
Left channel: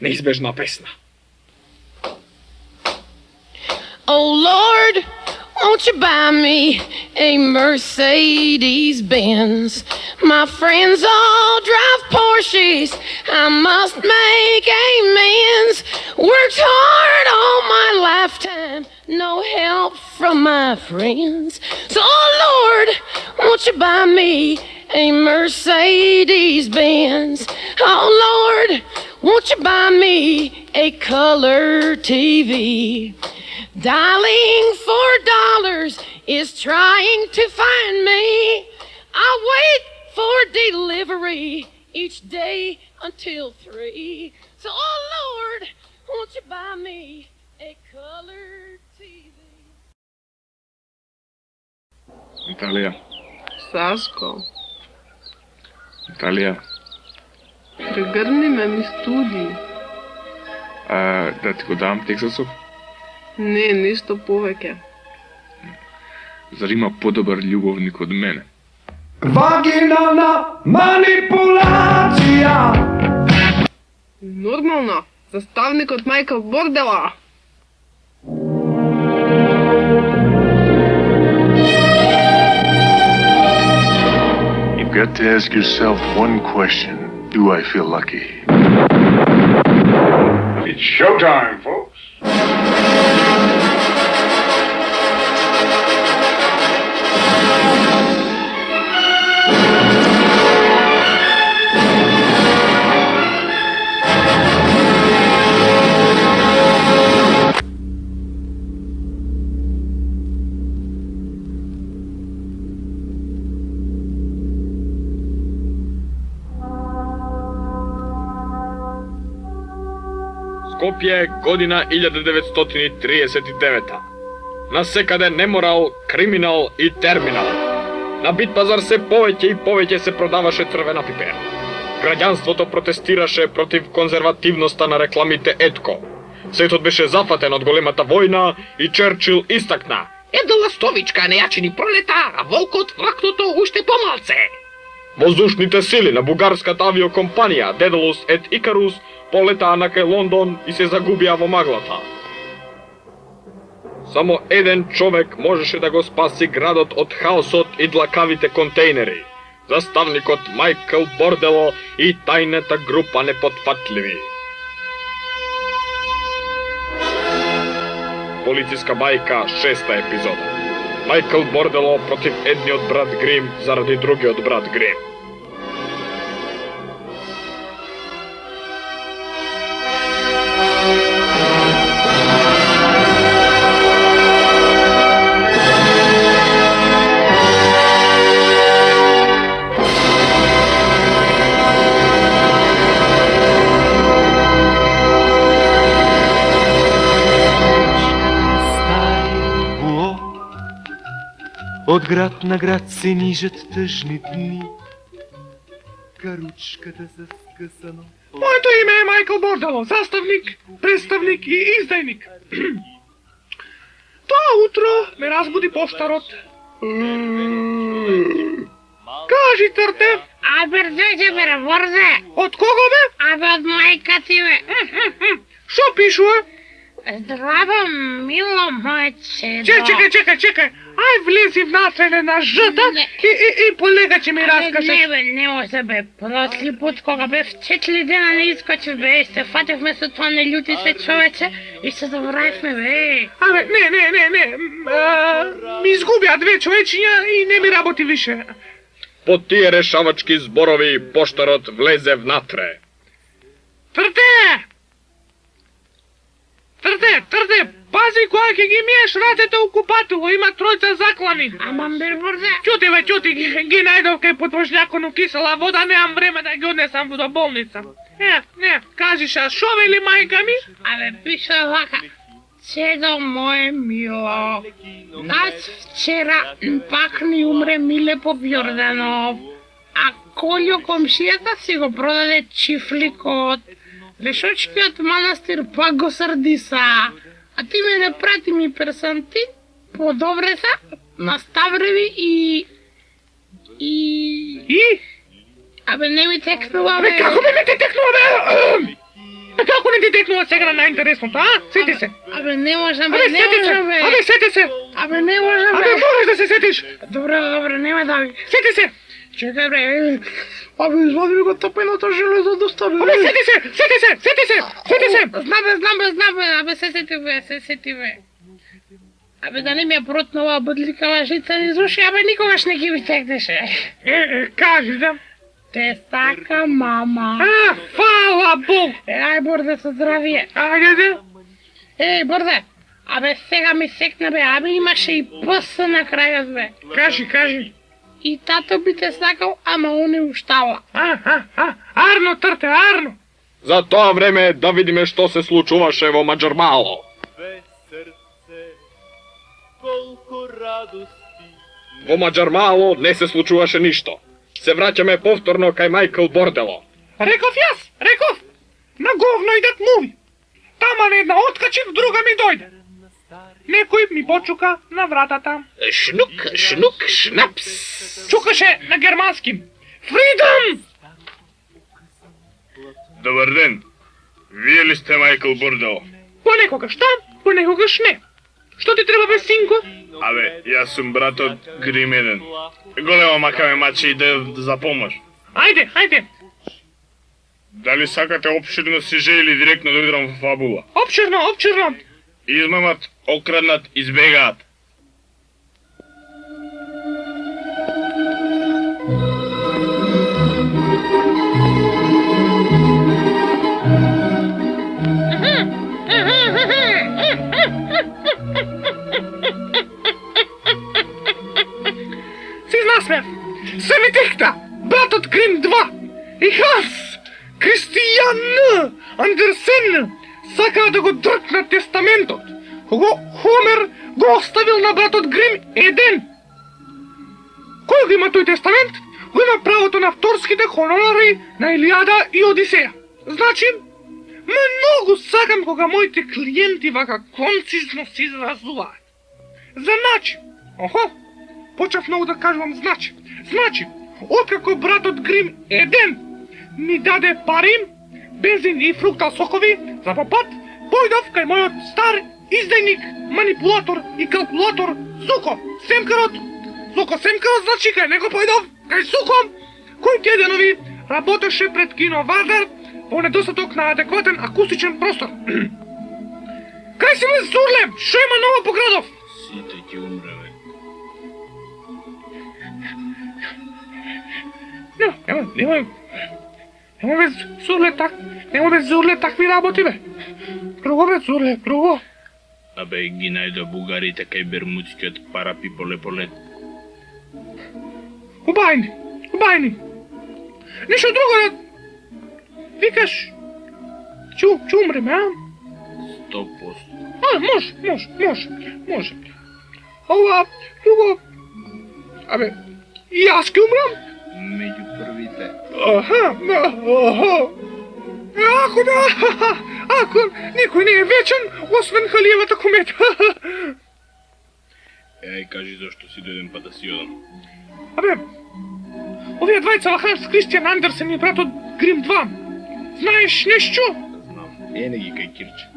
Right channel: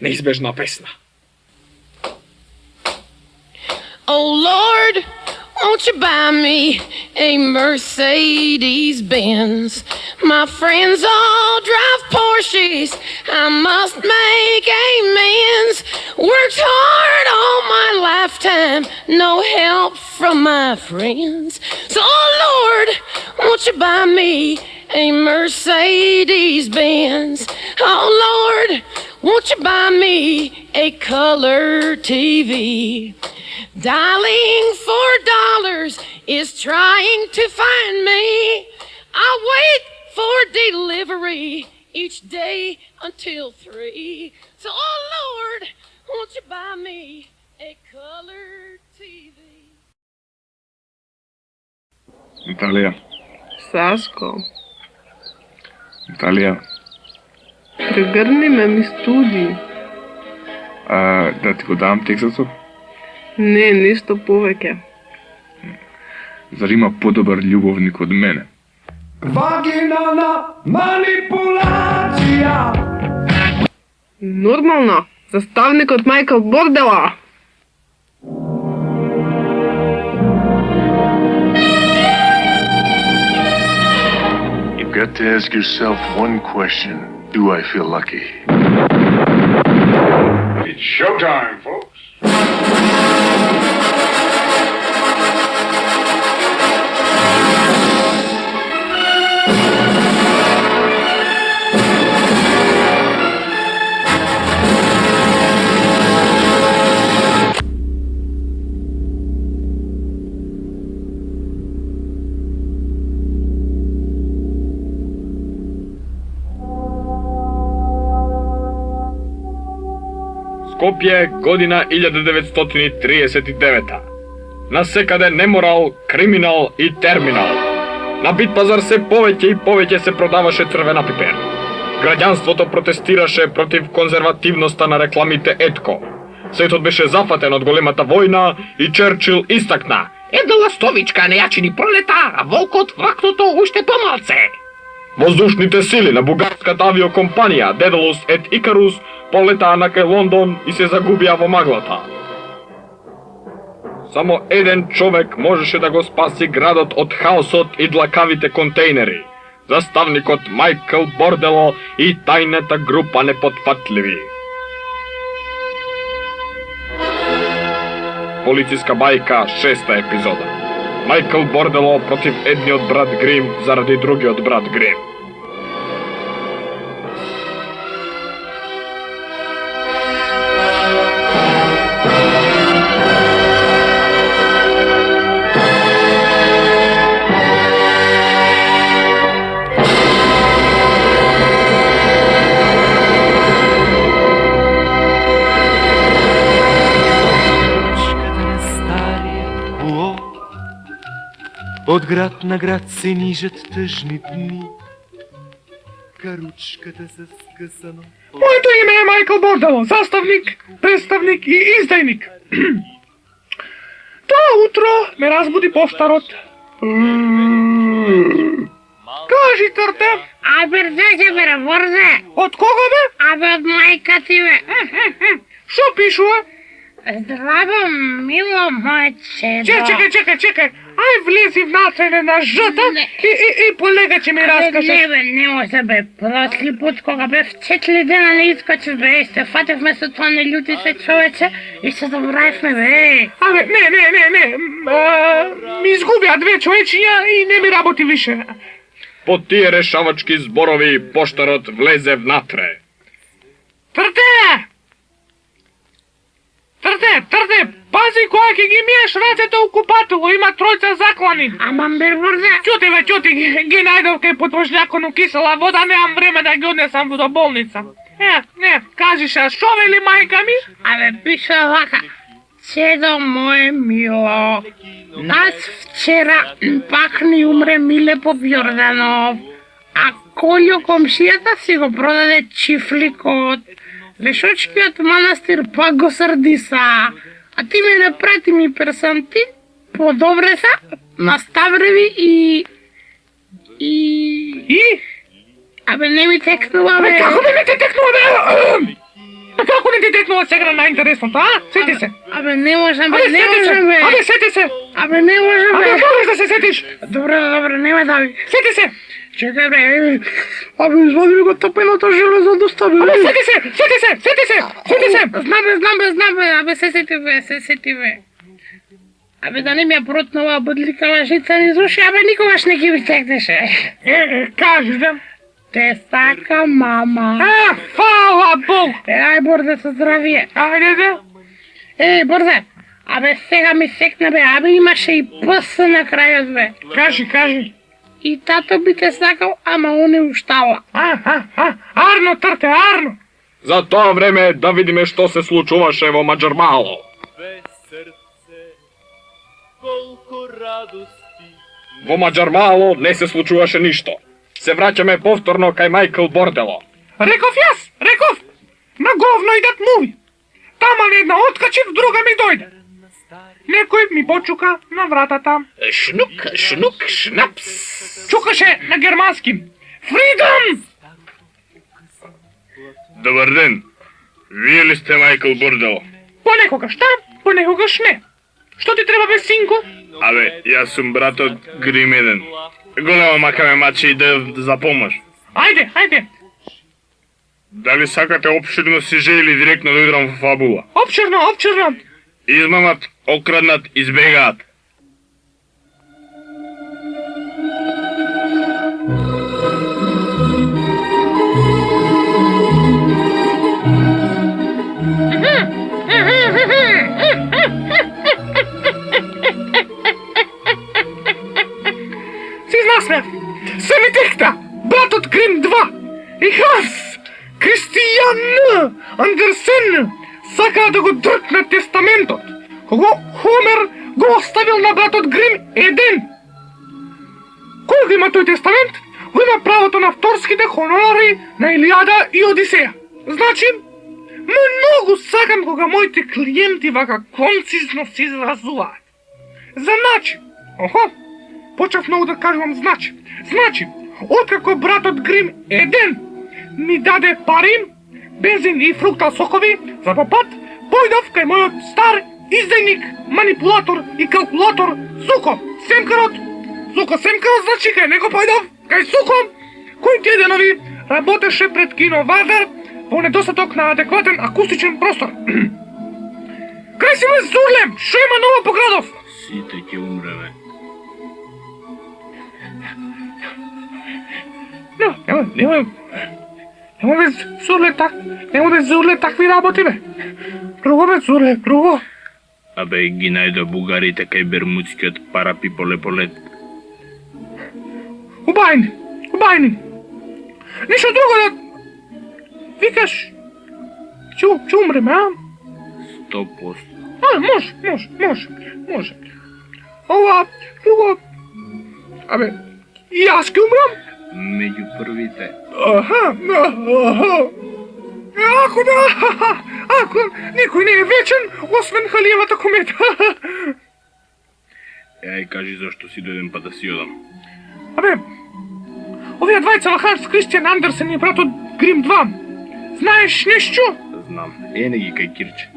неизбежна песна. Oh Lord, won't you buy me a Mercedes-Benz? My friends all drive Porsches, I must make amends. Worked hard all my lifetime, no help from my friends. So oh Lord, won't you buy me a Mercedes-Benz? Oh Lord, won't you buy me a color TV? Dialing $4 is trying to find me. I wait for delivery each day until 3. So, oh Lord, won't you buy me a color TV? Наталија. Сашко, Наталија. прегрни ме ми студи. Да ти го дам Тексасов? Не, ништо повеќе. Зар има подобар љубовник од мене? Вагинална манипулација. Нормално, заставникот Майкл Бордела. You've got to ask yourself one question. Do I feel lucky? It's showtime, folks. Скопје, година 1939. Насекаде неморал, криминал и терминал. На Битпазар се повеќе и повеќе се продаваше црвена пипер. Граѓанството протестираше против конзервативноста на рекламите Етко. Светот беше зафатен од големата војна и Черчил истакна: Една ластовичка не јачини пролета, а волкот вракното уште помалце. Воздушните сили на бугарската авиокомпанија Дедалус ет Икарус полетаа на кај Лондон и се загубија во маглата. Само еден човек можеше да го спаси градот од хаосот и длакавите контейнери. Заставникот Майкл Бордело и тајната група непотфатливи. Полициска бајка, 6-та епизода. Майкл Бордело против едниот брат Грим заради другиот брат Грим. От град на град се нижат тъжни дни. Каручката с скъсано. Моето име е Майкъл Бордело, заставник, представник и издайник. Това утро ме разбуди пощарот. Кажи, Търте. Бързе се, бе, бързе. От кого, бе? От майка ти, бе. Шо пишува? Здраво, мило мое чедо. Чекай. Ай, влези внатрене на жъта и полега, че ми разкажеш. Не може, бе. Просли път, кога бе в 4 дена не изкочи, бе. И се фате вместо това не люти се, човече. И се забравихме, бе. Не. Ми изгубя 2 човечиња и не ми работи више. По тие решавачки зборови поштарот влезе внатре. Тврде, пази кога ќе ги миеш рацете у купатело, има 3 заклани. Амам бе, бързе. Чути, ги најдов кај подвожњакон у кисела вода, немам време да ги однесам до болница. Не, кажи ша, шо вели мајка ми? Пише вака. Чедо мое мило, нас вчера пак ни умре Миле Попјорданов, а Колјо комшијата си го продаде чифликот. Лешочкиот манастир пак го срдиса, а ти ме напрати ми персанти, подобре са, на Ставреви и... не ми текнува, бе. Како не ми те текнува, бе? Како не ти текнува сега на најинтересното, а? Сети се. Не можам, бе, сети се. Не можам, бе. Можеш да се сетиш. Добре, нема дави. Сети се. Чекай, бе. Извади ми го тъпеното железо да стави. Сети се. Знам, бе, се сети, бе. Да не ми ја протнала бъдликава жица ни зуши, никогаш не ги ми текнеше. Кажеш, да? Те сака, мама. Фала Бог. Ај, Борзе, со здравие. Ајде, да. Борзе, сега ми секна, бе, имаше и пъс на крајот, бе. Кажи. И тато би те сакал, ама он не уштала. Арно, Търте, арно. За тоа време да видиме што се случуваше во Маџармало. Во Маџармало не се случуваше ништо. Се враќаме повторно кај Майкл Бордело. Реков, на говно идат муви. Тама на една откачив, друга ми дојде. Некој ми почука на вратата. Шнук, шнук, шнапс. Чукаше на германски. Фридом! Добър ден. Вие ли сте Майкъл Бордел? Понекогаш да, понекогаш не. Што ти треба бе, синко? Абе, јас сум брат од Грим 1. Голема мака ме мачи и да за помош. Ајде, ајде. Дали сакате опширно сиже или директно да удрам во фабула? Опширно, опширно. Измамат, окраднат, избегаат. Си насмев. Се ми текта. Братот Грим 2. И Ханс. Кристијан Андерсен сакаа да го дркнат тестаментот, кого Хомер го оставил на братот Грим 1. Кој го има тој тестамент? Го има правото на авторските хонорари на Илијада и Одисеја. Значи, многу сакам кога моите клиенти вака концизно се изразуваат. Значи, почев многу да кажувам значи. Значи, откако братот Грим 1 ми даде пари, бензин и фруктал сокови за попат, појдов кај мојот стар издајник, манипулатор и калкулатор Суко Семкарот. Суко Семкарот, значи кај него појдов, кај Суко, кој тие денови работеше пред кино Вардар по недостаток на адекватен акустичен простор. Кај си ме Зурлем, шо има ново по градов? Сите ќе умреме. Нема бе Зурле такви работи бе. Друго бе Зурле, друго. Абе, ги најде бугарите кај бермудскиот парапиполе-полет. Убајни. Ништо друго да викаш. Ќе умреме, а? 100%. Може. Ова, друго. Абе, и јас ќе умрам? Меѓу првите. Ако никој не е вечен, освен Халиевата комета. Ај кажи зашто си дојдем па да си одам. Абе, овие двајца Ханс Кристијан Андерсен и братот Грим 2. Знаеш нешто? Знам. Ене ги кај Кирче.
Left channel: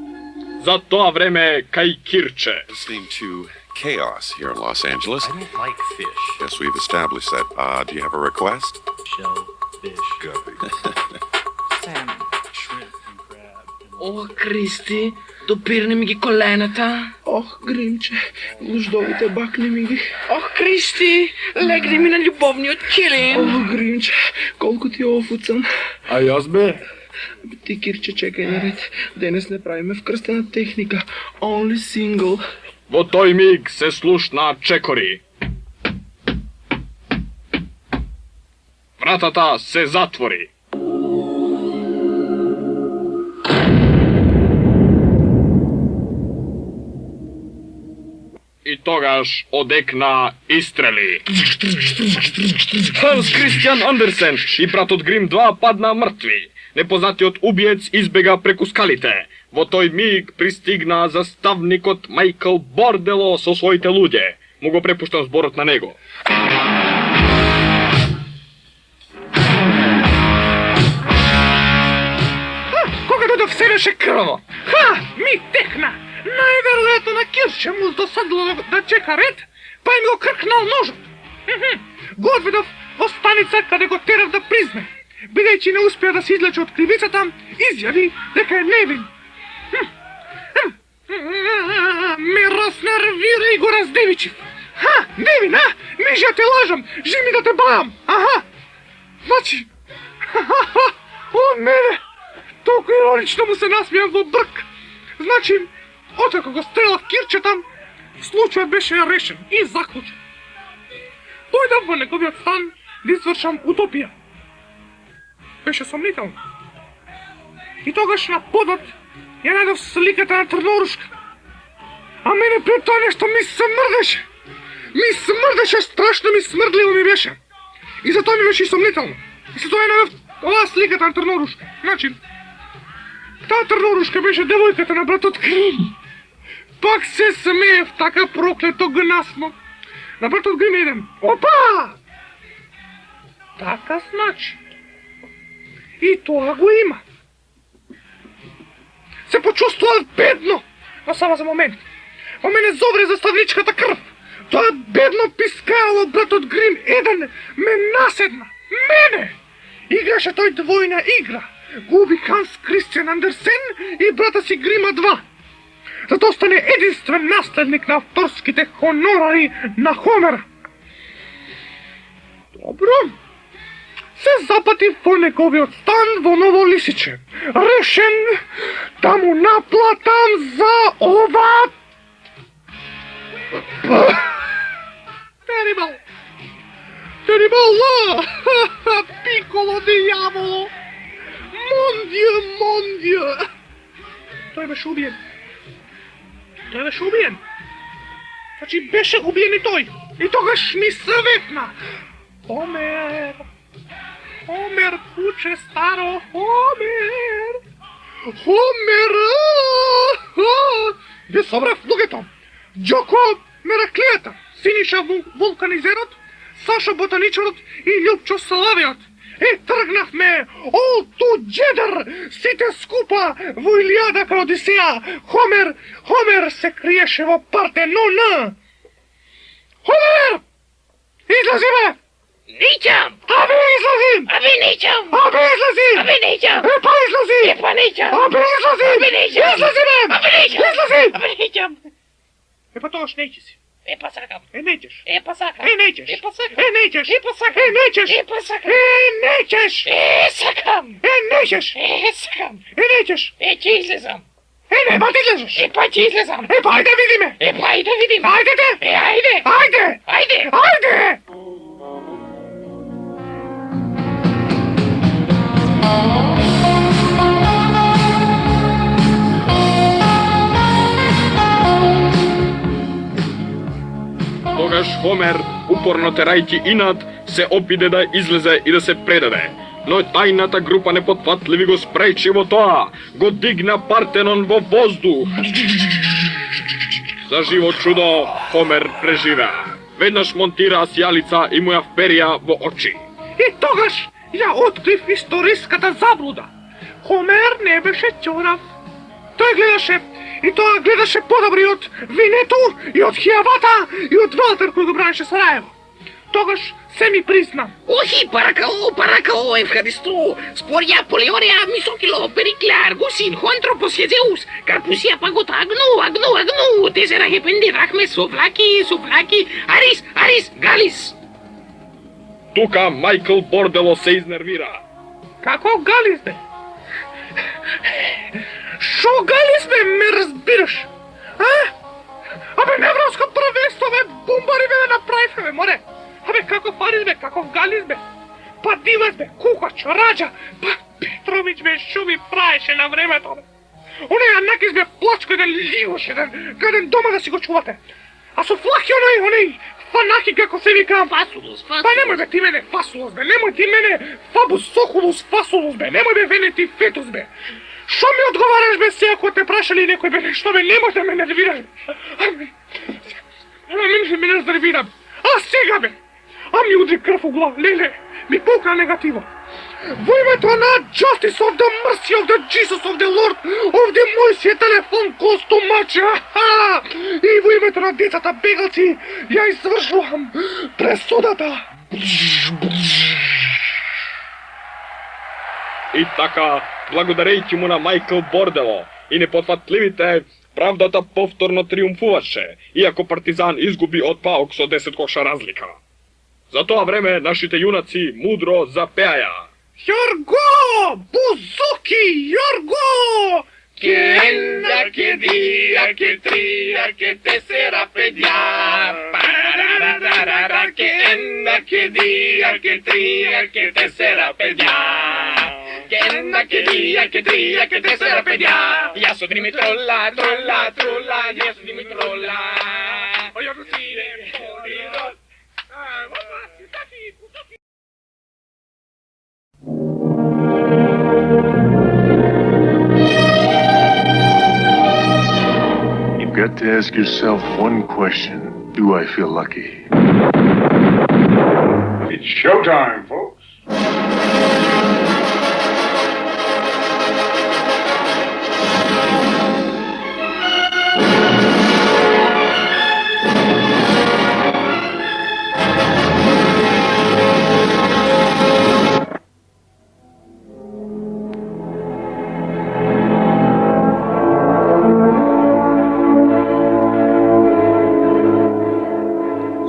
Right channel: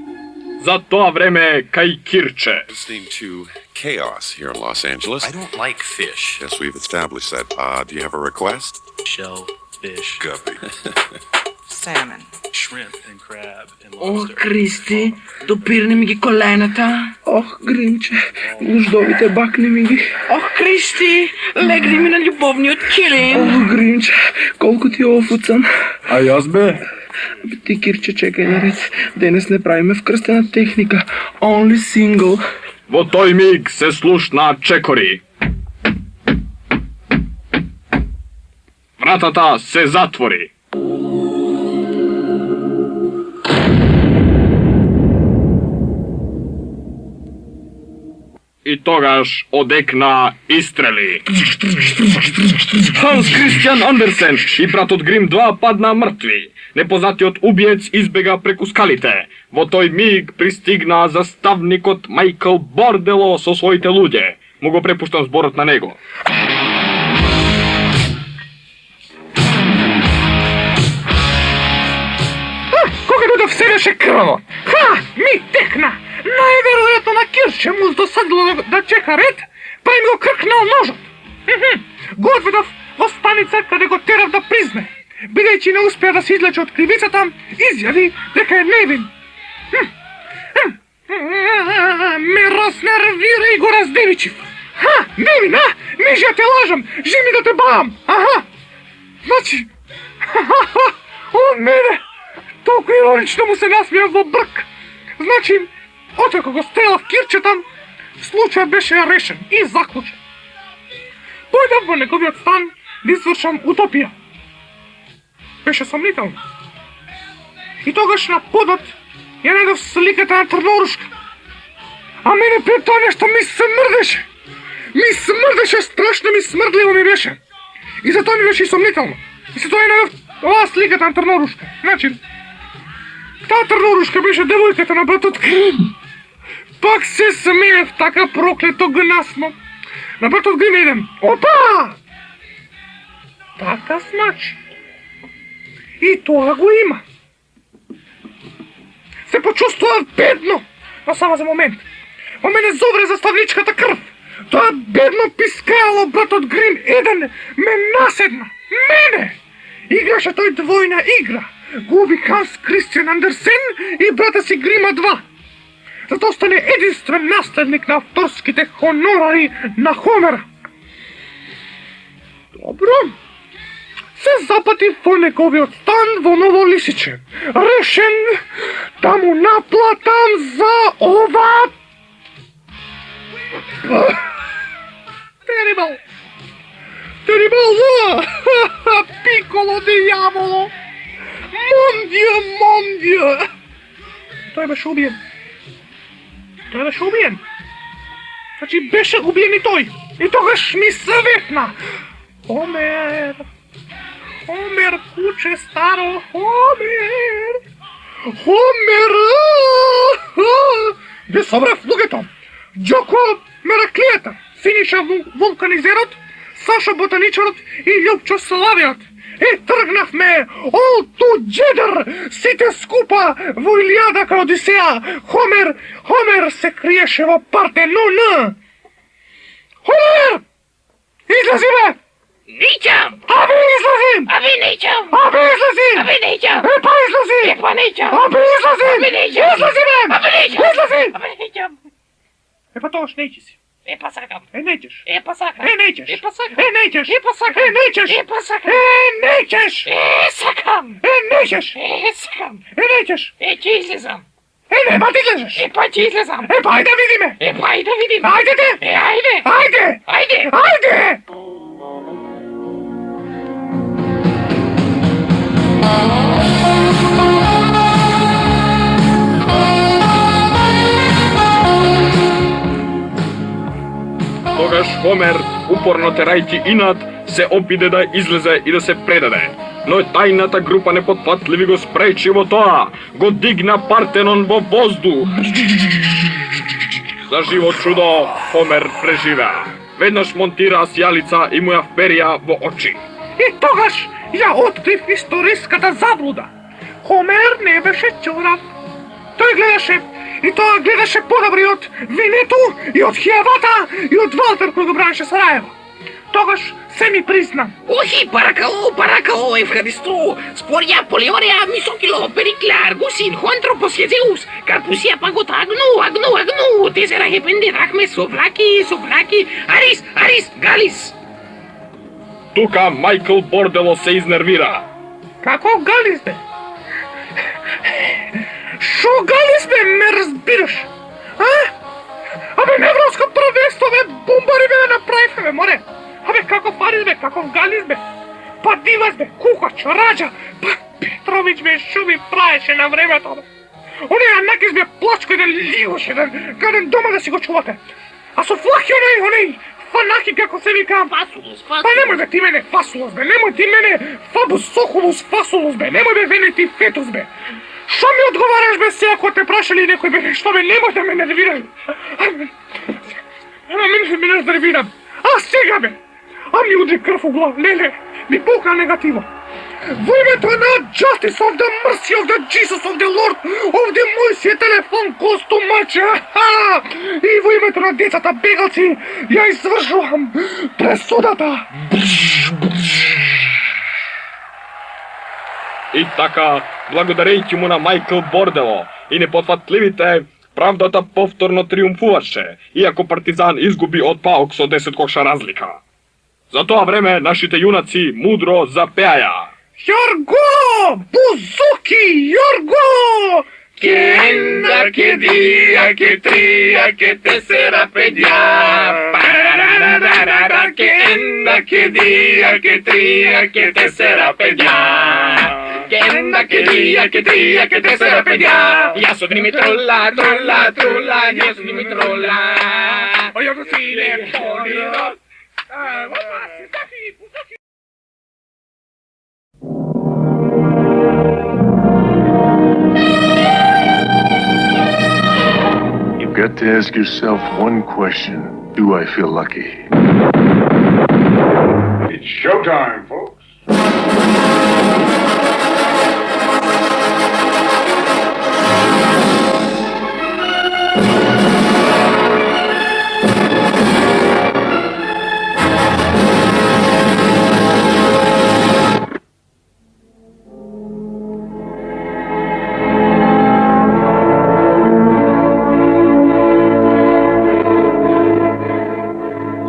За тоа време кај Кирче. Listening to chaos here in Los Angeles. I don't like fish. Yes, we've established that. Do you have a request? Shell, fish, Guppy. salmon, shrimp and crab and Ох, lobster. Кристи, допирни ми ги колената. Ох, Гримче, гуждовите бакли ми ги. Ох, Кристи, легни ми на любовниот килим. Ох, Гримче, колку ти офуцам. А јас бе? Ти, Кирче, чекај наред. Денес не правиме вкрстена техника. Only single. Во тој миг се слушна чекори. Вратата се затвори. И тогаш одекна истрели. Ханс Кристијан Андерсен и братот Грим 2 падна мртви. Непознатиот убиец избега преку скалите. Во тој миг пристигна заставникот Майкл Бордело со своите луѓе. Му го препуштам зборот на него. Кога дојдов се беше крво. Ми текна. Најверојатно на Кирче му досадило да чека ред, па им го кркнал ножот. Го одведов во станица каде го терав да призне. Бидејќи не успеа да се излече од кривицата, изјави дека е невин. Ме разнервира и го раздевичив. Невин, мижја те лажам, жими да те баам. Значи, о, не, толку иронично му се насмеав во брк. Значи, откако го стрелав Кирчета, случајот беше решен и заклучен. Појдав во неговиот стан да извршам утопија. Беше сомнително. И тогаш на подот ја најдов сликата на Трнорушка. А мене пред тоа нешто ми се мрдеше. Ми смрдеше, страшно ми смрдливо ми беше. И затоа ми беше и сомнително. И затоа ја најдов оваа сликата на Трнорушка. Значи, Та търнорушка беше девойката на братът Грим. Пак се смее в така проклето гнасно. На братът Грим идем. Опа! Така значи. И това го има. Се почувствува бедно. Но само за момент. А мене зовре заставничката кръв. Това бедно пискало братът Грим еден ме наседна. Мене! Играше той двойна игра. Губи Ханс Кристиан Андерсен и брата си Грима 2. Зато стане единствен наследник на авторските хонорари на Хомера. Добро. Се запъти в неговият стан во ново лисиче. Решен да му наплатам за ова... Терибъл! Терибъл зла! Пиколо дияволо! Мондия! Той беше убиен. Значи беше убиен и той. И тогаш ми съветна. Хомер, куче старо, Хомер! Ви събрах слугето. Джоко Мераклията, Синиша вулканизерът, Саша ботаничарът и Любчо Славият. И тръгнахме all together, сите скупа во Илиада ка Одисея. Хомер се криеше во Партенона. Хомер! Излази бе! Ничам! Абе излазим! Абе ничам! Абе излазим! Абе ничам! Епа излази! Епа ничам! Абе излазим! Абе ничам! Излази бе! Абе ничам! Излазим! Абе ничам! Епа тоаш неće си. Епа сакам! Nećeš! Епа сакам! Nećeš! Епа сакам! Nećeš! Епа сакам! Nećeš! Епа сакам! Nećeš! Сакам! Nećeš! Сакам! Nećeš! Ќе излезам! Нема ти излезеш! Епа ќе излезам! Епа ајде видиме! Епа ајде видим! Ајде те! Ајде! Ајде! Ајде! Ајде! Тогаш Хомер, упорно терајќи инат, се обиде да излезе и да се предаде. Но тајната група непотпатливи го спречи во тоа, го дигна Партенон во воздух. За живо чудо, Хомер преживеа. Веднаш монтираа сјалица и му ја вперија во очи. И тогаш ја открив историската заблуда. Хомер не беше чурав. Тој гледаше, и тоа гледаше подобри од Винету и од Хијавата и од Валтер кој го бранеше Сараево. Тогаш се ми призна. Охи, паракало, Евхаристу, спорија Полиореа, Мисокило, Периклар, Гусин, Хуантропос, Хезеус, Карпусија, Пагота, Агну, Тезера, Хепенди, Рахме, Совлаки, Арис, Галис. Тука Майкл Бордело се изнервира. Како Галис бе? Шо Галис бе, ме разбираш? А? Абе, невралско правенство бе, бомбари бе да направивме бе, море. Абе, каков Арис бе, каков Галис бе. Па Дивас бе, Кукач, Раджа, па Петрович бе, шо ми правеше на времето бе. Оние Анакис бе, плачко еден ливош, еден дома да си го чувате. А со флахи оној, фанахи како се викам. Фасулус. Па немој бе ти мене фасулус бе, немој ти мене фабус сохулус фасулус бе, немој бе венети фетус бе. Шо ми одговараш бе се ако те прашали некој бе нешто бе, немој да ме нервираш бе. Нема ме нервирам. А сега бе, а ми удри крв у глав, леле, ми пукна негативо. Во името на Justice of the Mercy of the Jesus of the Lord of the мој си телефон костумаче, и во името на децата бегалци ја извршувам пресудата. И така, благодарејќи му на Майкл Бордело и непотфатливите, правдата повторно триумфуваше, иако Партизан изгуби од Паук со 10 коша разлика. За тоа време нашите јунаци мудро запеаја. Јорго! Бузуки! Јорго! Ке една, ке двија, ке трија, ке тесера, педја. Парарарарара, ке една, ке двија, ке трија, ке тесера, педја. Ке една, ке двија, ке трија, ке тесера, педја. Јас од ними трола, јас од ними трола. Ој, ако си не полио. got to ask yourself one question. Do I feel lucky? It's showtime, folks.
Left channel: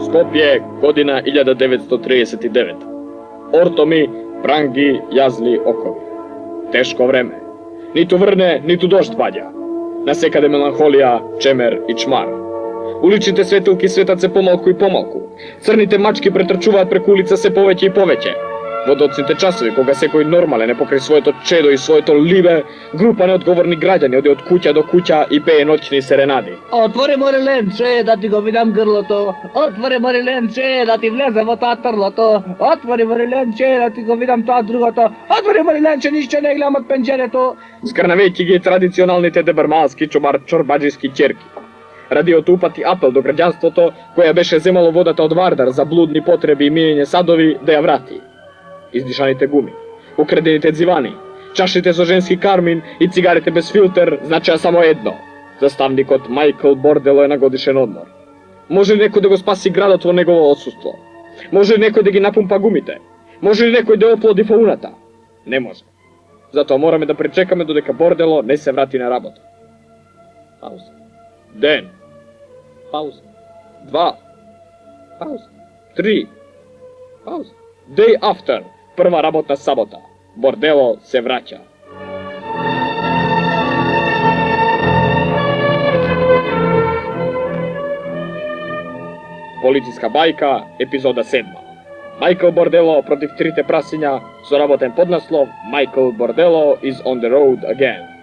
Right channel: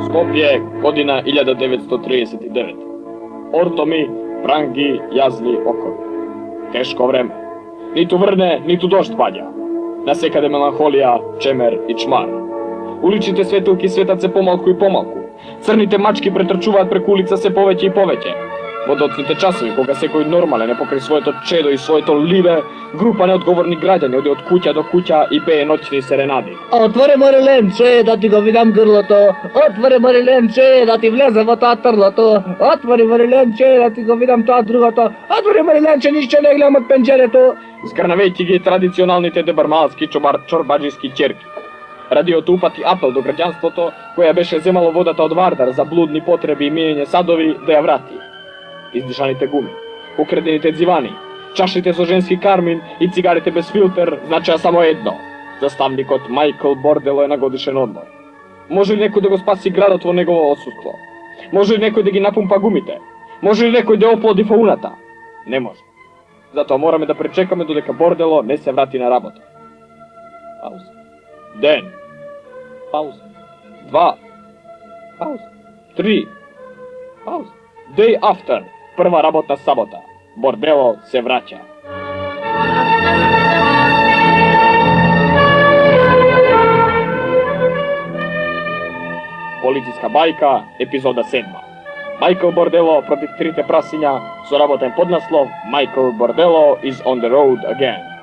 Skopje, godina 1939. Ortomi, prangi, jazli okovi. Teško vreme. Nitu vrne, nitu došt padja. Nasekade melanholija, čemer i čmar. Uličite svetilki svetace pomalku i pomalku. Crnite mački pretrčuvat preko ulica se poveće i poveće. Vodocite časovi koga se koji normale ne pokri svoje to čedo i svoje to live, grupa neodgovorni građani ode od kuća do kuća i peje noćni serenadi. Otvori more lenče da ti go vidam grloto, otvori more lenče da ti vlezem v ta trloto, otvori more lenče da ti go vidam to drugoto, otvori more lenče nišće ne gledam od penđereto. Skrnaveći gi tradicionalните дебармалски чорбаджиски ćerki. Radio tupati apel do građanstvoto koja beše zemalo vodata od Vardar za bludni potrebi i mijenje sadovi da ja vrati. Izdišanite gumi, ukredenite dzivani, čašite zo ženski karmin i cigarete bez filter značaja samo jedno. Zastavnik od Michael Bordelo je na godišen odmor. Može li neko da go spasi gradotvo njegovo odsustvo? Može li neko da gi napumpa gumite? Može li neko da oplodi faunata? Ne može. Zato moramo da pričekamo dodeka Bordelo ne se vrati na rabotu. Pauza. Den. Pauza. 2. Pauza. 3. Pauza. Day after. Prva rabotna sabota. Bordelo se vraća. Policijska bajka, epizoda 7. Michael Bordelo protiv trite prasinja, suraboten podnaslov Michael Bordelo is on the road again.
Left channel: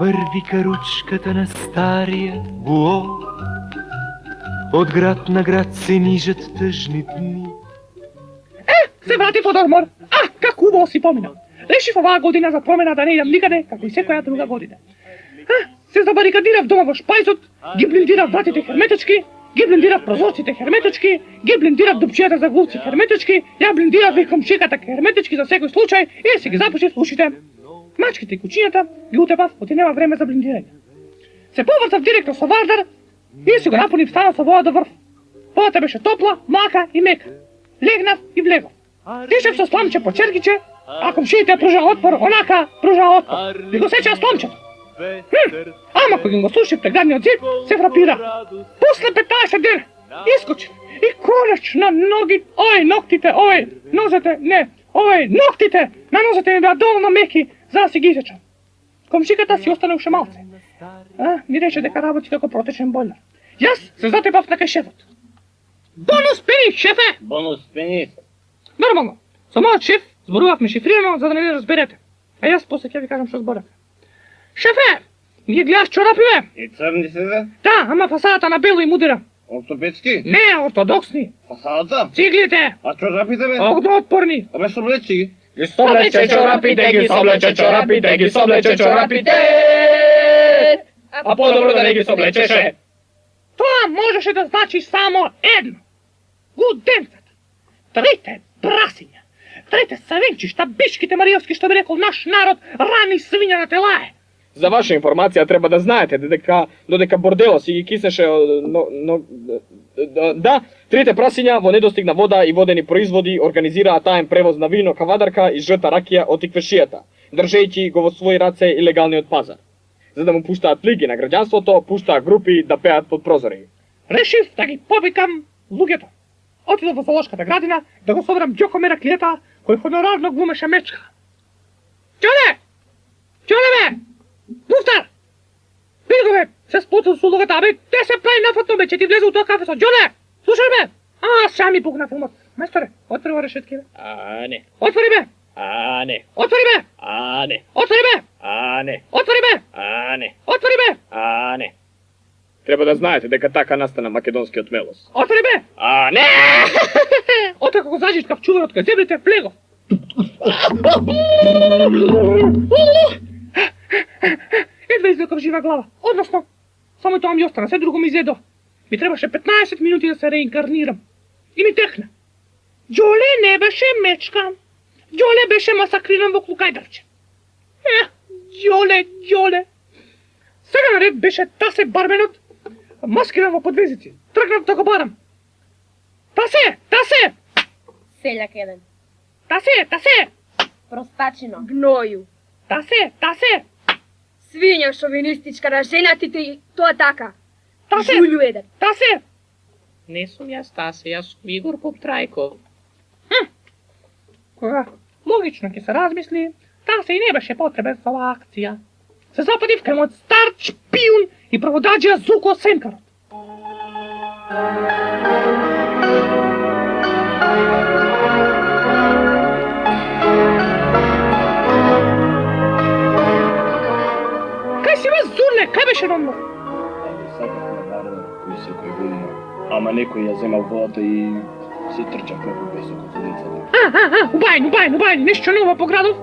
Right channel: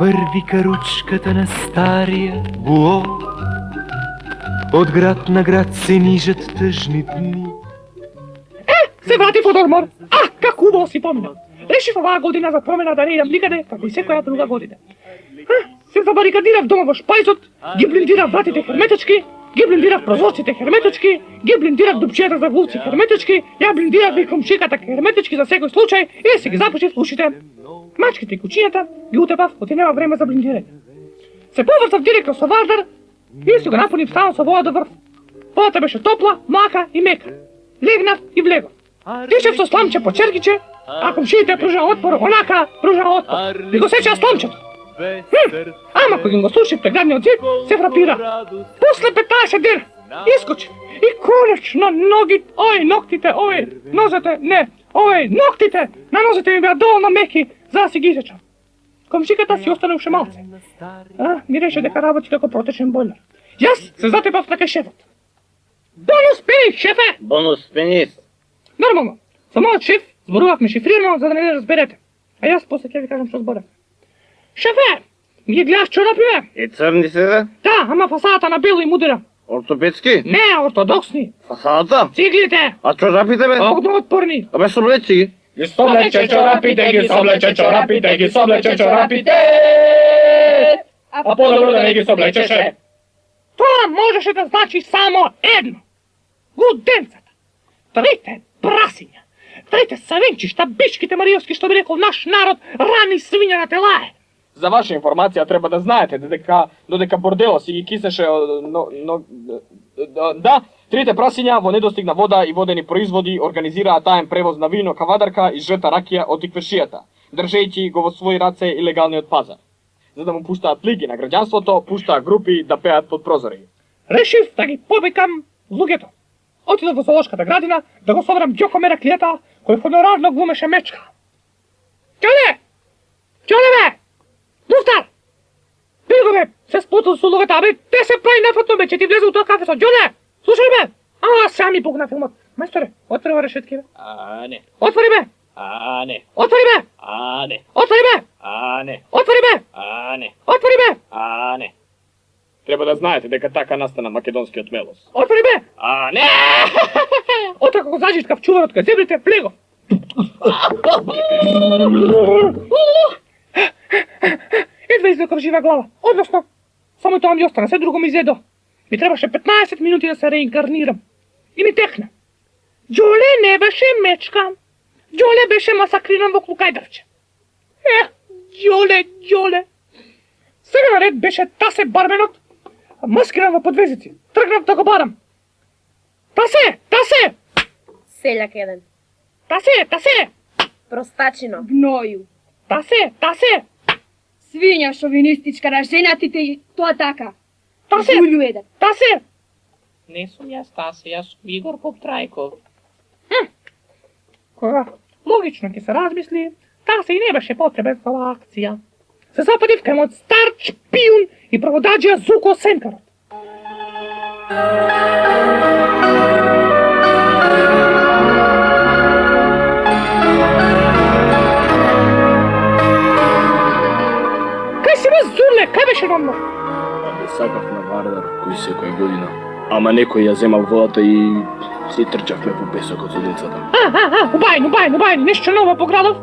Върви каручката на стария буо, от град на град се нижат тъжни дни. Се вратив од одмор. Как убаво си поминал. Решив оваа година за промена да не идам никаде, како и секоја друга година. Се забарикадирав дома во шпајзот, ги блиндирав вратите херметички, ги блиндирав прозорците херметички, ги блиндирав дупчијата за глувци херметички, ја блиндирав и комшиката херметички за секој случај и си ги запушив ушите. Мачките и кучињата ги утепав, оти нема време за блиндирање. Се повртав директно со Вардар и си го напунив станот со вода до врв. Водата беше топла, млака и мека. Легнав и влегов. Тишев со сламче по черкиче, а комшиите пружа отпор, онака пружа отпор. И го сеча сламчето. Ама кога го слушив преградниот зид, се фрапира. После 15 дена искочив и конечно ноктите, нозете, не, ноктите на нозете ми беа доволно меки за да си ги изечам. Комшиката си остане уште малце. Ми рече дека работи како протечен бойлер. Јас се затепав на кај шефот. Бонус пенис, шефе! Бонус пенис. Нормално. Со мојот шеф зборувавме шифрирано за да не не разберете. А јас после ќе ви кажам што зборев. Шефе! Ги гледаш чорапиве? И црни се да? Да, ама фасадата на бело и мудира. Ортопедски? Не, ортодоксни. Фасадата? Циглите. А чорапите бе? Огнеотпорни. Абе соблечи ги. Ги соблече чорапите, ги соблече чорапите, ги соблече чорапите. А по-добро да не ги соблечеше. Тоа можеше да значи само едно. Гуденцата. Трите прасиња. Трите савенчишта, бишките мариовски, што би рекол наш народ, рани свиња на телае. За ваша информација треба да знаете додека Бордело си ги киснеше да, трите прасиња во недостиг на вода и водени производи организираа таен превоз на вино, кавадарка и жрта ракија од иквешијата, држејќи го во своји раце илегалниот пазар. За да му пуштаат лиги на граѓанството, пуштаа групи да пеат под прозори. Решив да ги побекам луѓето. Отидов во зоолошката градина да го соберам Ѓоко Мераклијата, кој хонорарно глумеше мечка. Ќоле! Ќоле бе! Муфтар! Види го бе, се сплутал со луѓето, абе, те се прави нефатно бе, че ти влезе у тоа кафе со Ѓоле! Слушай бе! Сега ми пукна филмот. Мајсторе, отвори решетки бе. Не. Отвори бе! Не. Отвори бе! Не. Отвори бе! Не. Отвори бе! Не. Отвори бе! А, не. Треба да знаете дека така настана македонскиот мелос. Отвори бе! А, не! Отака го заđeš кај чуварот кај зебрите, влего! Едва извлеков жива глава. Односно, само тоа ми остана, се друго ми изедо. Ми требаше 15 минути да се реинкарнирам. И ми текна. Ѓоле не беше мечка. Ѓоле беше масакриран во клукајдарче. Ѓоле. Сега наред беше Тасе барменот, маскиран во подвезици. Тргнав да го барам. Тасе! Селјак еден. Тасе! Простачино. Гноју. Тасе! Свиња шовинистичка на женатите и тоа така. Тасе! Жулју еден. Тасе! Не сум јас Тасе, јас сум Игор Поптрајков. Кога логично ќе се размисли, Тасе и не беше потребен за оваа акција. Се западив кај мојот стар шпион и проводаџија Зуко Сенкарот. Кај си ме Зурле, кај беше намно? Абе, сакав на Вардар, кој секоја година. Ама некој ја земал водата и си трчавме по песокот со децата. Убајни, нешто ново по градов?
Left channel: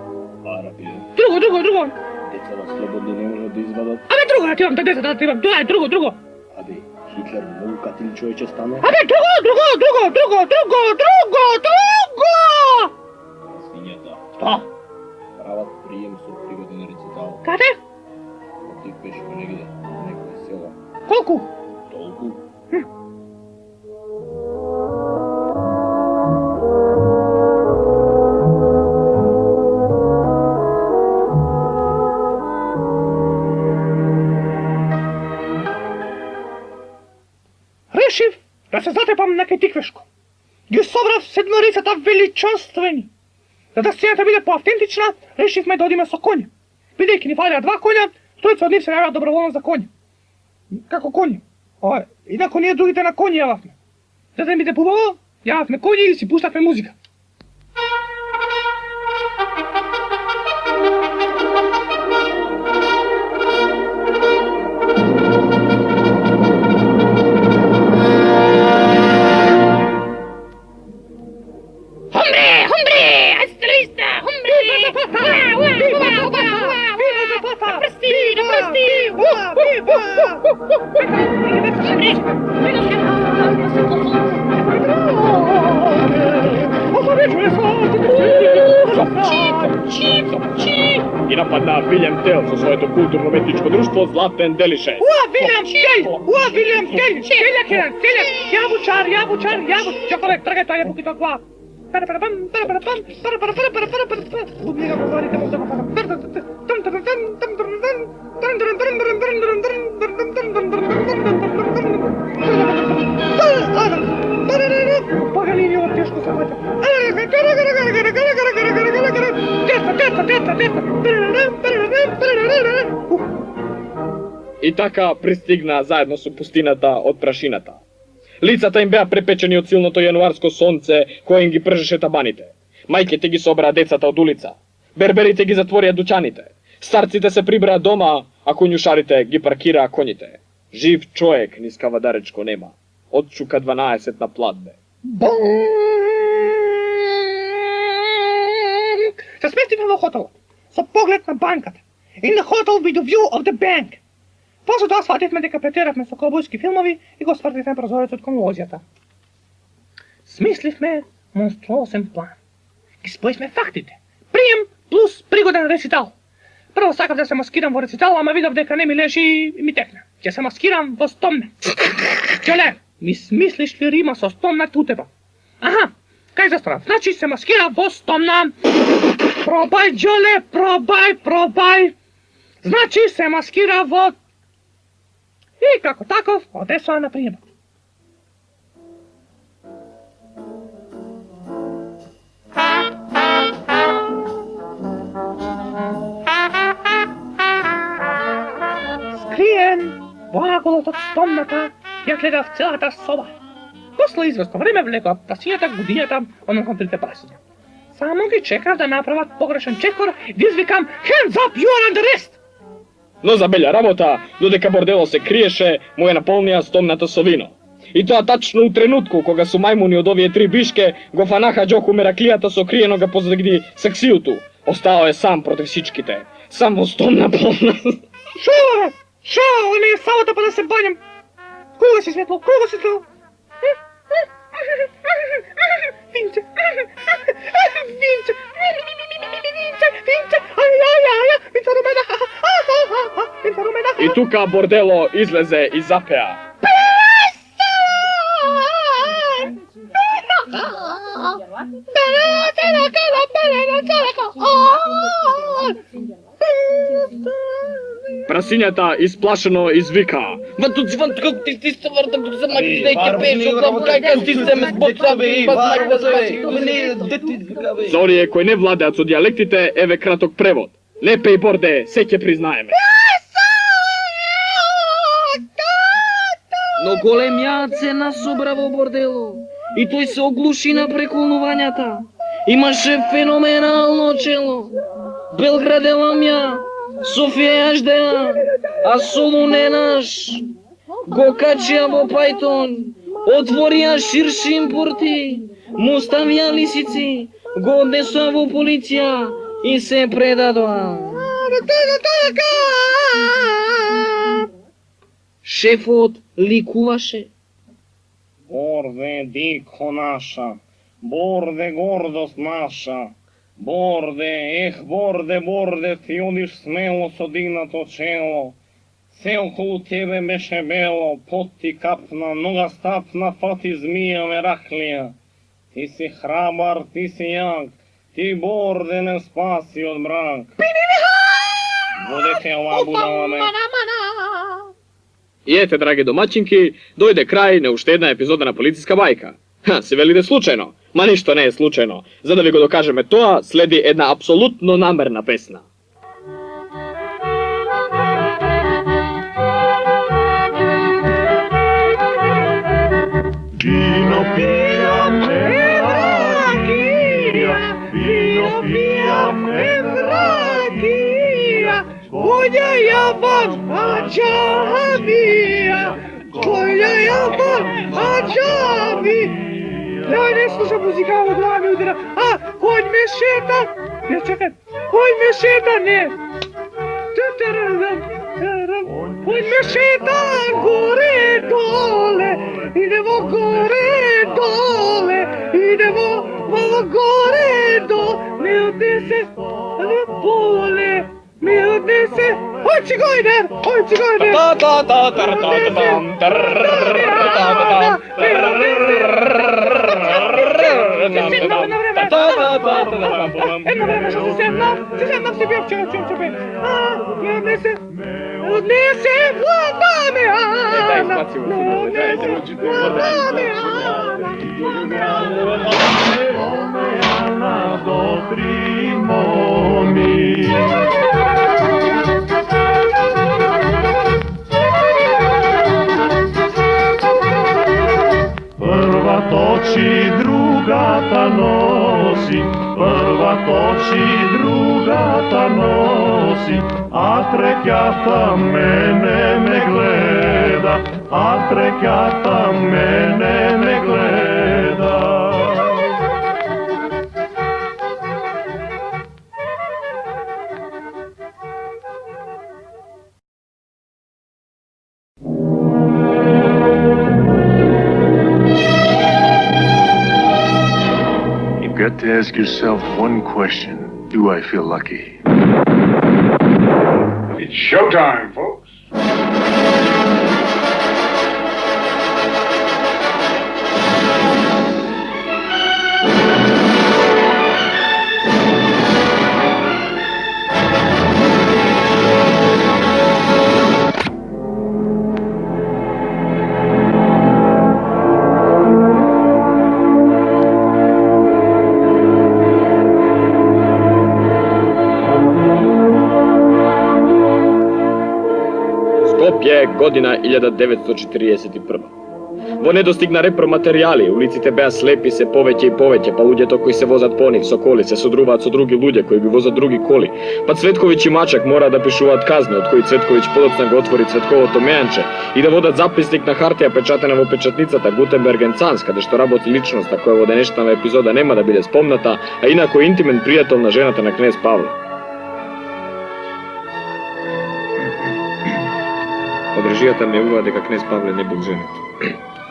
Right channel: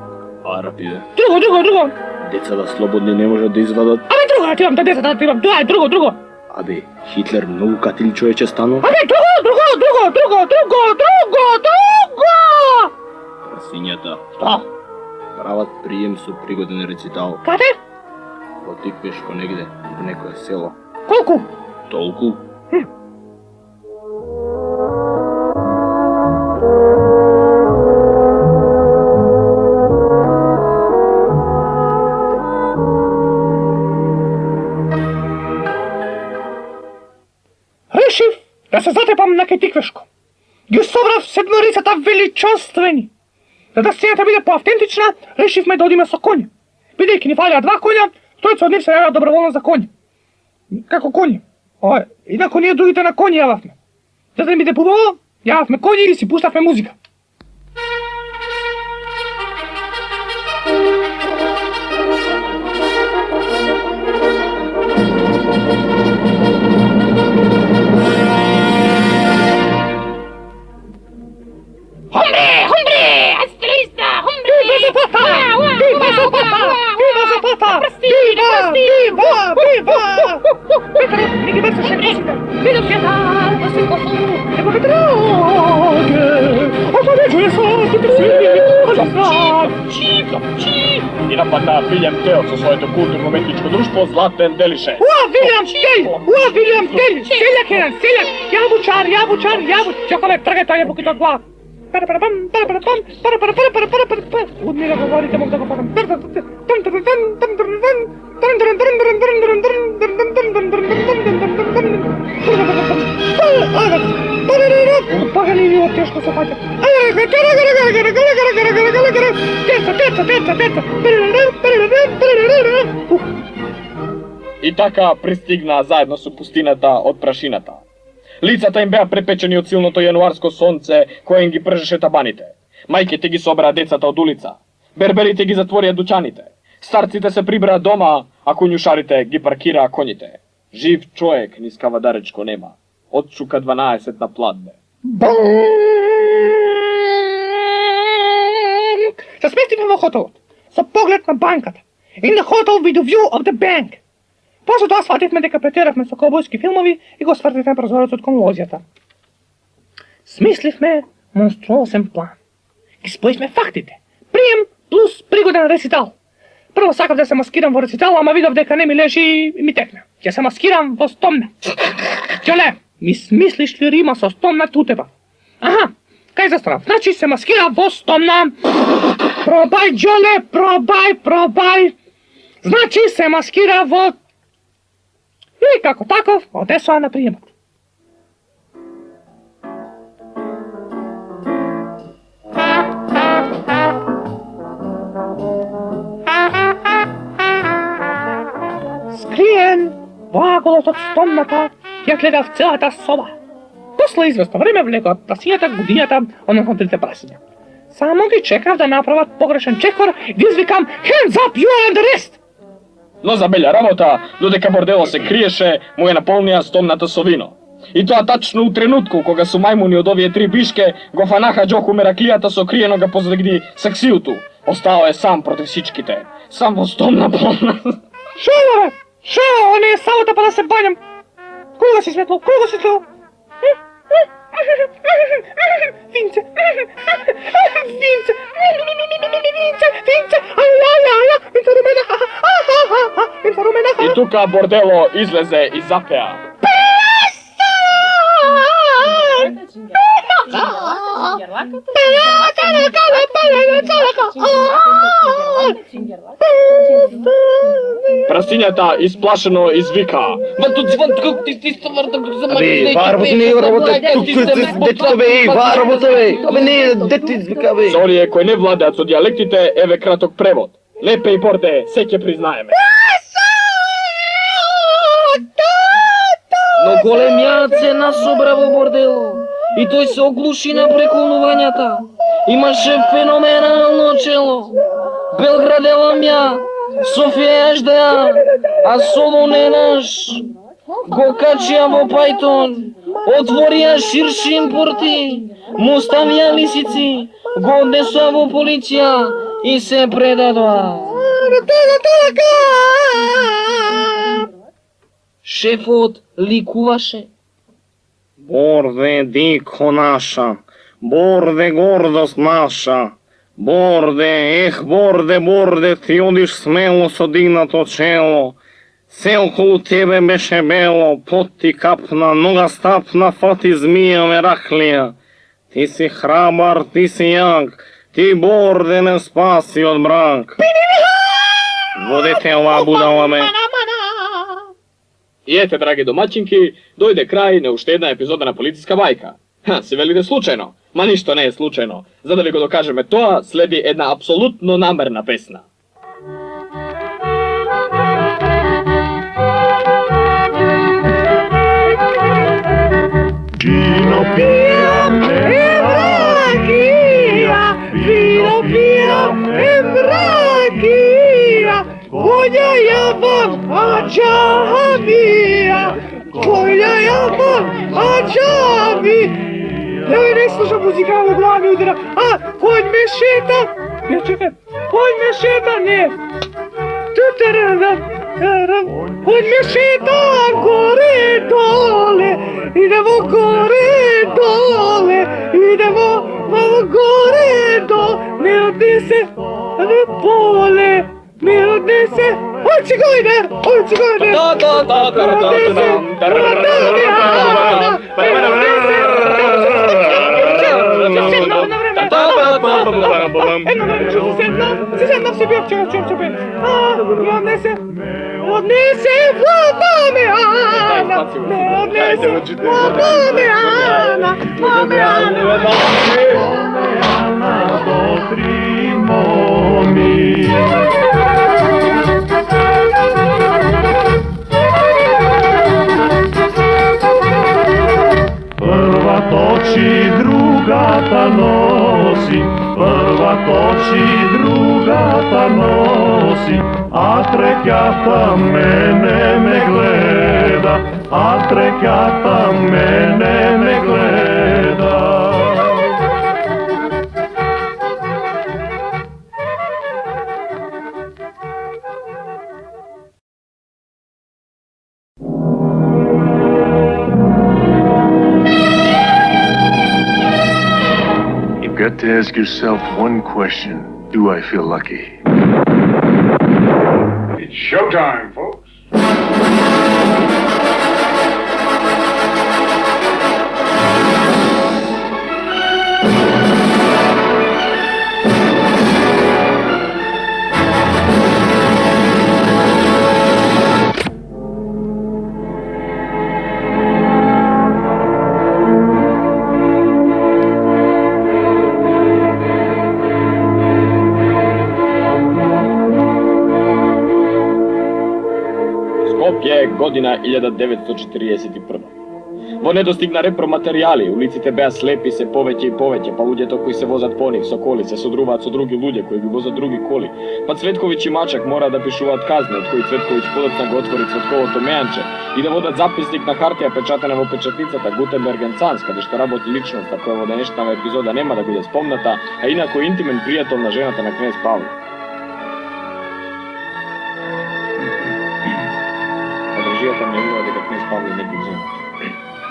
Арапи, бе. Друго. Децата слободни не можат да извадат. Абе, друго да тирам, децата да тирам, тоа е друго. Абе, Хитлер многу катили човече станува. Абе, друго! Сињата. Што? Прават прием со пригоден рецитал. Каде? Во Тиквешко негде, во некое село. Колку? Толку. Решив да се затепам на кај Тиквешко. Ги собрав седморицата величествени. За да сцената биде поавтентична, решивме да одиме со коњи. Бидејќи ни фалеа 2 коња, тројца од нив се јаваа доброволно за коњи. Како коњи? Инако ние другите на коњи јававме. За да ни биде побаво, јававме коњи и си пуштавме музика. И нападна Вилјам Тел со своето културно-метничко друштво Златен Делише. Вилјам Тел! Селјак еден, селјак! Јабучар! Чакаме, тргај тој јабуките од глава. Од мене говорите, мог да го падам. Пагани ви од тешко се паќа. И така пристигна заедно со пустината од прашината. Лицата им беа препечени од силното јануарско сонце кое им ги пржеше табаните. Мајките ги собраа децата од улица. Берберите ги затворија дуќаните. Старците се прибраа дома, а коњушарите ги паркираа коњите. Жив човек низ Кавадаречко нема. Отчука 12 на платбе. Се сместивме во хотелот, со поглед на банката. In the hotel with the view of the bank. После тоа свативме дека претеравме со колбојски филмови и го свртивме прозорецот кон лозјата. Смисливме монструозен план. Ги споивме фактите. Прием плюс пригоден рецитал. Прво сакав да се маскирам во рецитал, ама видов дека не ми лежи и ми текна. Ќе се маскирам во стомна. Ќеле, ми смислиш ли рима со стомна тутеба? Аха, кај застанав? Значи се маскира во стомна. Пробај, Ѓоле, пробај. Значи се маскира во... И како таков, одесоа на приемот. Скриен во аголот од стомната, ја гледав целата соба. После известно време влегот прасињата, гудињата, односно трите прасиња. Само ги чекав да направат погрешен чекор, ги извикам, hands up, you are under arrest! Но за белја работа, додека бордело се криеше, му е наполнија стомната со вино. И тоа тачно у тренутку кога су мајмуни од овие три бишке го фанаха Џоку Мераклијата со криенога позади саксијуту. Остао е сам против сичките. Сам во стомна полна. Шева! Шева, о не, салата па да се бањам. Кој да си светло? Кој да си светло? Винце! Винце! Винце! Ајајаја! Винце румена! Винце румена! И тука бордело излезе и запеа. Прасињата исплашено извика. За оние кои не владеат со дијалектите, еве краток превод. Лепе и борде, се ќе признаеме. Но големјаат се насобра во бордело и тој се оглуши на преколнувањата. Имаше феноменално чело. Белград е ламја, Софија јаждеа, а Солун е наш. Го качија во пајтон, отворија ширшим порти, му ставија лисици, го однесоа во полиција и се предадоа. Шефот ликуваше. Борде, дико наша, борде, гордост наша, борде, борде, борде, ти одиш смело со дигнато чело, се околу тебе беше бело, пот ти капна, нога стапна, фати змија Мераклија. Ти си храбар, ти си јак, ти борде не спаси од мрак. Водете ова будала ме. И ете, драги домаќинки, дојде крај на уште една епизода на Полициска бајка. Се велиде случајно, ма ништо не е случајно. За да ви го докажеме тоа, следи една апсолутно намерна песна. Vino pijame, rakija, vino pijame, rakija, koja ja vam ađavija, koja ja vam ađavija. Joj, ne slušam muzika, ovo glava mi udara. A, konj me šeta. Ne, čekaj, konj me šeta, ne. Konj me šeta gore dole, idemo gore dole, idemo malo gore dole, ne odnese, ne pole, ne odnese, oj cigojner, oj cigojner, Едно време ще се седнав си бил, чекай, не отнесе вода ме Ана, не отнесе вода ме Ана, добри моми. Прва точи, другата носи, прва точи, другата носи, а третјата мене не гледа, а третјата мене не гледа. You've got to ask yourself one question. Do I feel lucky? It's showtime, folks. Година 1941. Во недостигна репроматеријали, улиците беа слепи се повеќе и повеќе, па луѓето кои се возат по нив со коли се содруваат со други луѓе кои ги возат други коли. Па Цветковиќ и Мачак мора да пишуваат казни, од кои Цветковиќ подоцна го отвори Цветковото мејанче и да водат записник на хартија печатена во печатницата Гутенберг енд Санс, каде што работи личноста која во денешната епизода нема да биде спомната, а инако е интимен пријател на жената на кнез Павле. Подржијата ме ува дека кнез Павле не бил женат.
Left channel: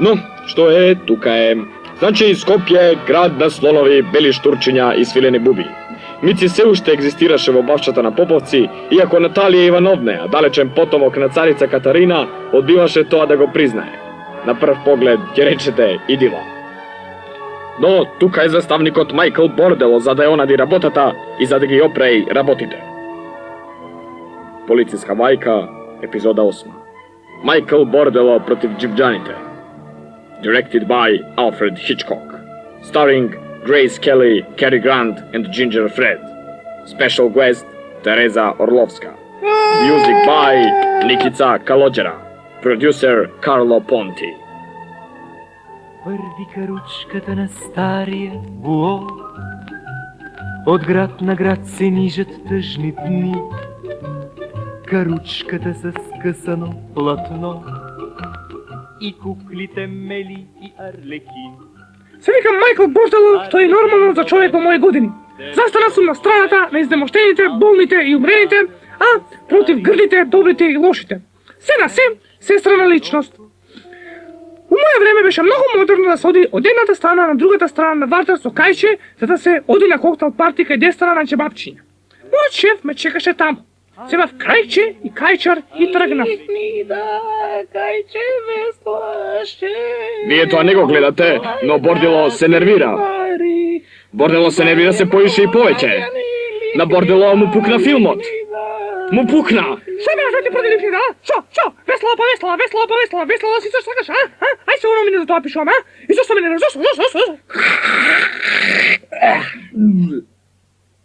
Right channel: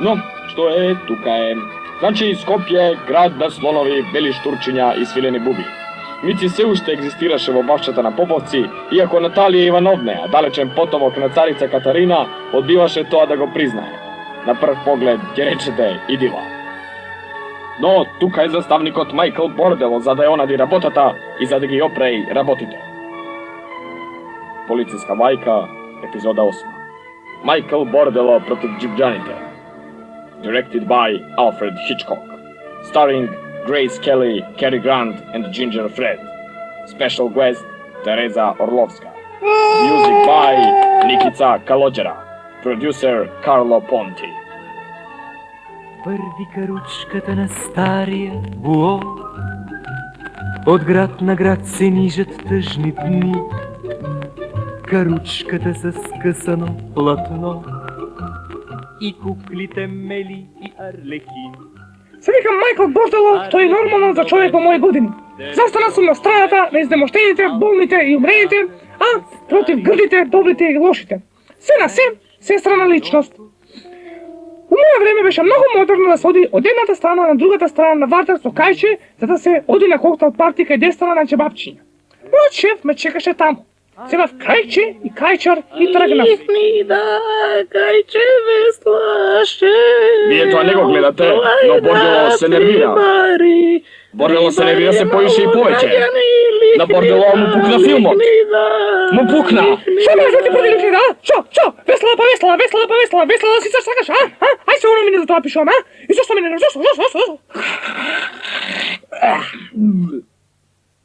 Но, што е, тука е. Значи, Скопје, град на слонови, бели штурчиња и свилени буби. Мици се уште екзистираше во бавчата на Поповци, иако Наталија Ивановна, далечен потомок на царица Катарина, одбиваше тоа да го признае. На прв поглед ќе речете идила. Но тука е заставникот Майкл Бордело за да ја онади работата и за да ги опреи работите. Полициска мајка, епизода 8. Майкл Бордело против джипджаните. Directed by Alfred Hitchcock. Starring Grace Kelly, Cary Grant and Ginger Fred. Special guest Teresa Orlovska. Music by Nikica Kalođera. Producer Carlo Ponti. Върви каручката на стария буо, от град на град се нижат тъжни дни. Каручката с скъсано платно и куклите Мели и Арлекин. Се викам Майкл Бордело, што е нормално за човек во мои години. Застана сум на страната на изнемоштените, болните и умрените, а против грдите, добрите и лошите. Се на се страна личност. У моје време беше многу модерно да се оди од едната страна на другата страна на вартер со кајче, за да се оди на коктел парти кај десна на чебапчиња. Мојот шеф ме чекаше таму. Земав кајче и кајчар и тргнав. Да, кајче веслаше. Вие тоа не го гледате, но Бордело се нервира. Бордело се нервира се повише и повеќе. На Бордело му пукна филмот. Му пукна. Што ме развети продиливки, да? Што? Весела па весела си се сакаш, а? Ај се уно мине за тоа пишувам, а? И зашто ме не зашто?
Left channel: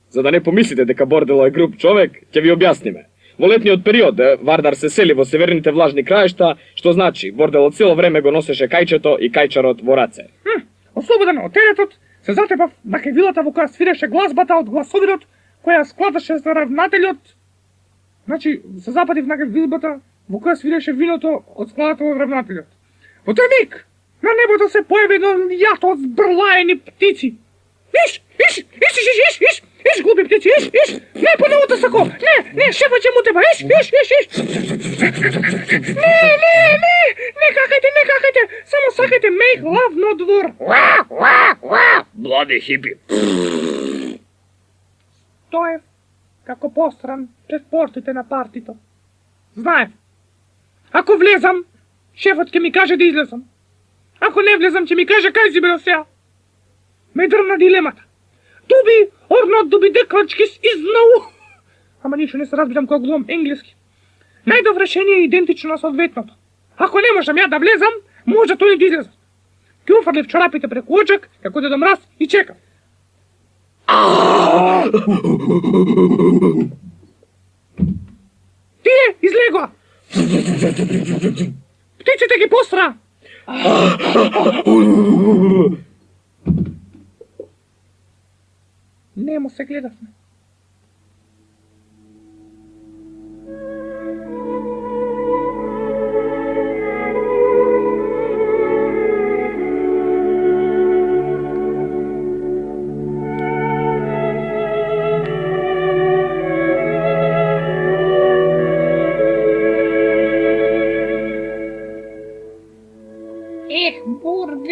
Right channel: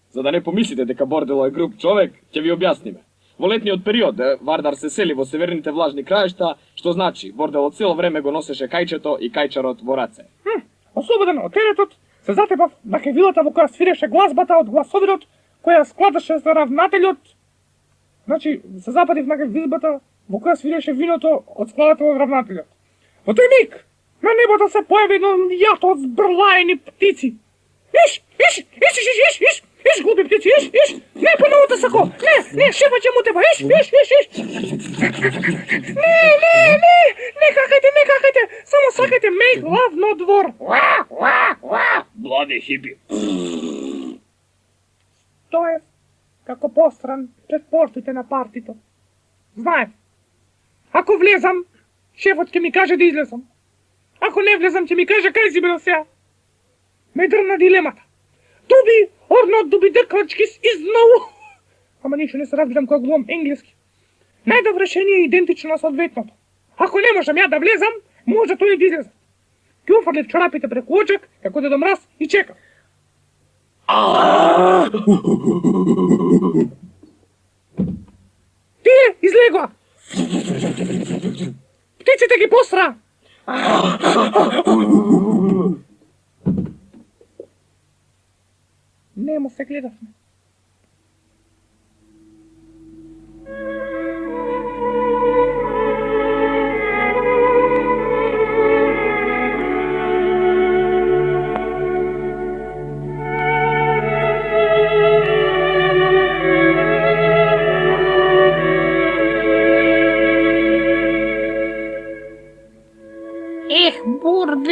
За да не помислите дека Бордело е груб човек, ќе ви објасниме. Во летниот период Вардар се сели во северните влажни краишта, што значи Бордело цело време го носеше кајчето и кајчарот во раце. Ослободен од теретот, се затепав на кевилата во која свиреше гласбата од гласовидот, која складаше за равнателјот. Значи, се западив на кевилбата во која свиреше виното од складата од равнателјот. Во тој миг, на небото се појави едно јато од збрлаени птици. Иш, глупи птици, иш, не, понову те сако, не, шефа ќе му теба, иш. Не какајте, само сакајте make love, not war. Блади хипи. Тоа е како постран пред портите на партито. Знаев, ако влезам, шефот ќе ми каже да излезам. Ако не влезам, ќе ми каже кај си бил сега. Ме дрна дилемата. Дуби, орнот дуби деклачкис изнау. Ама ништо не се разбирам кога гледам енглески. Најдобро решение е идентично на соодветното. Ако не можам ја да влезам, може тој да излезам. Ке уфрлив чорапите преку очак, како Дедо Мраз и чекам. Тие, излегоа! Птиците ги постра! Немо се гледавме.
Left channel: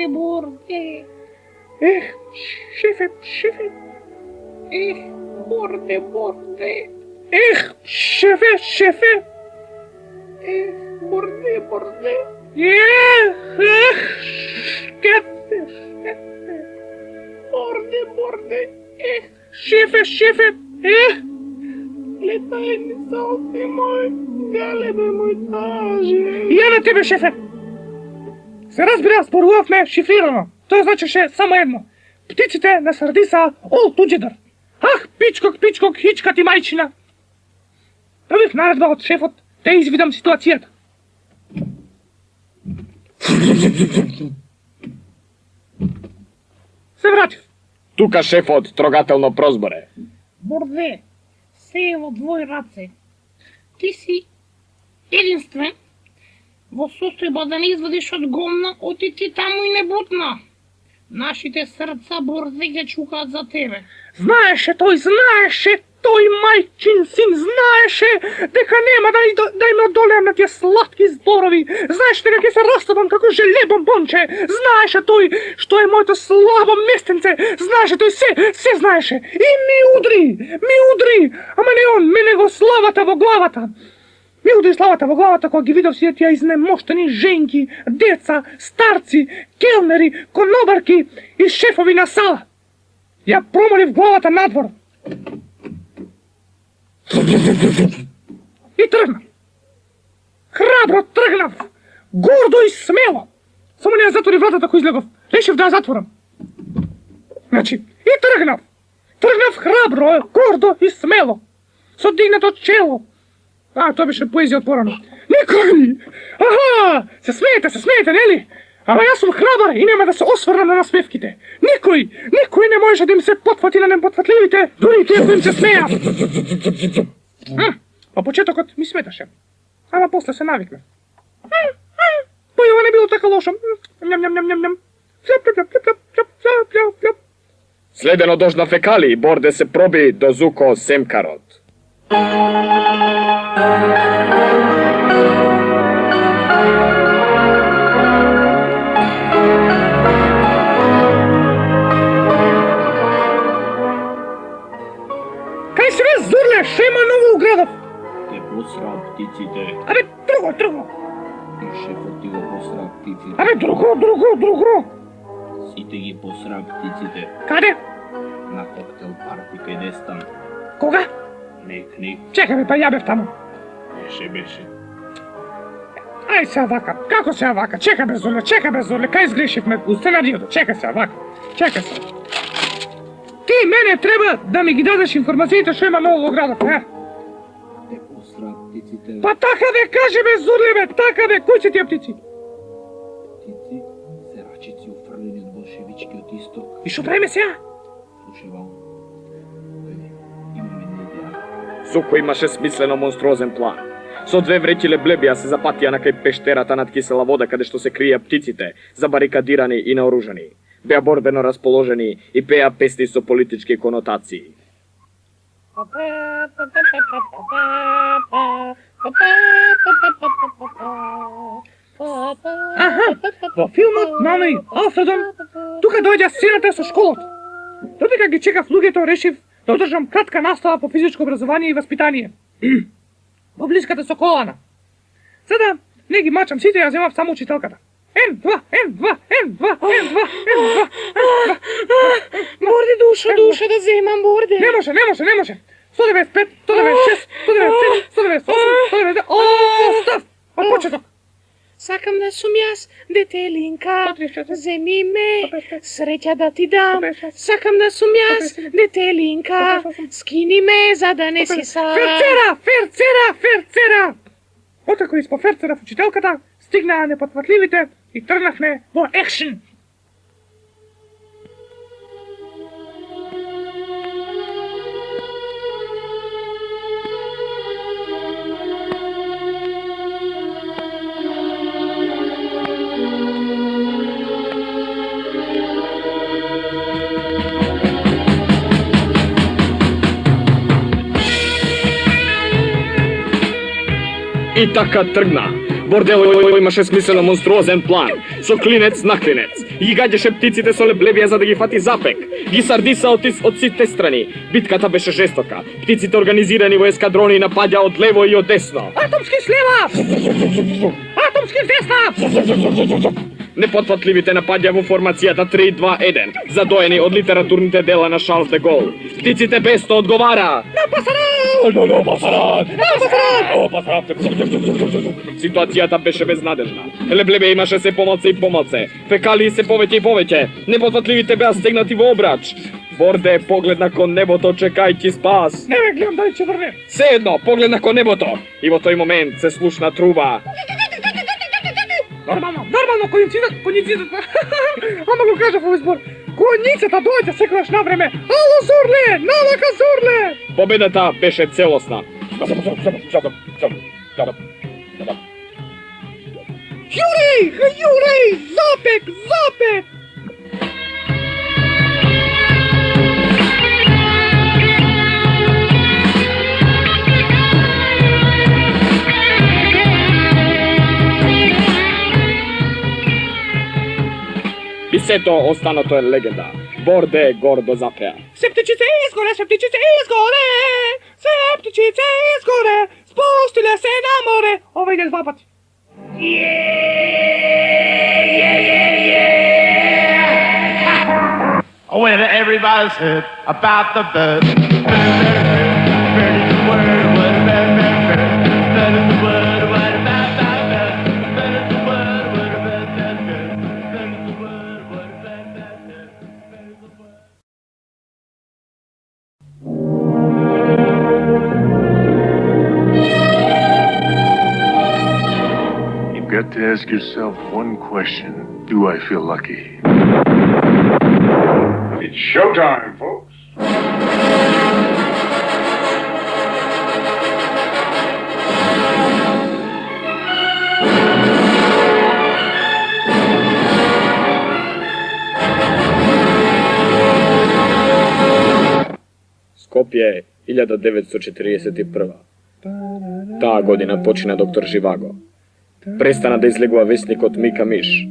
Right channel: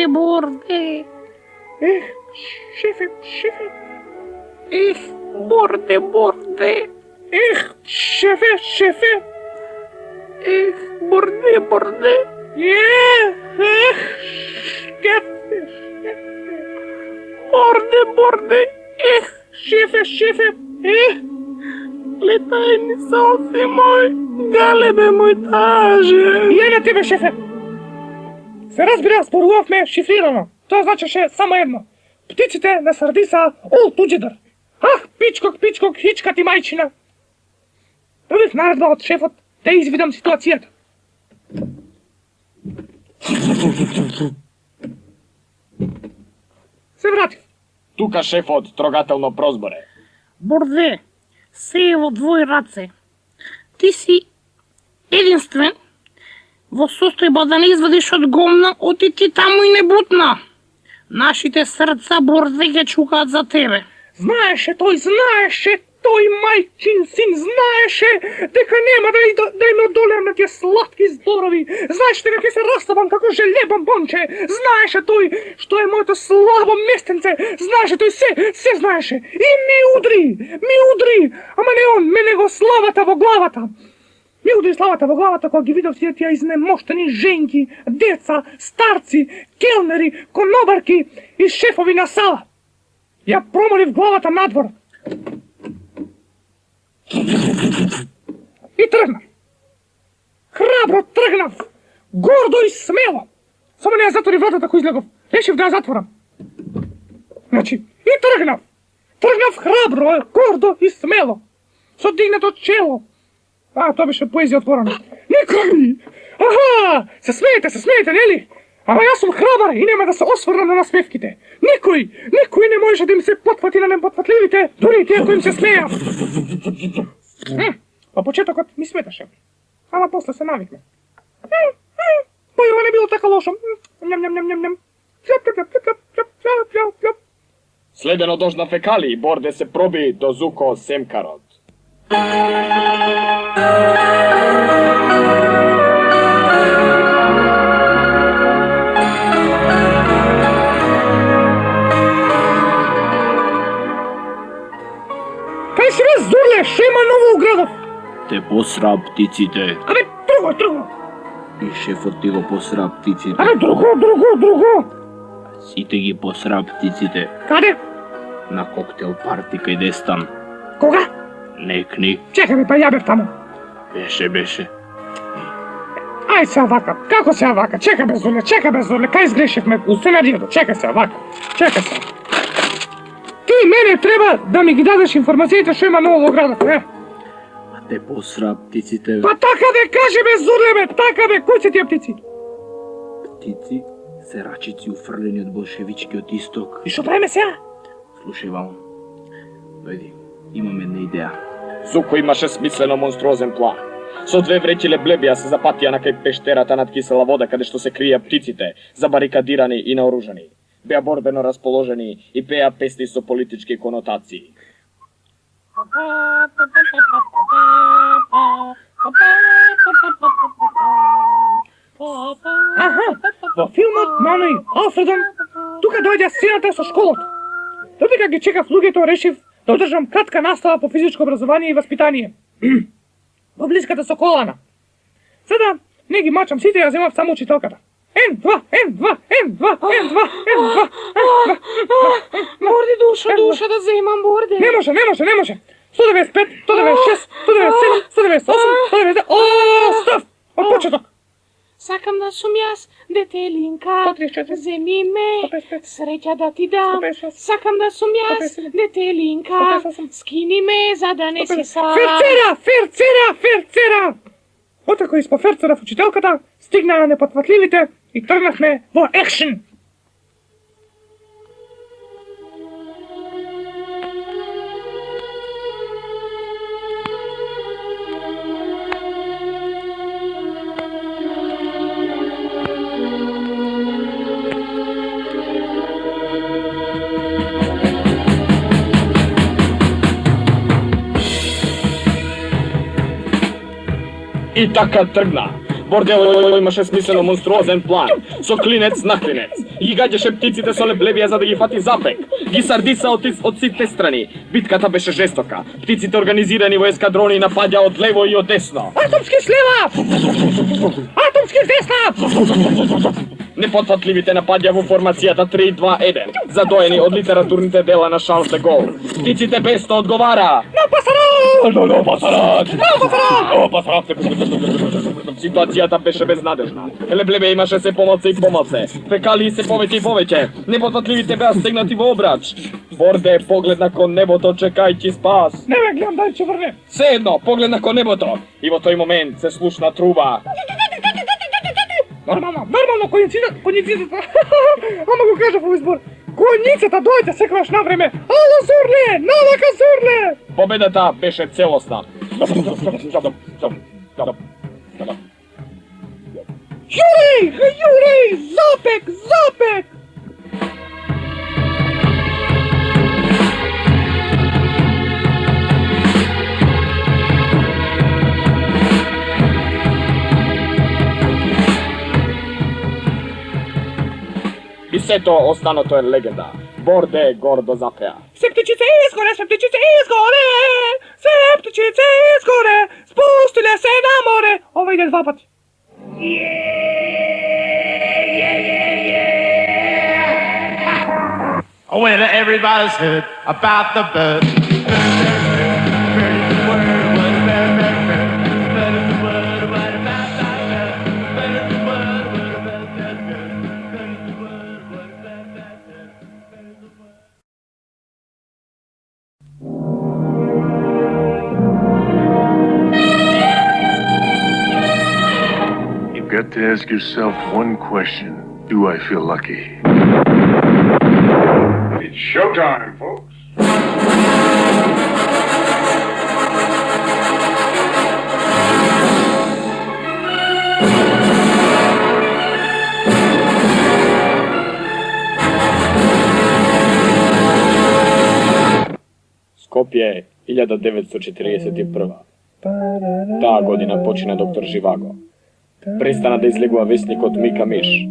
Бурде. Ех, шефе. Ех, бурде. Ех, шефе. Ех, бурде. Ех, шефе. Бурде. Ех, шефе. Ех. Летай ми солси мој, галебе мој таже. Ја на тебе, шефе. Се разбира, спорувавме шифрирано. Тоа значеше само едно. Птиците на Сардиса ол туџедар. Ах, пичкок, хичка ти мајчина. Добив наредба од шефот да извидам ситуацијата. Се вратив. Тука шефот трогателно прозборе. Борде, се е во твои раце. Ти си единствен во состојба да не извадиш од гомна, отиди таму и не бутна. Нашите срца, Борде, ќе чукаат за тебе. Знаеше тој мајчин син, знаеше дека нема да им одолеам на тие сладки зборови. Знаеше дека ќе се растапам како желе бомбонче. Знаеше тој што е моето слабо местенце. Знаеше тој се знаеше. И ми удри. Ама не он, мене го славата во главата. Ми удри славата во главата кога ги видов сите тие изнемоштени женки, деца, старци, келнери, конобарки и шефови на сала. Ја промолив главата надвор. И тргнав. Храбро тргнав. Гордо и смело. Само не ја затвори вратата кој излегов. Решив да ја затворам. Значи, и тргнав. Тргнав храбро, гордо и смело. Со дигнато чело. Тоа беше поезија отворена. Никој! Аха! Се смеете, нели? Ама јас сум храбар и нема да се осврнам на насмевките. Никој не можеше да им се потфати на непотфатливите, дури и тие кои им се смеја. По почетокот ми сметаше. Ама после се навикна. Појува не било така лошо. Следено дожна фекали, Борде се проби до Зуко Семкарот. Кај си бе, Зурле, шема ново уградов? Те посра птиците. Абе, друго. И шефот ти го посра птиците. Абе, друго. Сите ги посра птиците. Каде? На коктел парти кај Дестан. Кога? Некни. Чекай бе, па ја бев таму. Беше. Ај се вака, како се вака? Чекай бе, Зурле, кај сгрешивме у сценаријето? Чекай се вака. Ти мене треба да ми ги дадеш информациите што има ново во градот, не? А те посра птиците. Па така бе, кажи бе, Зурле бе, така бе, кои се тие птици? Птици се рачици уфрлени од болшевичкиот исток. И што правиме сега? Слушај, Вал. Дојди, имам една идеја. Зуко имаше смислено монструозен план. Со 2 вреќи леблебија се запатија на кај пештерата над кисела вода каде што се крија птиците, забарикадирани и наоружани. Беа борбено расположени и пеа песни со политички конотации. Аха, во филмот Мама и Алфредон, тука дојде сината со школот. Додека ги чекав луѓето, решив да одржам кратка настава по физичко образование и воспитание. Во блиската со колана. Сада не ги мачам сите, ја земав само учителката. N2. Борде, душа да земам, Борде. Не може. 195, 196, 197, 198, 199. О, став! Од почеток. Сакам да сум јас, детелинка, земи ме, среќа да ти дам. Сакам да сум јас, детелинка, скини ме, за да не си сам. Ферцера! Отако испо ферцера в учителката, стигнаа непотфатливите и тргнахме во екшен. И така тргна. Бордело имаше смислено монструозен план. Со клинец на клинец. И гаѓаше птиците со леблебија за да ги фати запек. Ги сардиса од сите страни. Битката беше жестока. Птиците организирани во ескадрони напаѓа од лево и од десно. Атомски слева! Атомски десна! Непотфатливите напаѓа во формацијата 3-2-1, задоени од литературните дела на Шарлс де Гол. Птиците бесто одговара. На пасарат! Ситуацијата беше безнадежна. Леблебе имаше се помалце и помалце. Фекалии се повеќе и повеќе. Непотфатливите беа стегнати во обрач. Борде погледна кон небото чекајќи спас. Не ме гледам, дај че врне. Се едно, погледна кон небото. И во тој момент се слушна труба. Нормално, конјицата. Ама го кажав овој збор. Конјицата дојде секогаш на време. Ало, Зорле, налака, Зорле! Победата беше целосна. Јурей, запек! И сето останато е легенда. Борде гордо запеа. Септичице изгоре, спустиле се на море. Ова иде два пати. When everybody's heard about the bird. You've got to ask yourself one question. Do I feel lucky? It's showtime, folks. Скопје 1941. Таа година почина доктор Живаго. Престана да излегува вестникот Мика Миш.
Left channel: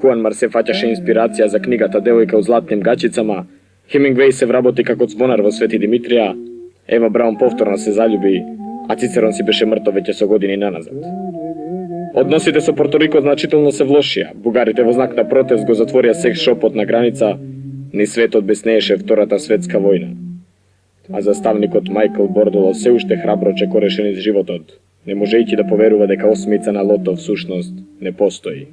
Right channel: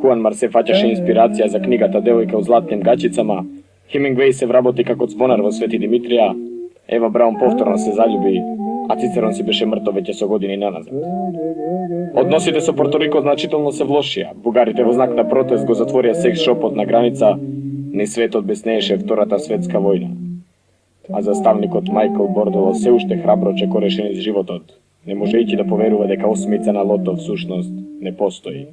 Хуан Мар се фаќаше инспирација за книгата Девојка у златним гачицама, Хемингвеј се вработи како звонар во Свети Димитрија, Ева Браун повторно се залюби, а Цицерон си беше мртов веќе со години наназад. Односите со Порторико значително се влошија. Бугарите во знак на протест го затворија секс шопот на граница, ни светот беснееше Втората светска војна. А заставникот Майкл Бордело се уште храбро чекореше низ животот, не можејќи да поверува дека осмица на лото всушност не постои.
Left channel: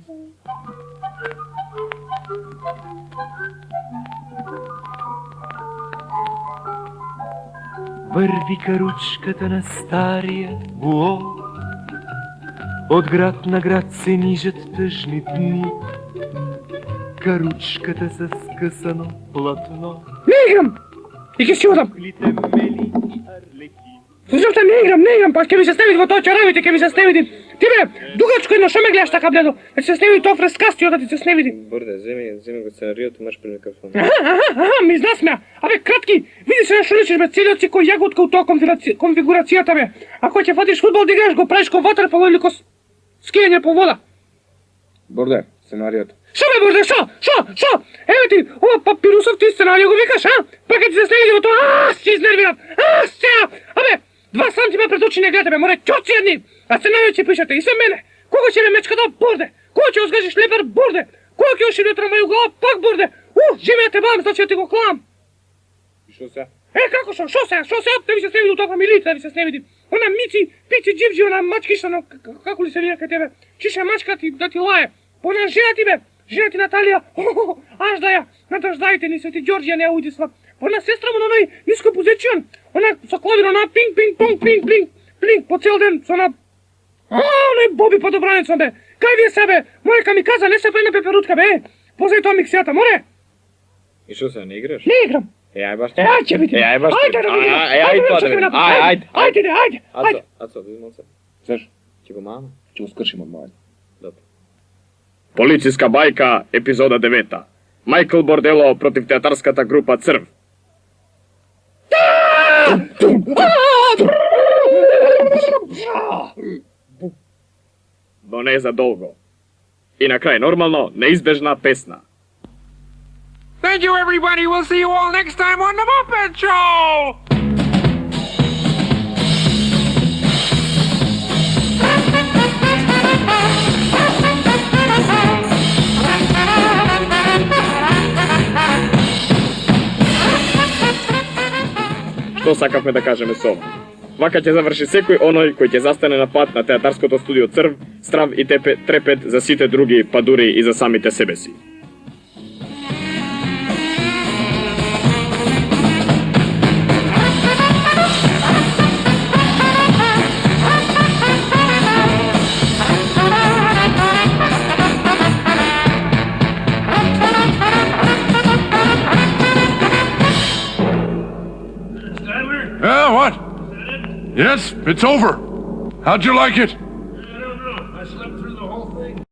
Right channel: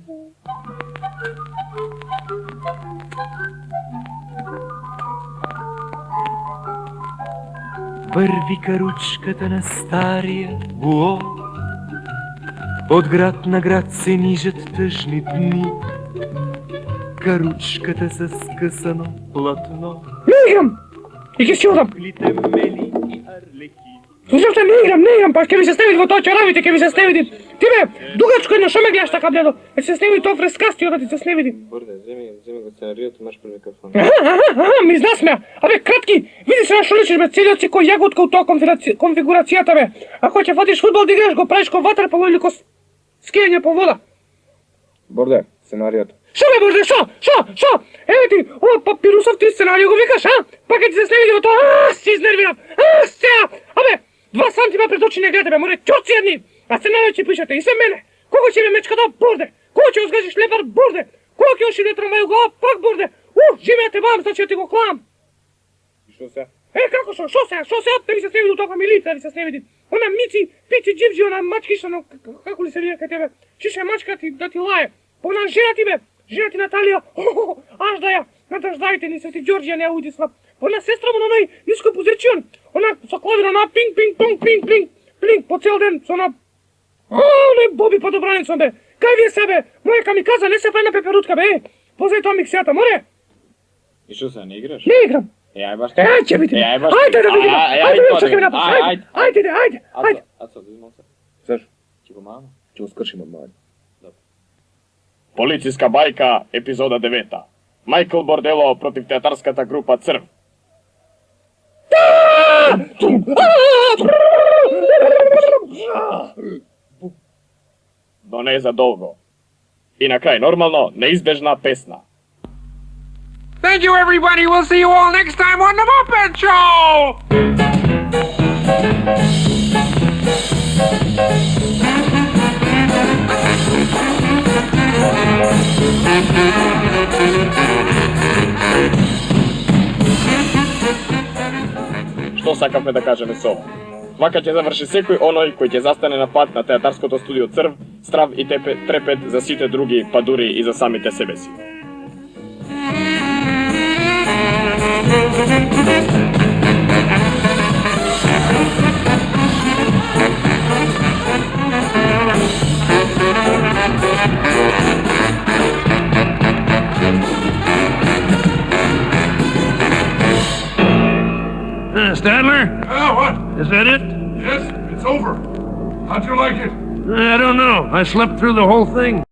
Върви каручката на стария буо, от град на град се нижат тъжни дни. Каручката с скъсано платно. Не играм! И ќе си одам! Зашто не играм, па ќе ми се сневиди во тоа чаравите, ќе ми се сневиди. Ти бе, дугачко едно, шо ме гледаш така бледо? Ќе се сневиди тоа фрескасти, ода ти се сневиди. Борде, земи го сценариото, маш пред микрофон. Ми знасмеа. Абе, кратки, види се на шо личиш бе, целиот си кој јаготка у тоа конфигурацијата бе. Ако ќе водиш фудбал да играш, го правиш ко ватерполо или ко скијање по вода. Борде, сценариото. Шо бе, Борде, шо? Еве ти, ова папирусов ти сценарио го викаш, а? Па ќе ти се сневиди во тоа, си изнервиран. Сега, абе, 2 сантима пред очи не гледате бе, море ќорци едни. А сценарио ќе пишете и се мене. Кога ќе ме мечката, Борде? Кога ќе озгажиш лепар, Борде? Кога ќе оши на трамвају глава, пак, Борде? Живеја те бам, значи ја ти го клам. И шо се? Како шо? Шо се? Да ми се сневиди у тоа фамилица, да ми се сневиди. Она Мици, Пици, Дживджи, она мачкиша, но како ли се вија кај тебе? Чише мачка ти да ти лае. По она жена ти бе, жена ти Наталија, аж да ја, надраждајте ни се ти Ѓорѓија не ја удисла. По она сестра му на нај ниско позицион, она со клавир, она пинг, пинг, понг, пинг, пинг, пинг, по цел ден, со она... не Боби подобранецом бе. Кај вие себе? Море камиказа, не се пена пеперутка бе. Позај тоа миксијата, море? И шо се, не играш? Не играм. Ај баш. Ќе видиме. Ајде да видиме. Ајде. Ацо, да видимо се. Зашо? Ќе го мам? Ќе го скршим од мајка. Добро. Полициска бајка, епизода 9. Майкл Бордело против театарската група Црв. Но не за долго. И на крај нормално, неизбежна песна. Thank you, everybody. We'll see you all next time on The Muppet Show! Што сакавме да кажеме со ова? Вака ќе заврши секој оној кој ќе застане на пат на театарското студио Црв, страв и трепет за сите други, па дури и за самите себе си. Is that it? Yes, it's over. How'd you like it? I don't know. I slept through the whole thing.